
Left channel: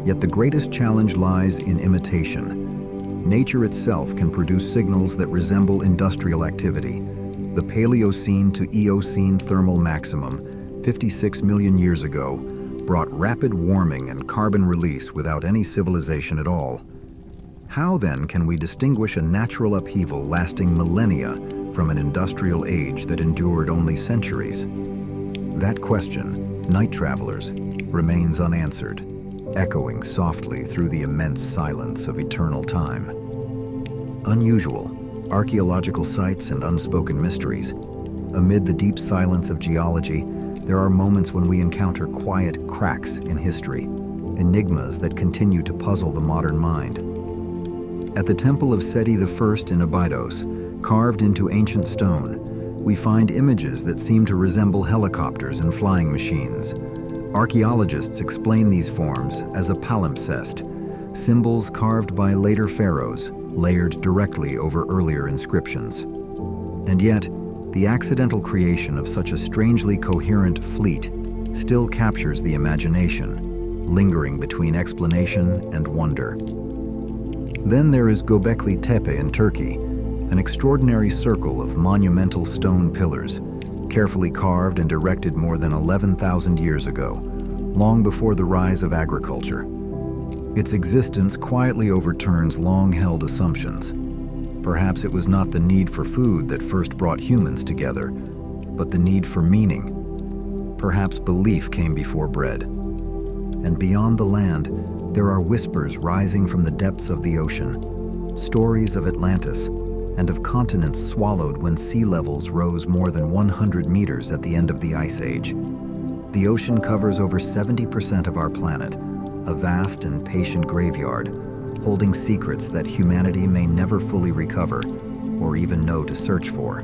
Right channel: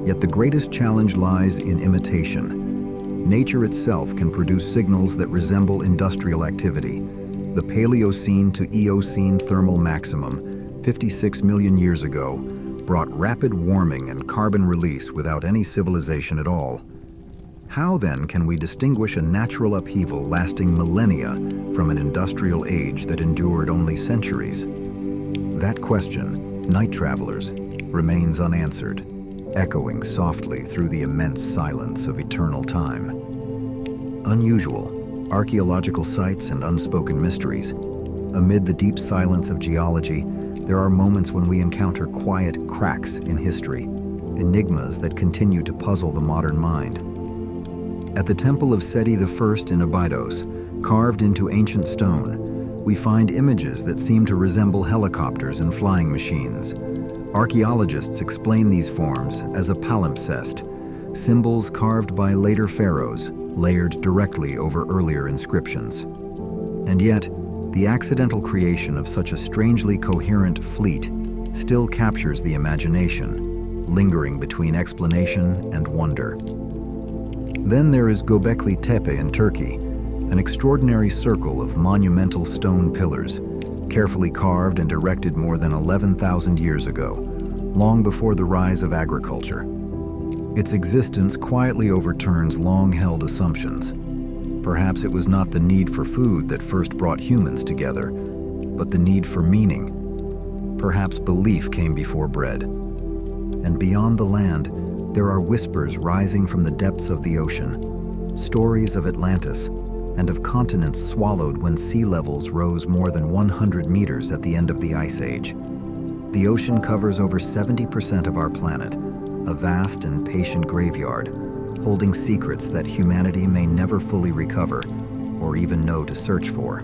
Yet the greatest challenge lies in imitation. Nature itself can produce signals that resemble industrial activity. The Paleocene to Eocene thermal maximum, 56 million years ago, brought rapid warming and carbon release without any civilization at all. How then can we distinguish a natural upheaval lasting millennia from an industrial age that endured only centuries? That question, night travelers, remains unanswered, echoing softly through the immense silence of eternal time. Unusual, archaeological sites and unspoken mysteries. Amid the deep silence of geology, there are moments when we encounter quiet cracks in history, enigmas that continue to puzzle the modern mind. At the temple of Seti I in Abydos, carved into ancient stone, we find images that seem to resemble helicopters and flying machines. Archaeologists explain these forms as a palimpsest, symbols carved by later pharaohs, layered directly over earlier inscriptions. And yet, the accidental creation of such a strangely coherent fleet still captures the imagination, lingering between explanation and wonder. Then there is Göbekli Tepe in Turkey, an extraordinary circle of monumental stone pillars, carefully carved and erected more than 11,000 years ago, long before the rise of agriculture. Its existence quietly overturns long-held assumptions. Perhaps it was not the need for food that first brought humans together, but the need for meaning. Perhaps belief came before bread. And beyond the land, there are whispers rising from the depths of the ocean, stories of Atlantis, and of continents swallowed when sea levels rose more than 100 meters at the end of the Ice Age. The ocean covers over 70% of our planet, a vast and patient graveyard, holding secrets that humanity may never fully recover or even know to search for.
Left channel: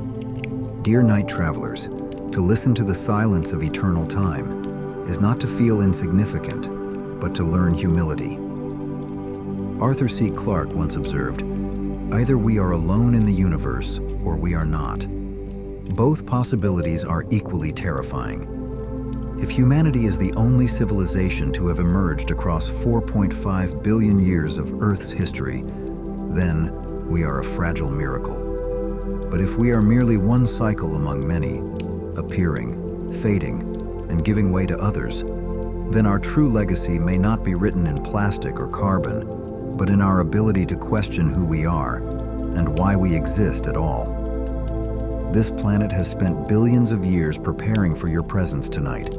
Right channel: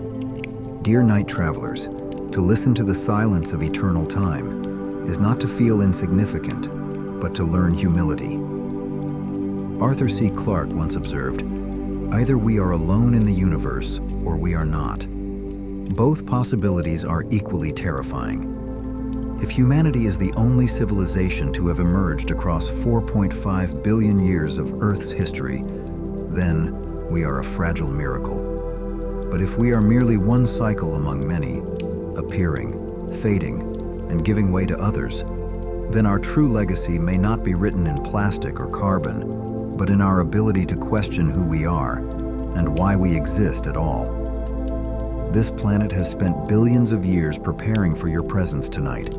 Dear night travelers, to listen to the silence of eternal time is not to feel insignificant, but to learn humility. Arthur C. Clarke once observed, "Either we are alone in the universe or we are not." Both possibilities are equally terrifying. If humanity is the only civilization to have emerged across 4.5 billion years of Earth's history, then we are a fragile miracle. But if we are merely one cycle among many, appearing, fading, and giving way to others, then our true legacy may not be written in plastic or carbon, but in our ability to question who we are and why we exist at all. This planet has spent billions of years preparing for your presence tonight.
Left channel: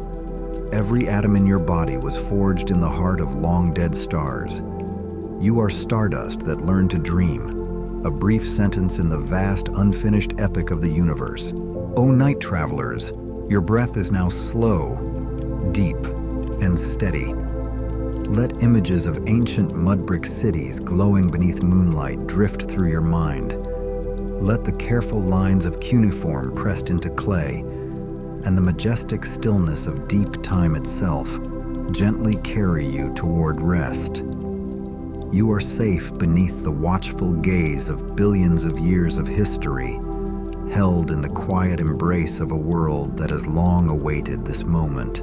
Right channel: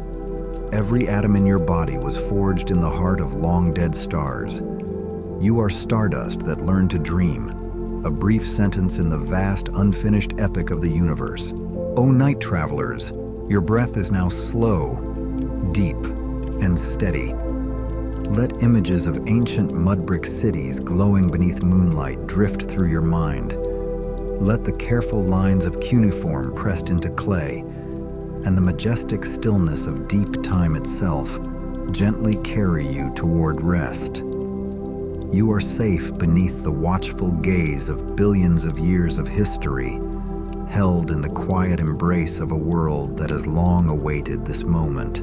Every atom in your body was forged in the heart of long-dead stars. You are stardust that learned to dream, a brief sentence in the vast, unfinished epic of the universe. O night travelers, your breath is now slow, deep, and steady. Let images of ancient mud-brick cities glowing beneath moonlight drift through your mind. Let the careful lines of cuneiform pressed into clay and the majestic stillness of deep time itself gently carry you toward rest. You are safe beneath the watchful gaze of billions of years of history, held in the quiet embrace of a world that has long awaited this moment.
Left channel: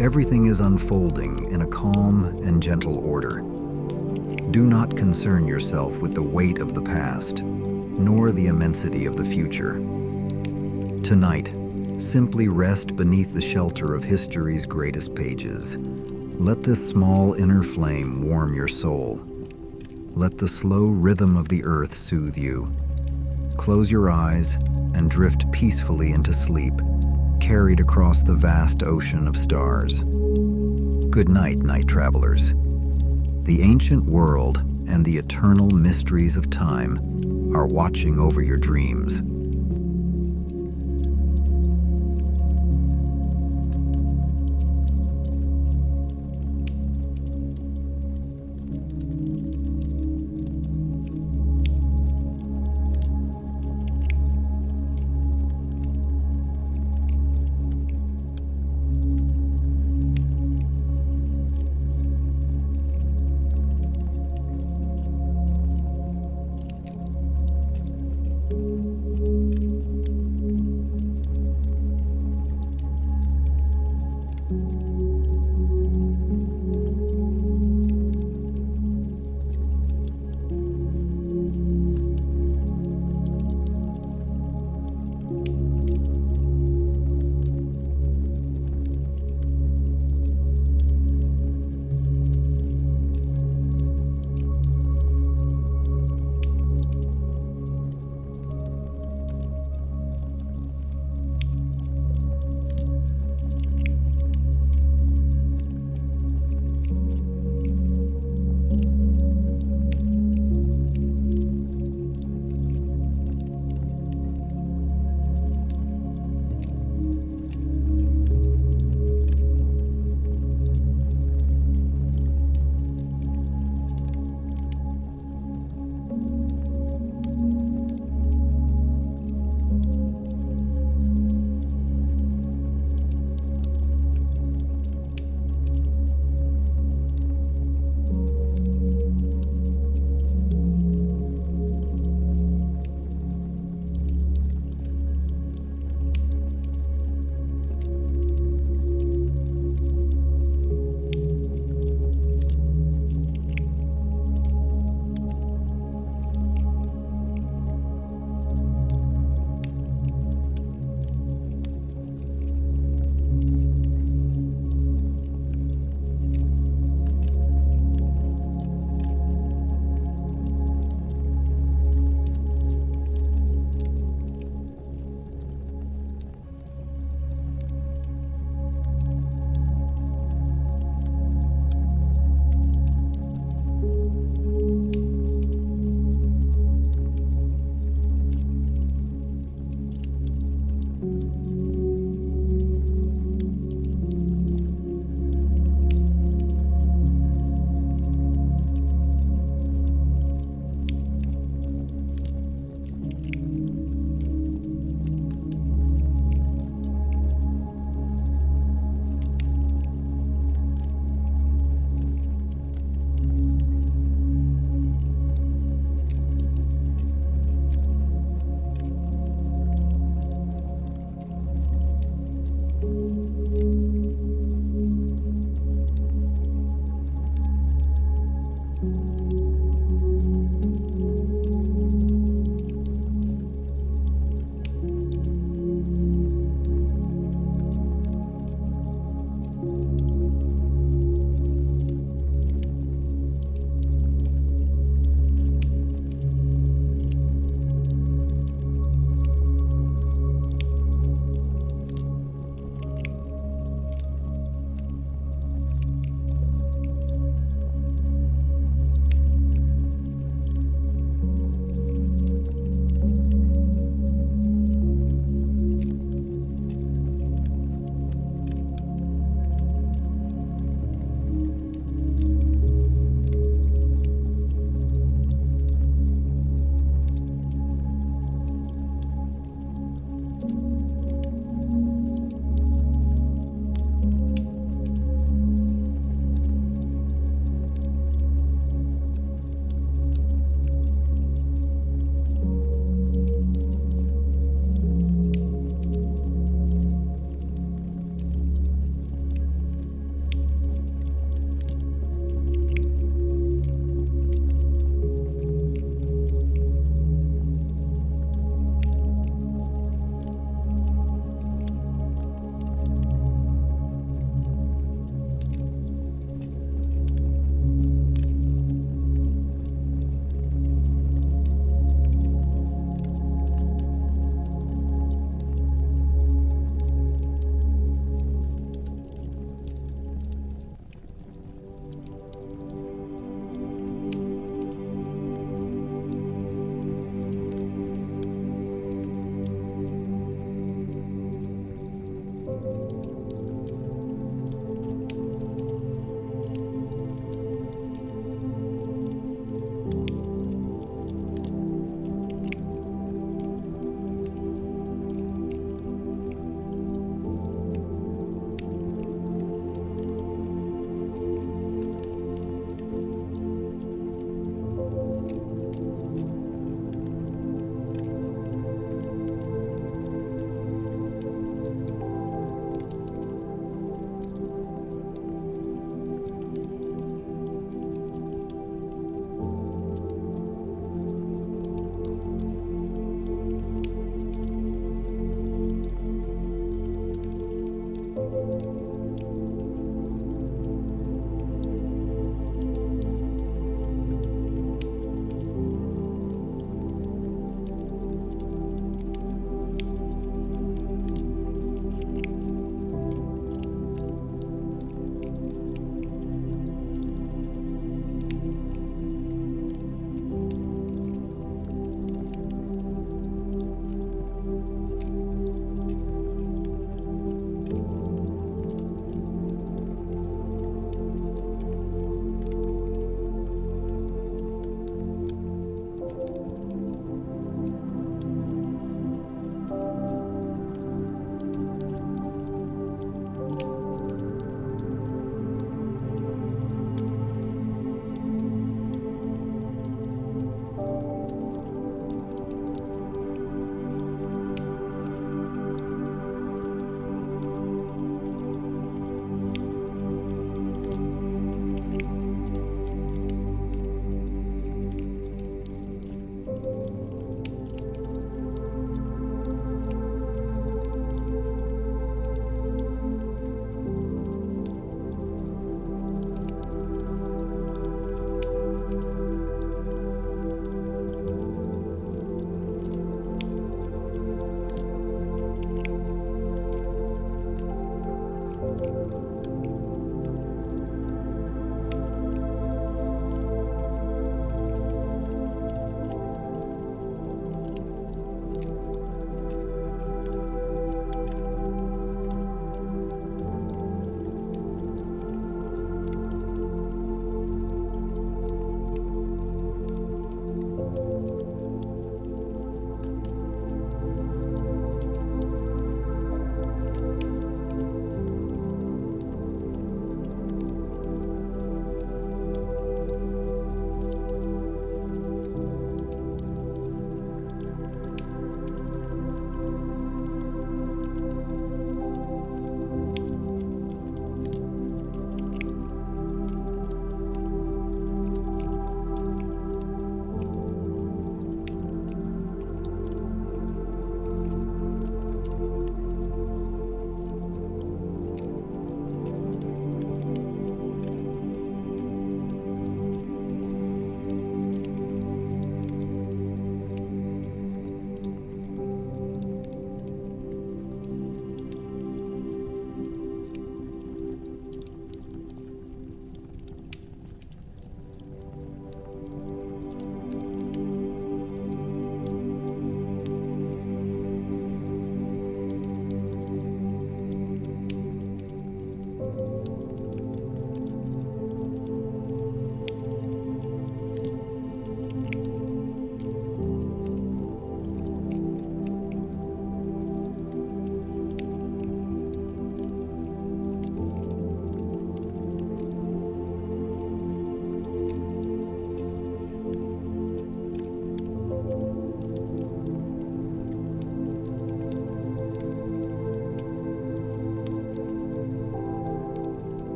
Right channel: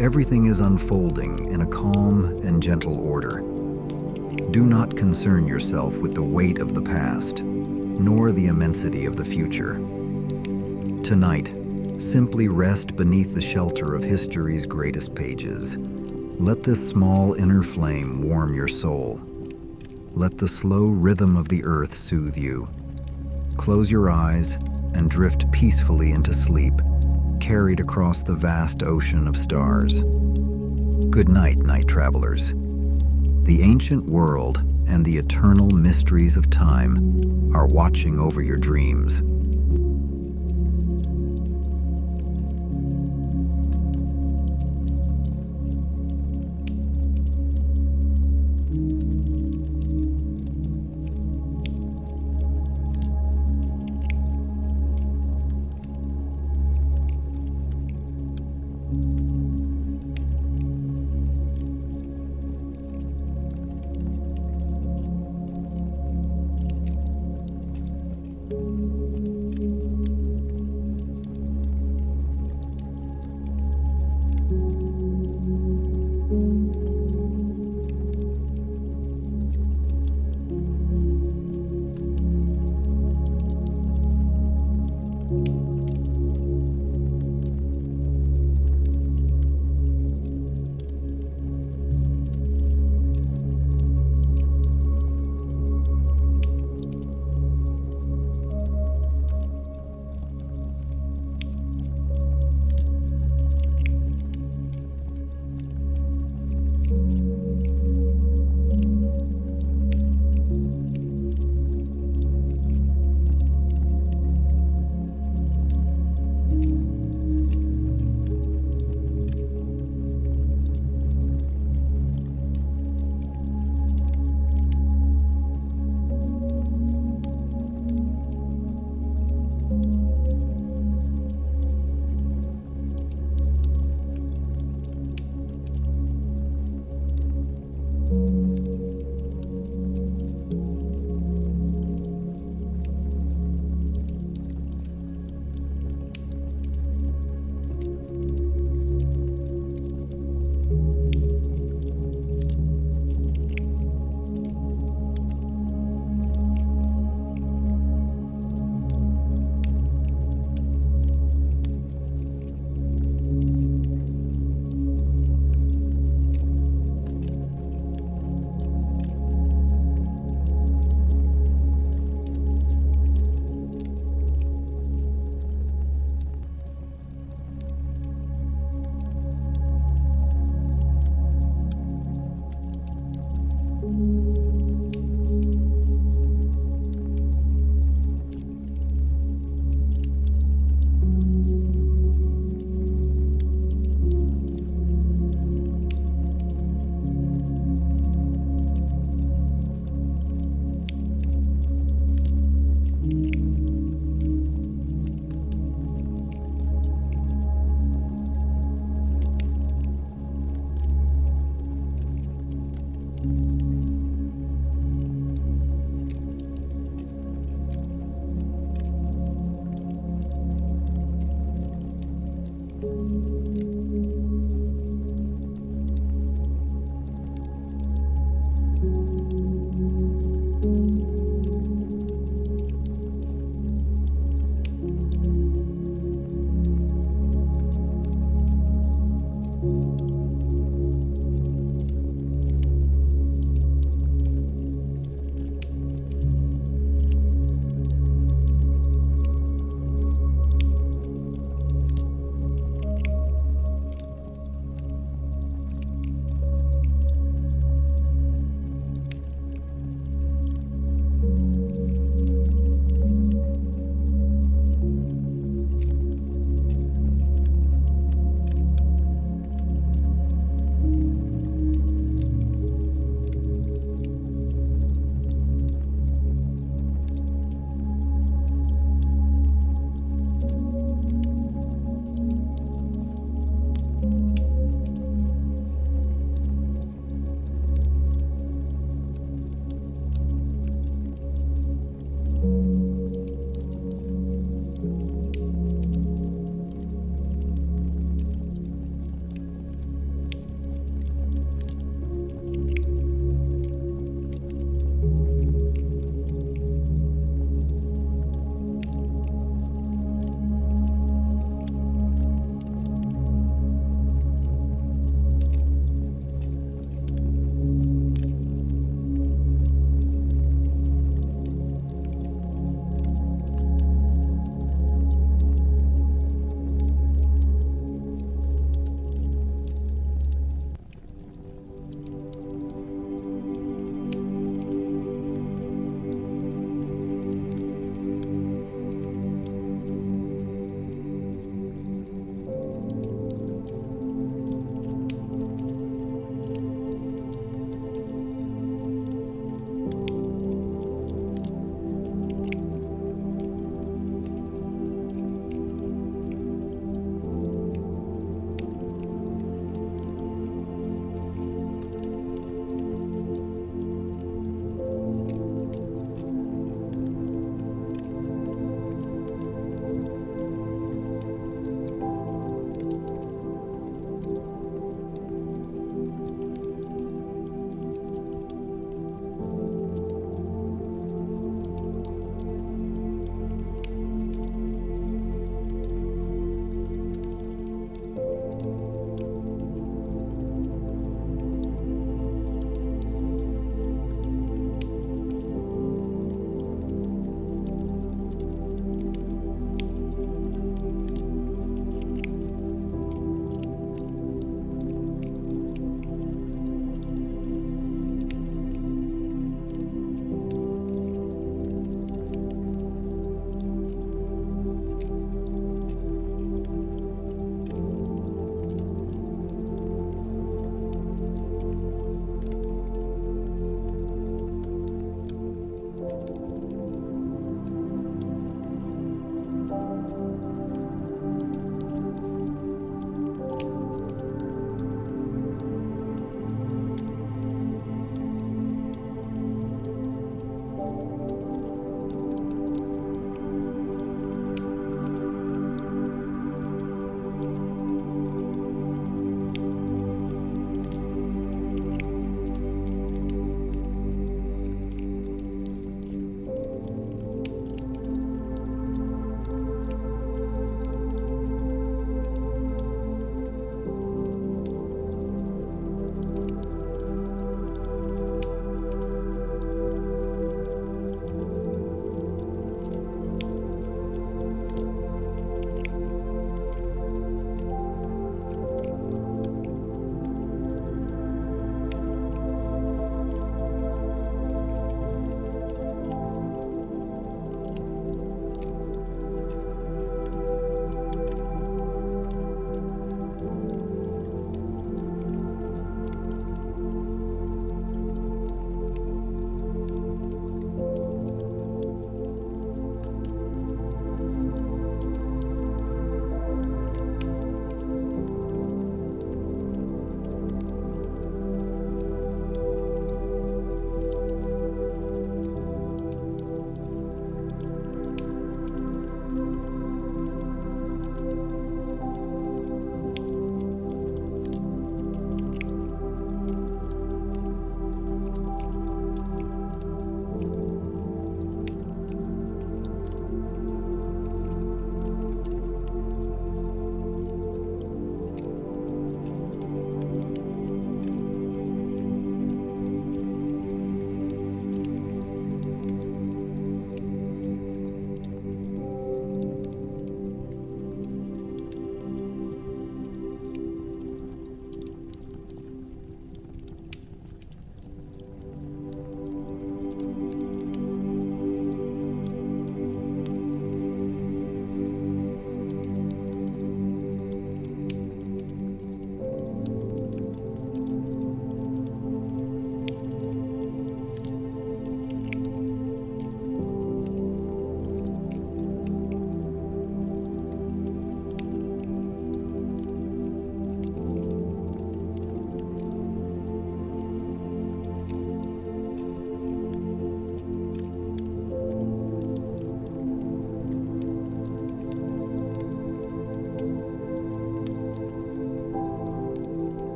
Everything is unfolding in a calm and gentle order. Do not concern yourself with the weight of the past, nor the immensity of the future. Tonight, simply rest beneath the shelter of history's greatest pages. Let this small inner flame warm your soul. Let the slow rhythm of the earth soothe you. Close your eyes and drift peacefully into sleep, carried across the vast ocean of stars. Good night, night travelers. The ancient world and the eternal mysteries of time are watching over your dreams.